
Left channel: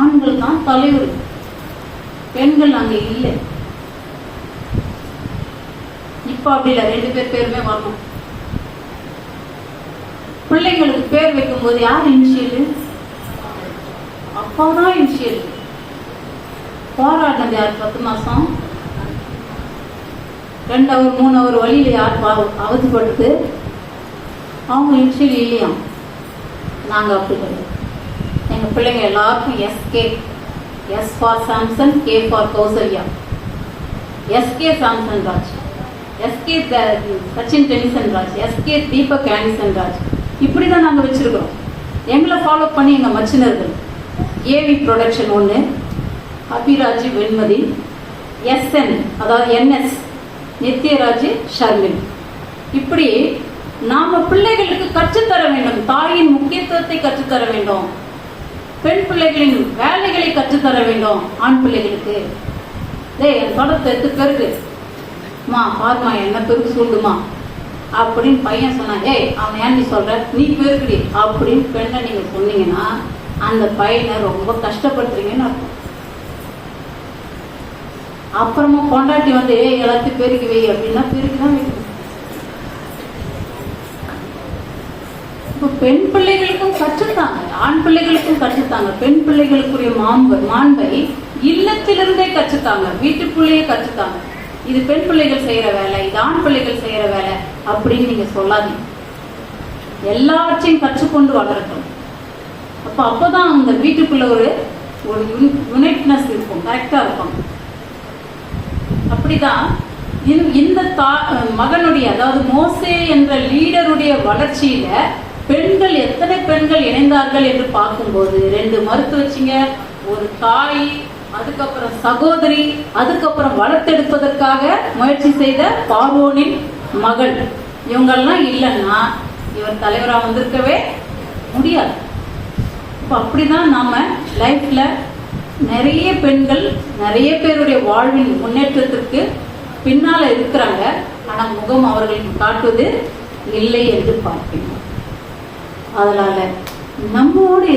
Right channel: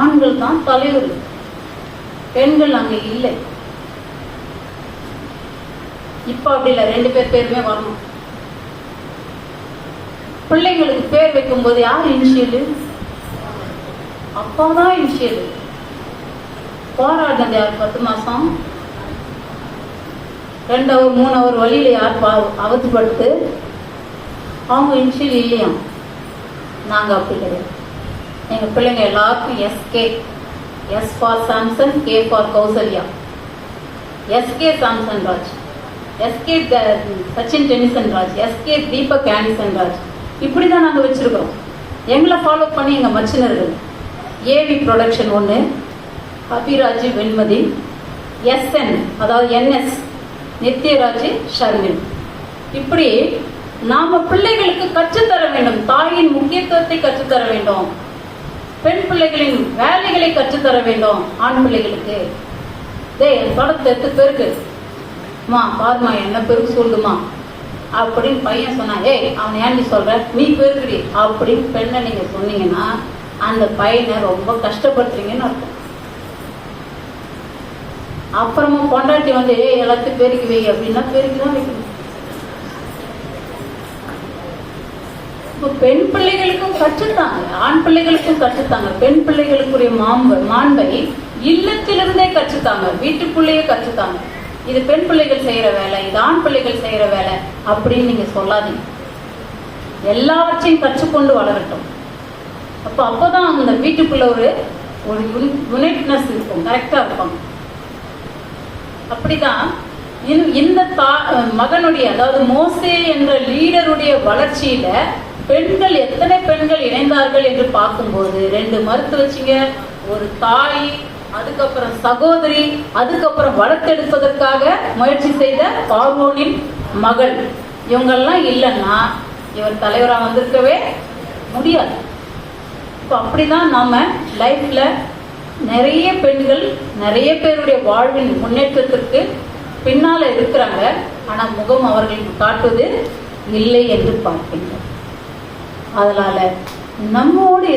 ஆண்கள் தான் தலைவர், பெண்கள் அங்க இல்லை. இப்ப அப்படி இல்லை, 2 பேருமே வரணும். பிள்ளைங்களுக்கு பேர் வைக்கும் போது யார் இனிஷியல்? அப்பதான் இனிஷியல். போராடினது 10 மாசம் 2 hour 3 hour வழியில யார் அவதிப்படுத்து? அவங்க இனிஷியல் இல்லையா? நாங்க அப்படி கிடையாது. எங்க பிள்ளைங்க எல்லாருக்கும் SK, S for Samson, K for Kausalya. SK Samson Raj, SK Sachin Tennyson Raj, SK Deepak Annison Raj. இப்படிதான் நாங்க வச்சிருக்கோம். எங்களை ஃபாலோ பண்ணி எங்க மச்சினர்கள் AV production 1, Abiraj Venmathi, SN அதாவது என்எஸ் நித்யராஜ் ஷர்மின். இப்படி நாம பிள்ளைகளுக்கு கற்றுத்தர வேண்டும். தாயின் முக்கியத்துவத்தை கற்றுத்தர வேண்டும். பெண் பிள்ளைகளின் வேலைகளை கற்றுத்தர வேண்டும். ஆண் பிள்ளைகளுக்கு என் படத்தை எடுத்து பெருக்கு மா, பாருமா என்ன பெருக்கு சொல்லுமா அப்படின்னு பையன் சொன்னா, அவன் ஏன் நீ சொல்ற, நீ பெருக்குடி அப்படின்னு பெண்ணை நீங்க சொன்னீங்கன்னா அந்த பையனை ரொம்ப கஷ்டப்படுத்துறீங்கன்னு அர்த்தம். அப்புறமா கொண்டாட்டி எல்லாத்தையும் பெருக்கி வை அப்படின்னா பெருக்கிதான் வைக்கணும். பெண் பிள்ளைகளுக்கும் கற்றுத்தாங்க, ஆண் பிள்ளைகளுக்கும் கற்றுத்தாங்க. பெண் பிள்ளைகளுக்குரிய மாண்பை இல்லத்திலிருந்தே கற்றுத்தாங்க, வீட்டுக்குள்ளேயே கற்றுத்தாங்க. இது பெண் பிள்ளைகள் செய்யற வேலை, இது ஆண் பிள்ளைகள் செய்யற வேலை அப்படின்னு நீங்க சொல்லாதீங்க. எல்லாவற்றையும் கற்றுக்கொண்டு வளரட்டும். அப்பதான் அந்த வீட்டுக்குள்ள ஒரு யுனைட்னஸ் இருக்கும், கரெக்டா இருக்கும். அப்படிதான் இந்த மகனுடைய, அதாவது மோசே என்ற லீடருடைய வளர்ச்சியில பெண்கள், எத்தனை பெண்கள் இணைந்தார்கள் என்று பார்க்கும்போது 2 மறுத்து வச்சிங்க, ஒரு தாய், அதுக்கப்புறம் சகோதரி, அதுக்கப்புறம் வளர்த்தெடுப்பதற்காக முயற்சி செய்த பார்வோனின் மகள். இவங்கெல்லாம் இல்லைன்னா இவர் தலைவரா வந்திருக்கவே முடியாது. அப்படிதான் நாம லைஃப்ல நிறைய பெண்கள், நிறைய பேருடைய வாழ்வின் முன்னேற்றத்திற்கு பின்னால இருக்கிறாங்க. ஆனா முகம் அவர்களுக்கு காட்டுவது இல்லை என்று பார்க்கின்றோம். அதனால நம்மோடு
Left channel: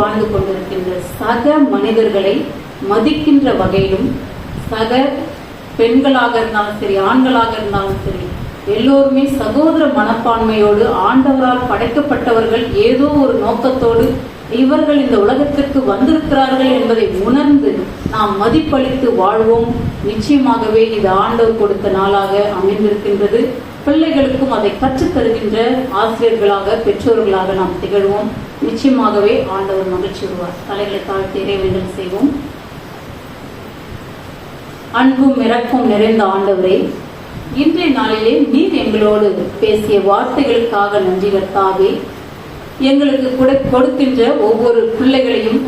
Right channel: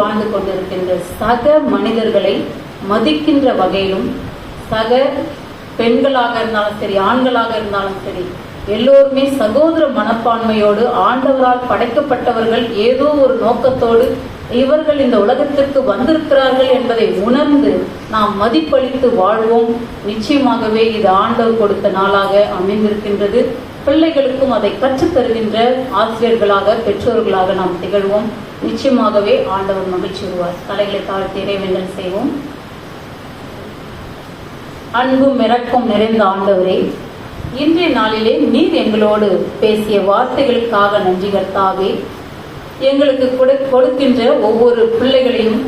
வாழ்ந்து கொண்டிருக்கின்ற சக மனிதர்களை மதிக்கின்ற வகையிலும், சக பெண்களாக இருந்தாலும் சரி, ஆண்களாக இருந்தாலும் சரி, எல்லோருமே சகோதர மனப்பான்மையோடு ஆண்டவரால் படைக்கப்பட்டவர்கள், ஏதோ ஒரு நோக்கத்தோடு இவர்கள் இந்த உலகத்திற்கு வந்திருக்கிறார்கள் என்பதை உணர்ந்து நாம் மதிப்பளித்து வாழ்வோம். நிச்சயமாகவே இது ஆண்டவர் கொடுத்த நாளாக அமைந்திருக்கின்றது. பிள்ளைகளுக்கும் அதை கற்றுத் தருகின்ற ஆசிரியர்களாக, பெற்றோர்களாக நாம் திகழ்வோம். நிச்சயமாகவே ஆண்டவர் மகிழ்ச்சி வருவார். தலைகளை தாழ்த்தி இறைவேண்டல் செய்வோம். அன்பும் இரக்கம் நிறைந்த ஆண்டவரே, இன்றைய நாளிலே நீர் எங்களோடு பேசிய வார்த்தைகளுக்காக நன்றி கர்த்தாவே. எங்களுக்கு கொடுக்கின்ற ஒவ்வொரு பிள்ளைகளையும்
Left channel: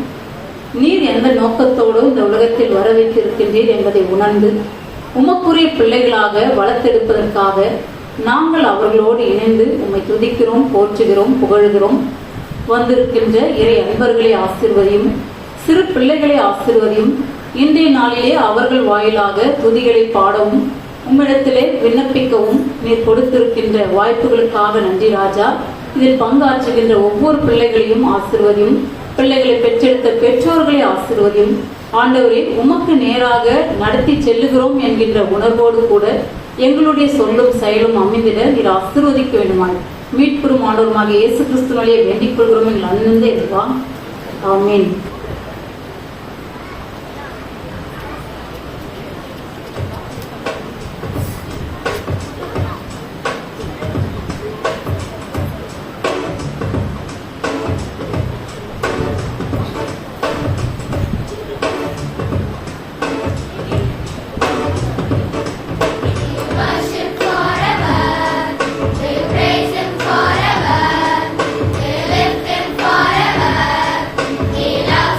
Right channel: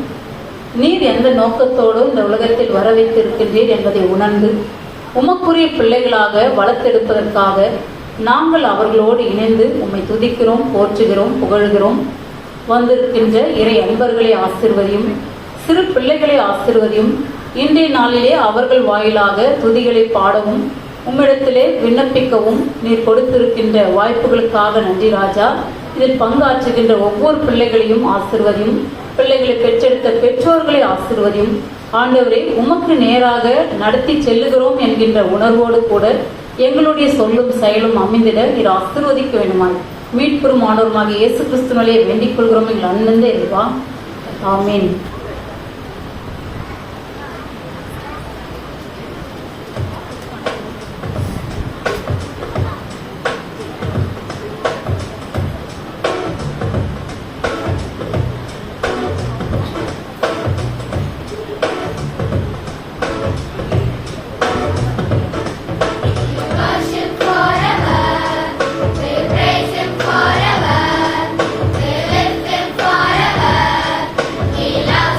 நீர் எந்த நோக்கத்தோடு இந்த உலகத்தில் வர வைத்திருக்கின்றீர் என்பதை உணர்ந்து உமக்குரிய பிள்ளைகளாக வளர்த்தெடுப்பதற்காக நாங்கள் அவர்களோடு இணைந்து உம்மை துதிக்கிறோம், போற்றுகிறோம், புகழ்கிறோம். வந்திருக்கின்ற இறை அன்பர்களை ஆசீர்வதியும், சிறு பிள்ளைகளை ஆசீர்வதியும். இன்றைய நாளிலே அவர்கள் வாயிலாக துதிகளை பாடவும் உம்மிடத்திலே விண்ணப்பிக்கவும் நீர் கொடுத்திருக்கின்ற வாய்ப்புகளுக்காக நன்றி ராஜா. இதில் பங்காற்றுகின்ற ஒவ்வொரு பிள்ளைகளையும் ஆசீர்வதியும், பிள்ளைகளை பெற்றெடுத்த பெற்றோர்களை ஆசீர்வதியும். ஆண்டவரை உமக்கு நேராக நடத்தி செல்லுகிறோம் என்கின்ற உணர்வோடு கூட எங்களுடைய சொல்லும் செயலும் அமைந்திட நீர் ஆசீர்வதிக்க வேண்டுமாய் மீட்பெரும் ஆண்டவருமாக இயேசு கிறிஸ்துவிலே வேண்டிக் கொள்கிறோம் எங்கள் அண்ணந்தே இருவா. ஆமீன். We love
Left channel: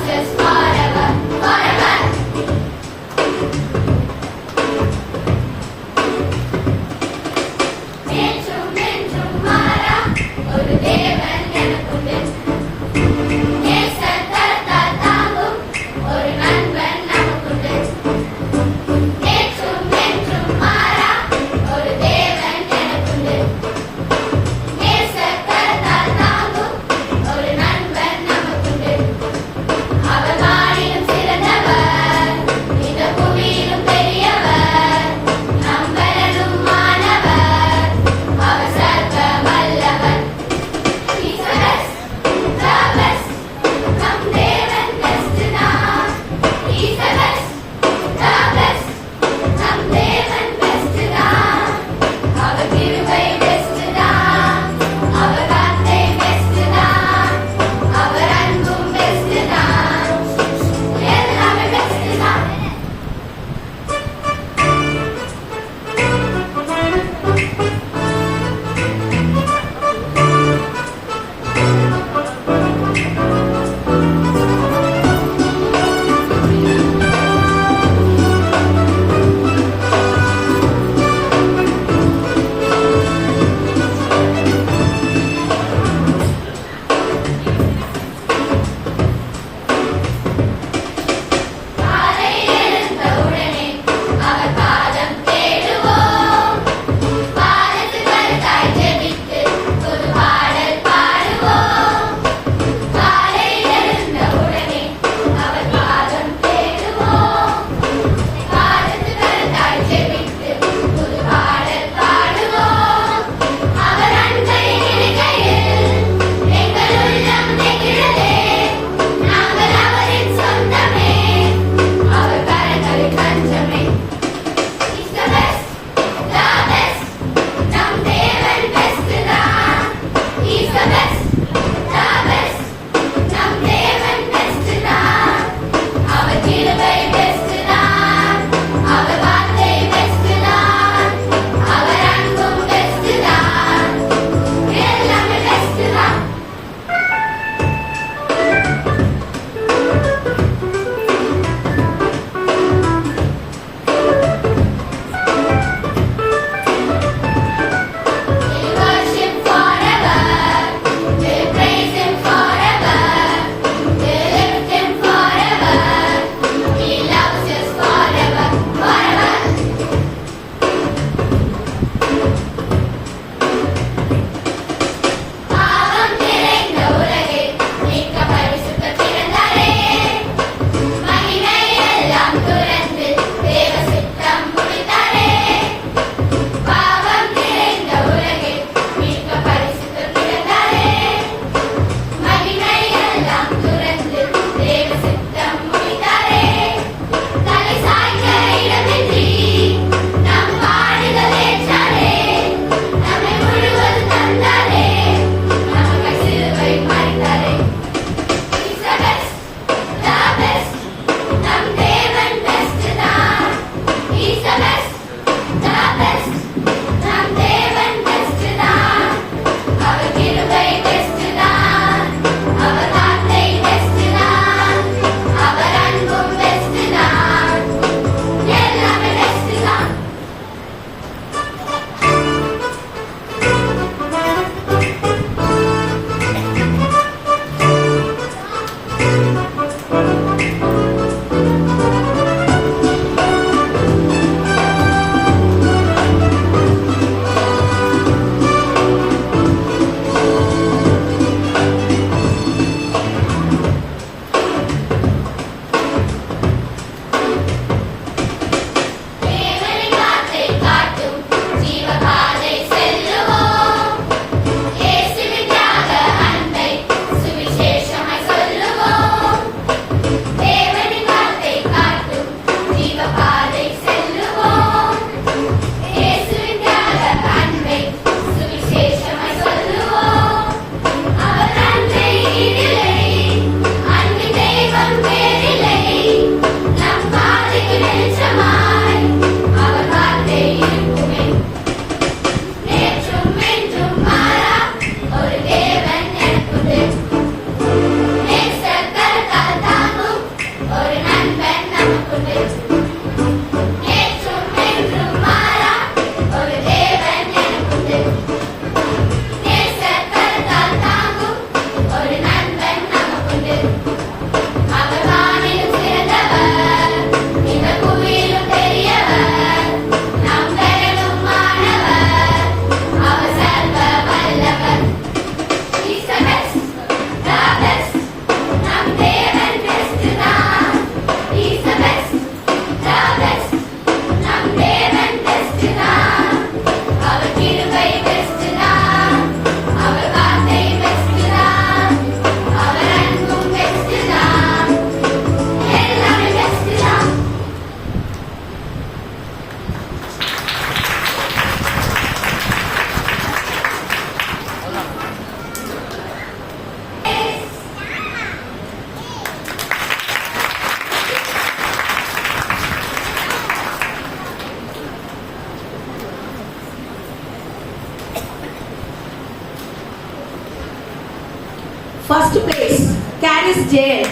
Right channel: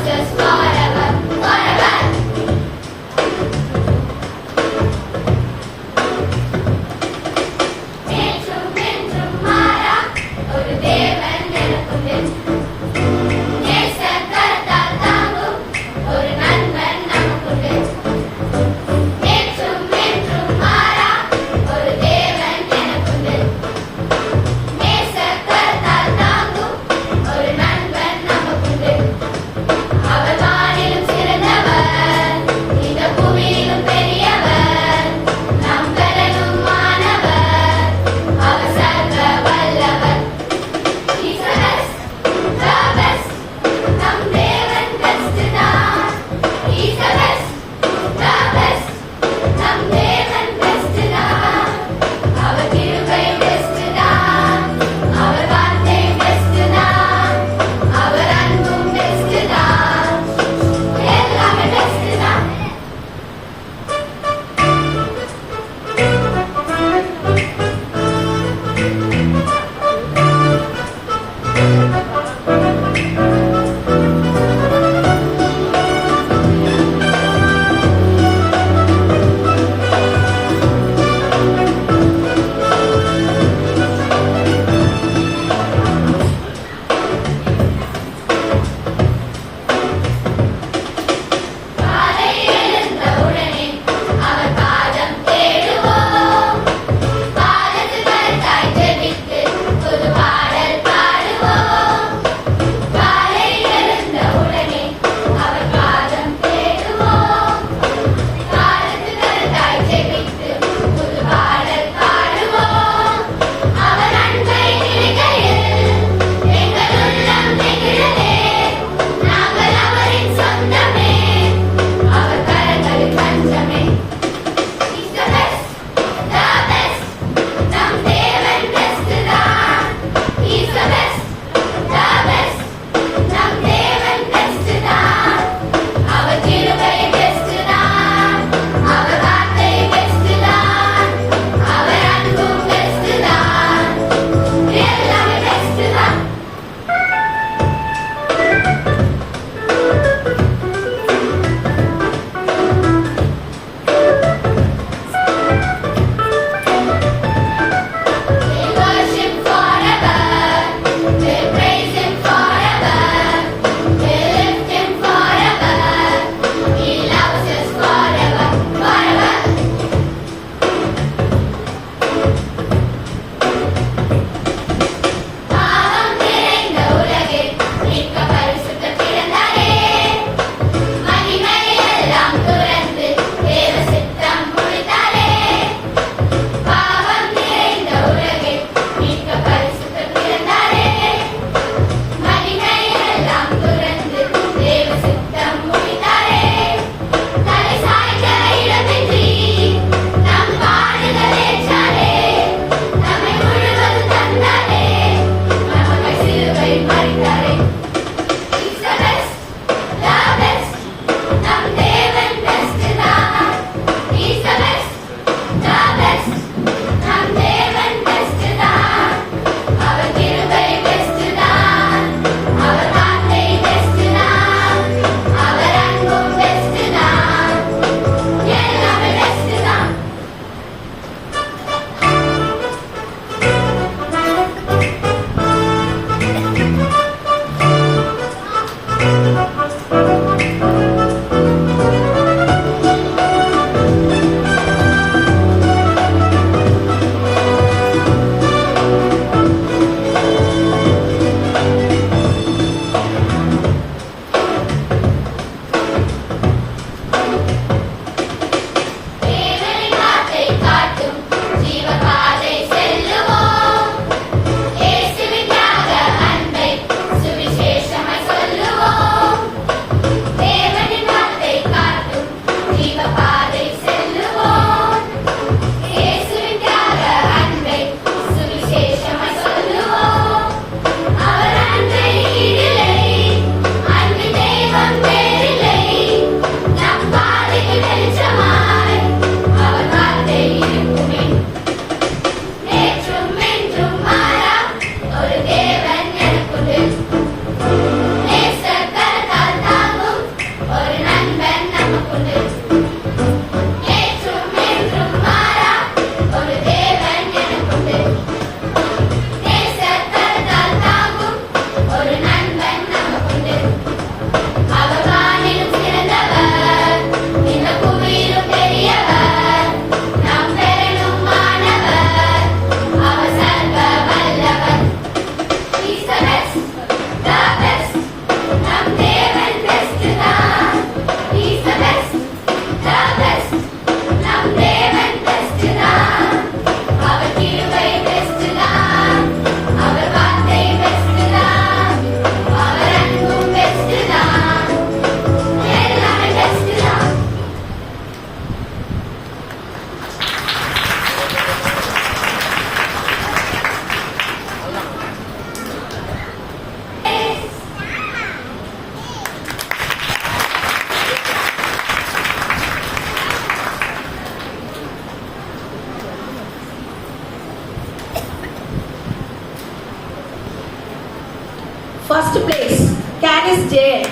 First place, Caris Jain.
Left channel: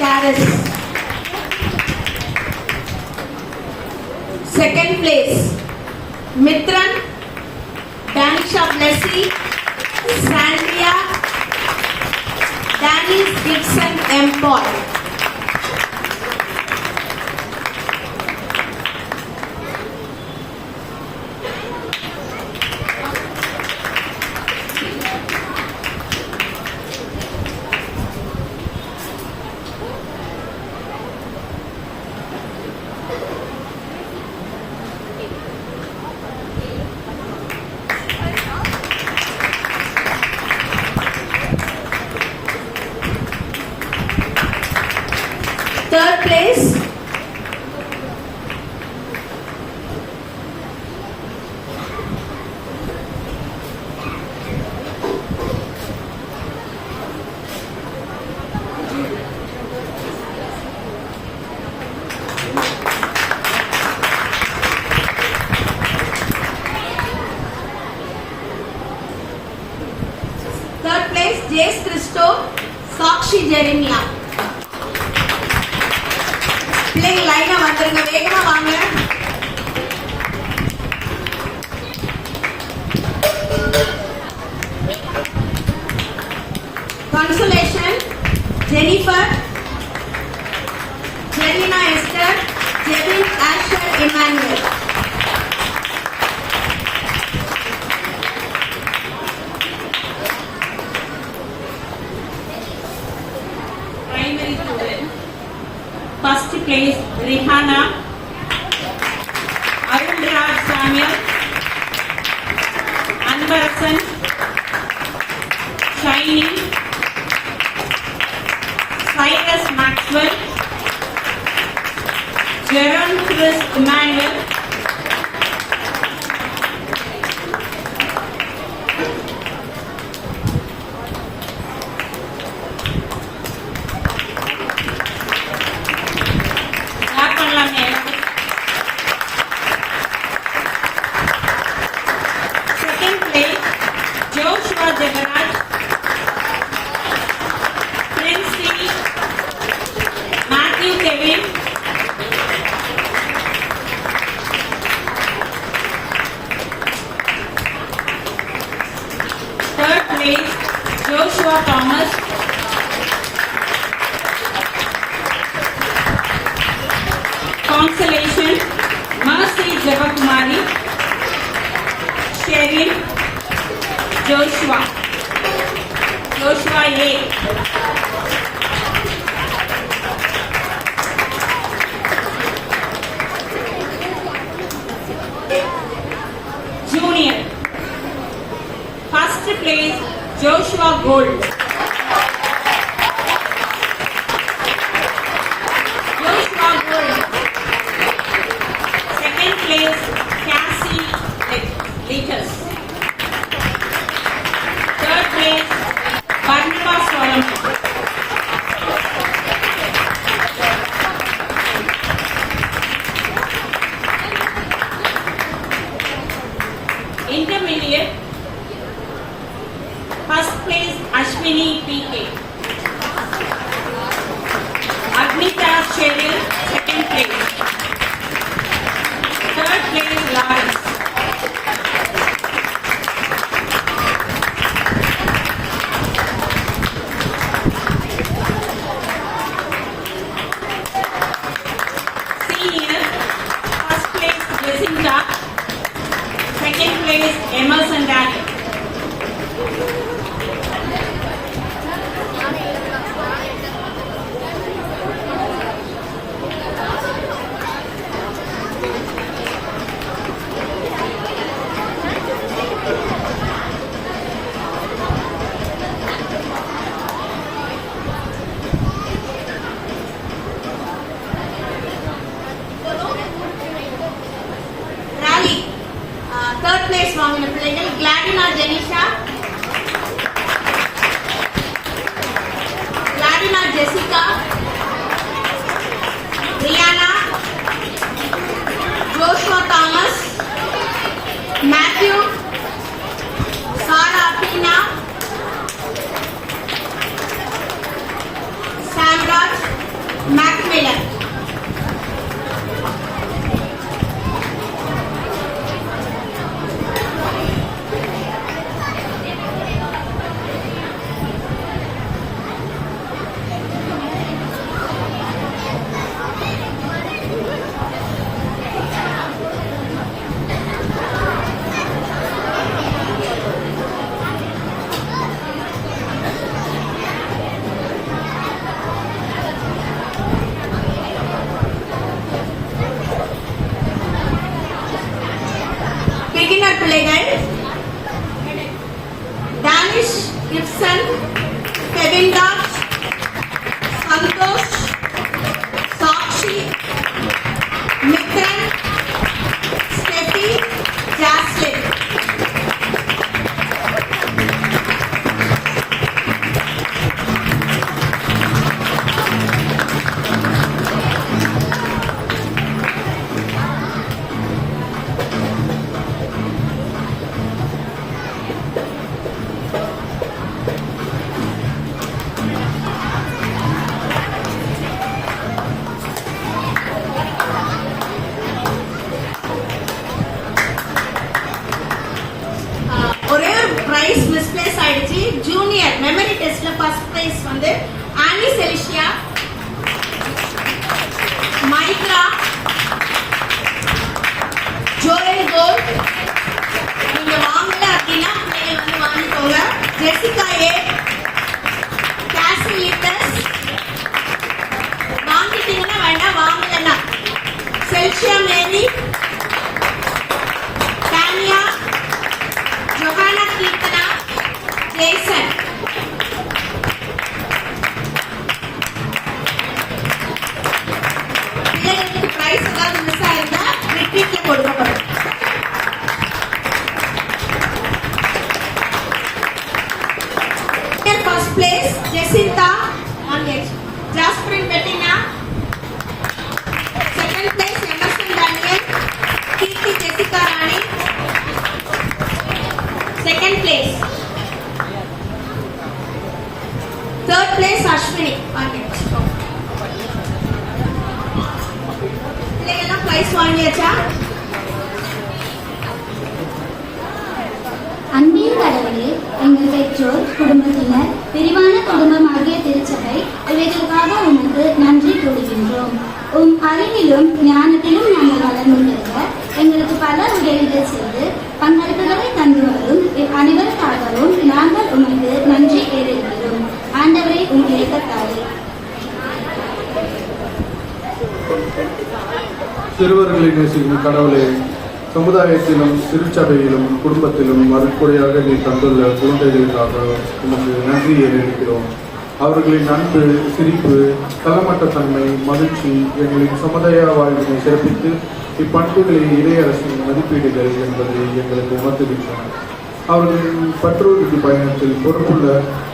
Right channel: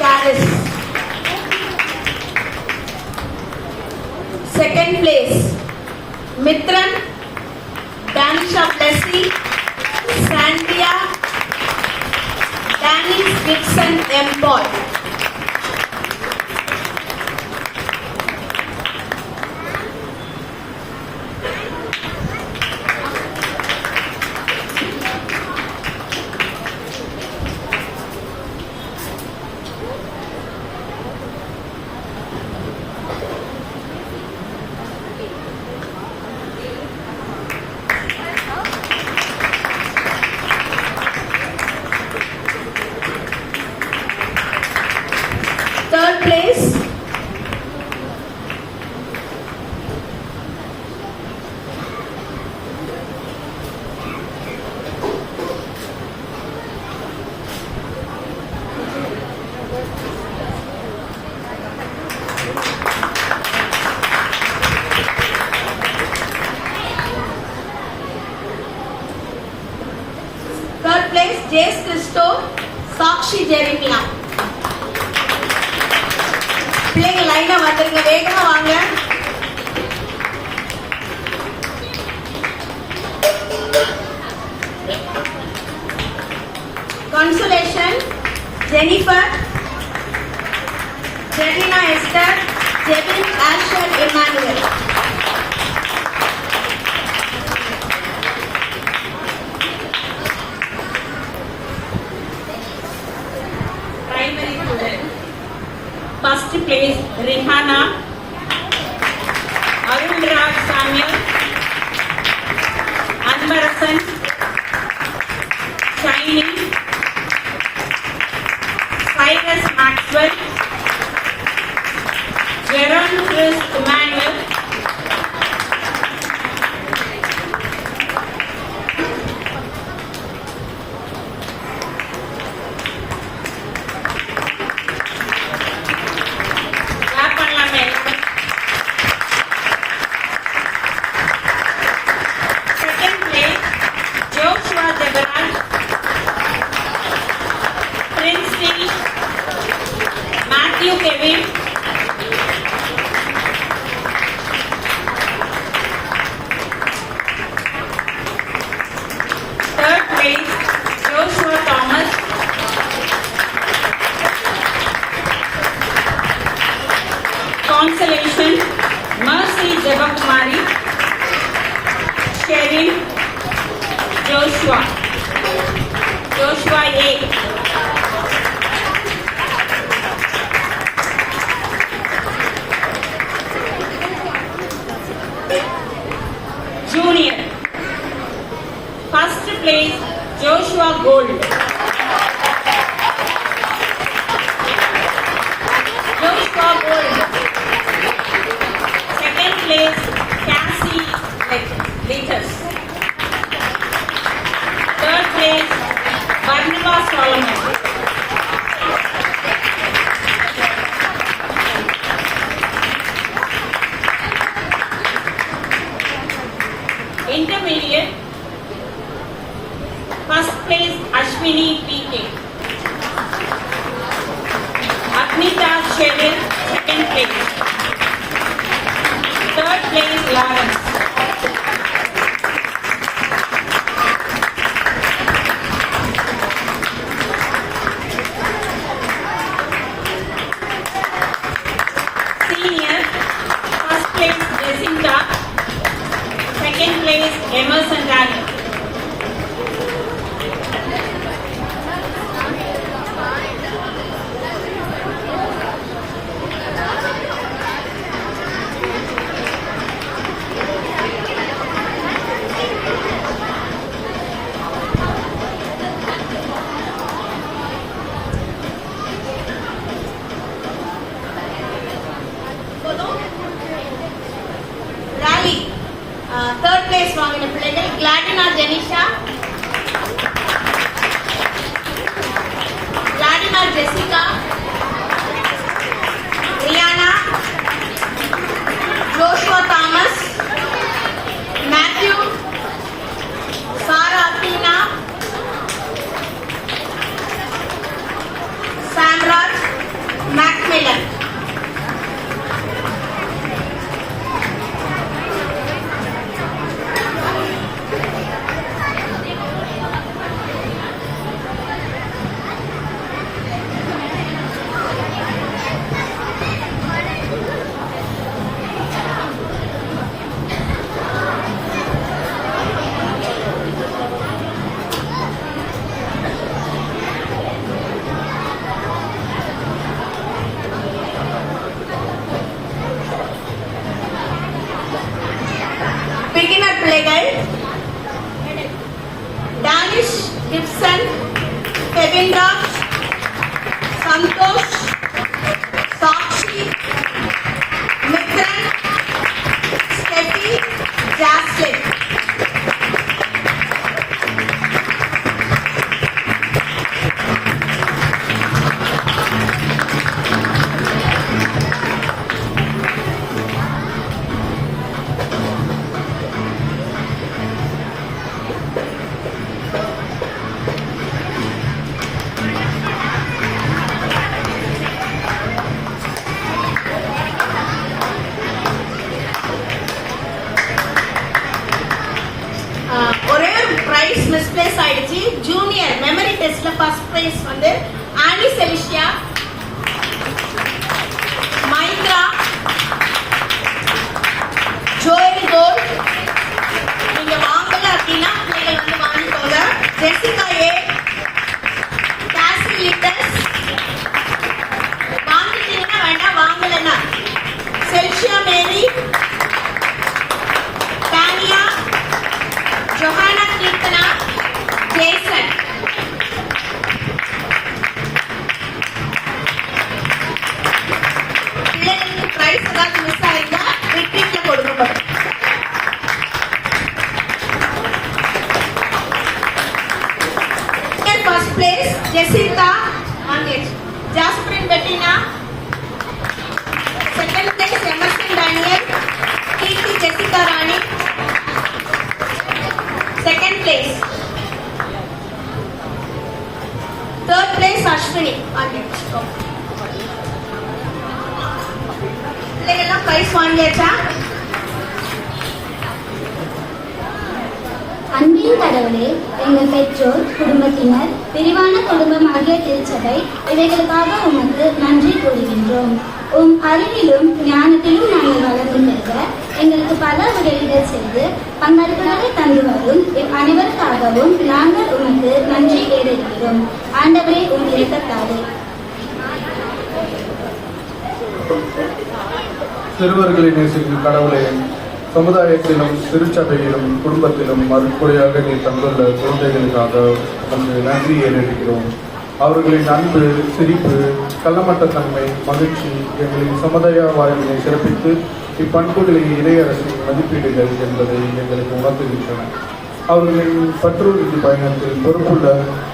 Caris. Second place, Mitran, Danisha Blessy, Sandria, Danny Dixon M. Paul. Third place, Jace Christo, Sakshi Jeremiah. பிள்ளைங்க லைனா வந்துருங்க, வேகமா வாங்க. Consolation, Jennifer, Jelena Esther, Jevin Asher Emmanuel. Primary student. First place, Rihanna, Arun Raj Samuel, Anvarasan, Shiny, Cyrus Maxwell, Jerome Chris Emmanuel, Joshua Thomas, Consolation, Mercy Javakumari, Sheryl, Joshua A. Junior, first place, Joshua Gold. Joshua Gold. Second place, Cassie Letters. Third place, Barnaba Solomon. Intermediate, first place, Ashwini PK. Agnita Cheryl, second place. Third place, Lawrence. Senior, first place, Jacinta. Second place, Emerson Daniel. Third place வாங்கின பிள்ளைகள் Gladina Janisha, Gladina Jessica, Rihanna, Joshua Thomas, Matthew, Sarah Athena, beginner பிள்ளைகள் Danish, Gibson, Bebinraj, Santhosh, Sakshi, Mithran, Steffi, Jaslin. ஒரே ஒரு prize misplace ஆயிடுச்சு. Junior memory டெஸ்ட்ல first prize வந்து Annie செலிஷியா, Maitra, Joel கோல். நீங்க வாங்கல அப்படின்னா பிள்ளைகள் வந்து வாங்கிக்கோங்க. ஜெசிகா ஏ, காசி லிட்டஸ். வாங்கிட்டீங்கன்னா வேண்டாம், வாங்கலன்னா Chelsea Mary, Tania, Johanna Keerthana, Jason. பிள்ளைகளுக்கு பிரைஸ் ஏதாவது மிஸ் ஆயிருந்தா ரிப்பீட்ல கொடுக்கப்படும். ஃபர்ஸ்ட் பிளேஸ் ஜெசிதா ஆங்கேஜ், Jasprin Bettina. Second place Emerson Daniel, Keerthi Jessica Rani. Second place. Third place Ashwini ஆங்கேஜ். பிள்ளைகள்லாம் பிரைஸ் வாங்கியாச்சா? அன்பின் கடவுளே, எங்கள் பெற்றோர், குடும்பத்தினர், விரிவான குடும்பமாகிய திருச்சபை இவைகளுக்காக உமக்கு நன்றி கூறுகின்றோம். உம் அறிவிலும் ஞானத்திலும் நாங்கள் வளர்ந்து பெறுக எங்களுக்கு பல உதவிகள் செய்து பங்களிப்புகளை தந்து வரும் அனைவருக்காகவும் நாங்கள் உமக்கு நன்றி ஏறிருக்கிறோம். ஆண்டவரை உம் இரக்கத்தாலே. சிறுவர்களை நேசிக்கும் கடவுளே, சமுதாயத்திலும் திருச்சபையிலும் குடும்பத்திலும் மறுக்குறையாக நீ தந்துள்ள குழந்தைகளுக்காக உமக்கு நன்றி ஏறிருக்கிறோம். அவர்களின் அன்பு, சிரிப்பு, கள்ளமட்டத்தன்மை, மகிழ்ச்சி எங்களின் சமுதாய வாழ்வினை சிறப்பித்து இப்பண்புகளை இறையரசின் மதிப்பீடுகள் என்பதை எங்களுக்கு உணர்த்துகின்றன. அவர்களின் பற்றுறுதி பயணத்தில் பொறுப்புள்ள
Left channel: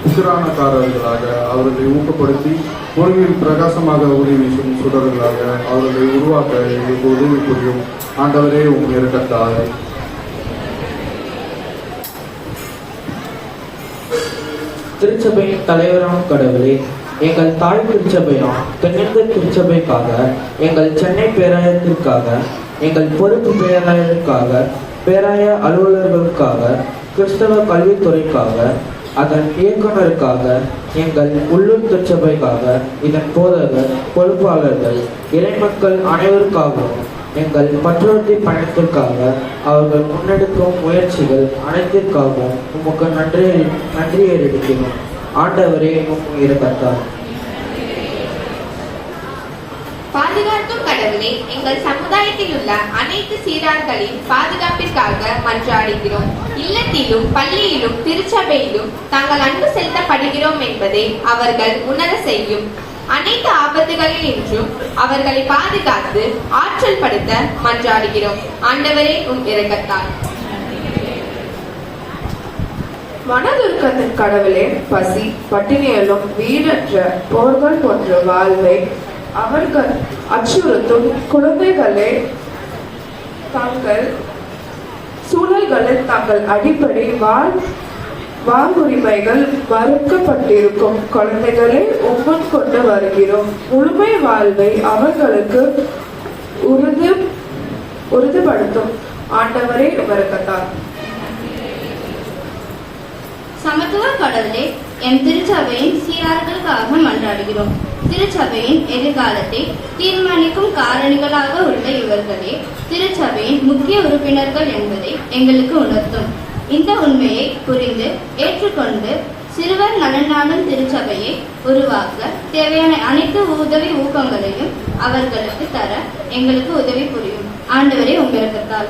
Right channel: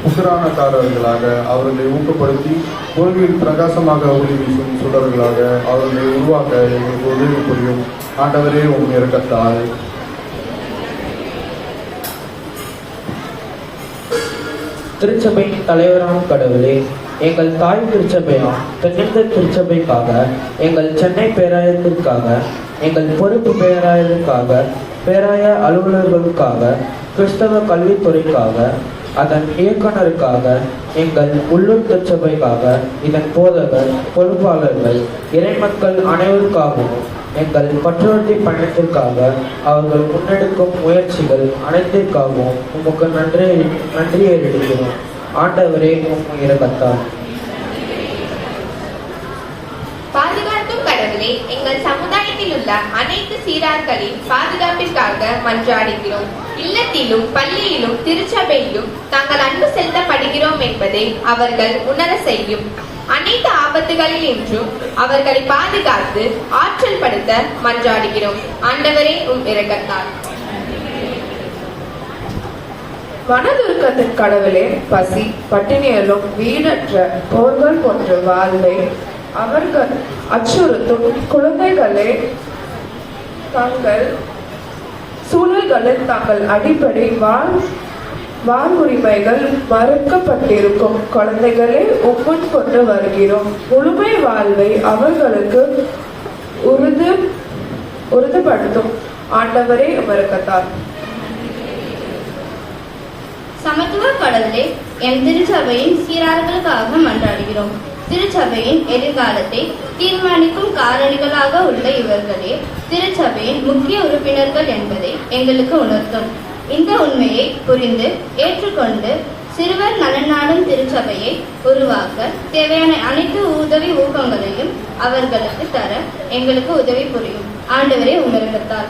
உசிரானக்காரர்களாக அவர்களை ஊக்கப்படுத்தி ஒளிவில் பிரகாசமாக ஒளி வீசும் சுடர்களாக அவர்களை உருவாக்க எங்களுக்கு உதவி புரியும். ஆண்டவரே உம் இரக்கத்தால். திருச்சபையின் தலைவரான கடவுளே, எங்கள் தாய் திருச்சபையாம் தென்னிந்திய திருச்சபைக்காக, எங்கள் சென்னை பேராயத்திற்காக, எங்கள் பொறுப்பு பேராயருக்காக, பேராய அலுவலர்களுக்காக, கிறிஸ்தவ கல்வித்துறைக்காக, அதன் இயக்குநருக்காக, எங்கள் உள்ளூர் திருச்சபைக்காக, இதன் போதகர், பொறுப்பாளர்கள், இறைமக்கள் அனைவருக்காகவும் எங்கள் பற்றுறுதி பயணத்திற்காக அவர்கள் முன்னெடுக்கும் முயற்சிகள் அனைத்திற்காகவும் உமக்கு நன்றி ஏறிடுகிறோம். ஆண்டவரே உம் இரக்கத்தால். பாதுகாக்கும் கடவுளே, எங்கள் சமுதாயத்தில் உள்ள அனைத்து சீரார்களின் பாதுகாப்பிற்காக மன்றாடுகிறோம். இல்லத்திலும் பள்ளியிலும் திருச்சபையிலும் தாங்கள் அன்பு செலுத்தப்படுகிறோம் என்பதை அவர்கள் உணர செய்யும். அனைத்து ஆபத்துகளில் இன்றும் அவர்களை பாதுகாத்து ஆற்றல் படுத்த மன்றாடுகிறோம். ஆண்டவரே உம் இரக்கத்தால். மனதுருக்கத்தின் கடவுளே, பசி, பட்டினியலும் வீடற்ற போர்கள் போன்ற வாழ்வை அவர்கள் அச்சுறுத்தும் குழந்தைகளே தங்கள் சூழல்களில் தங்கள் அடிப்படை வாங்குரிமைகள் மறுக்கப்பட்டிருக்கும் குழந்தைகளை உம்முன் கொண்டு வருகிறோம். முழுமை வாழ்வை அவர்களுக்கு உறுதிப்படுத்தும். ஆண்டவரே இரக்கத்தால். சமத்துவ கடவுளே, என் திருச்சபையின் சீரார்களுக்காக மன்றாடுகிறோம். திருச்சபையின் எதிர்காலத்தை தீர்மானிக்கும் காரணிகளாக உள்ள இவர்களே திருச்சபையின் முக்கிய உறுப்பினர்கள் என்பதை எங்களுக்கு உணர்த்தும். இந்த உண்மையை புரிந்து ஏற்றுக்கொண்டு சிறுவர் நலனாடும் திருச்சபையை உருவாக்க தேவையான அனைத்து உதவி ஊக்கங்களையும் அவர்களுக்கு தர எங்களுக்கு உதவி புரியும். ஆண்டவரே உம் இரக்கத்தால்.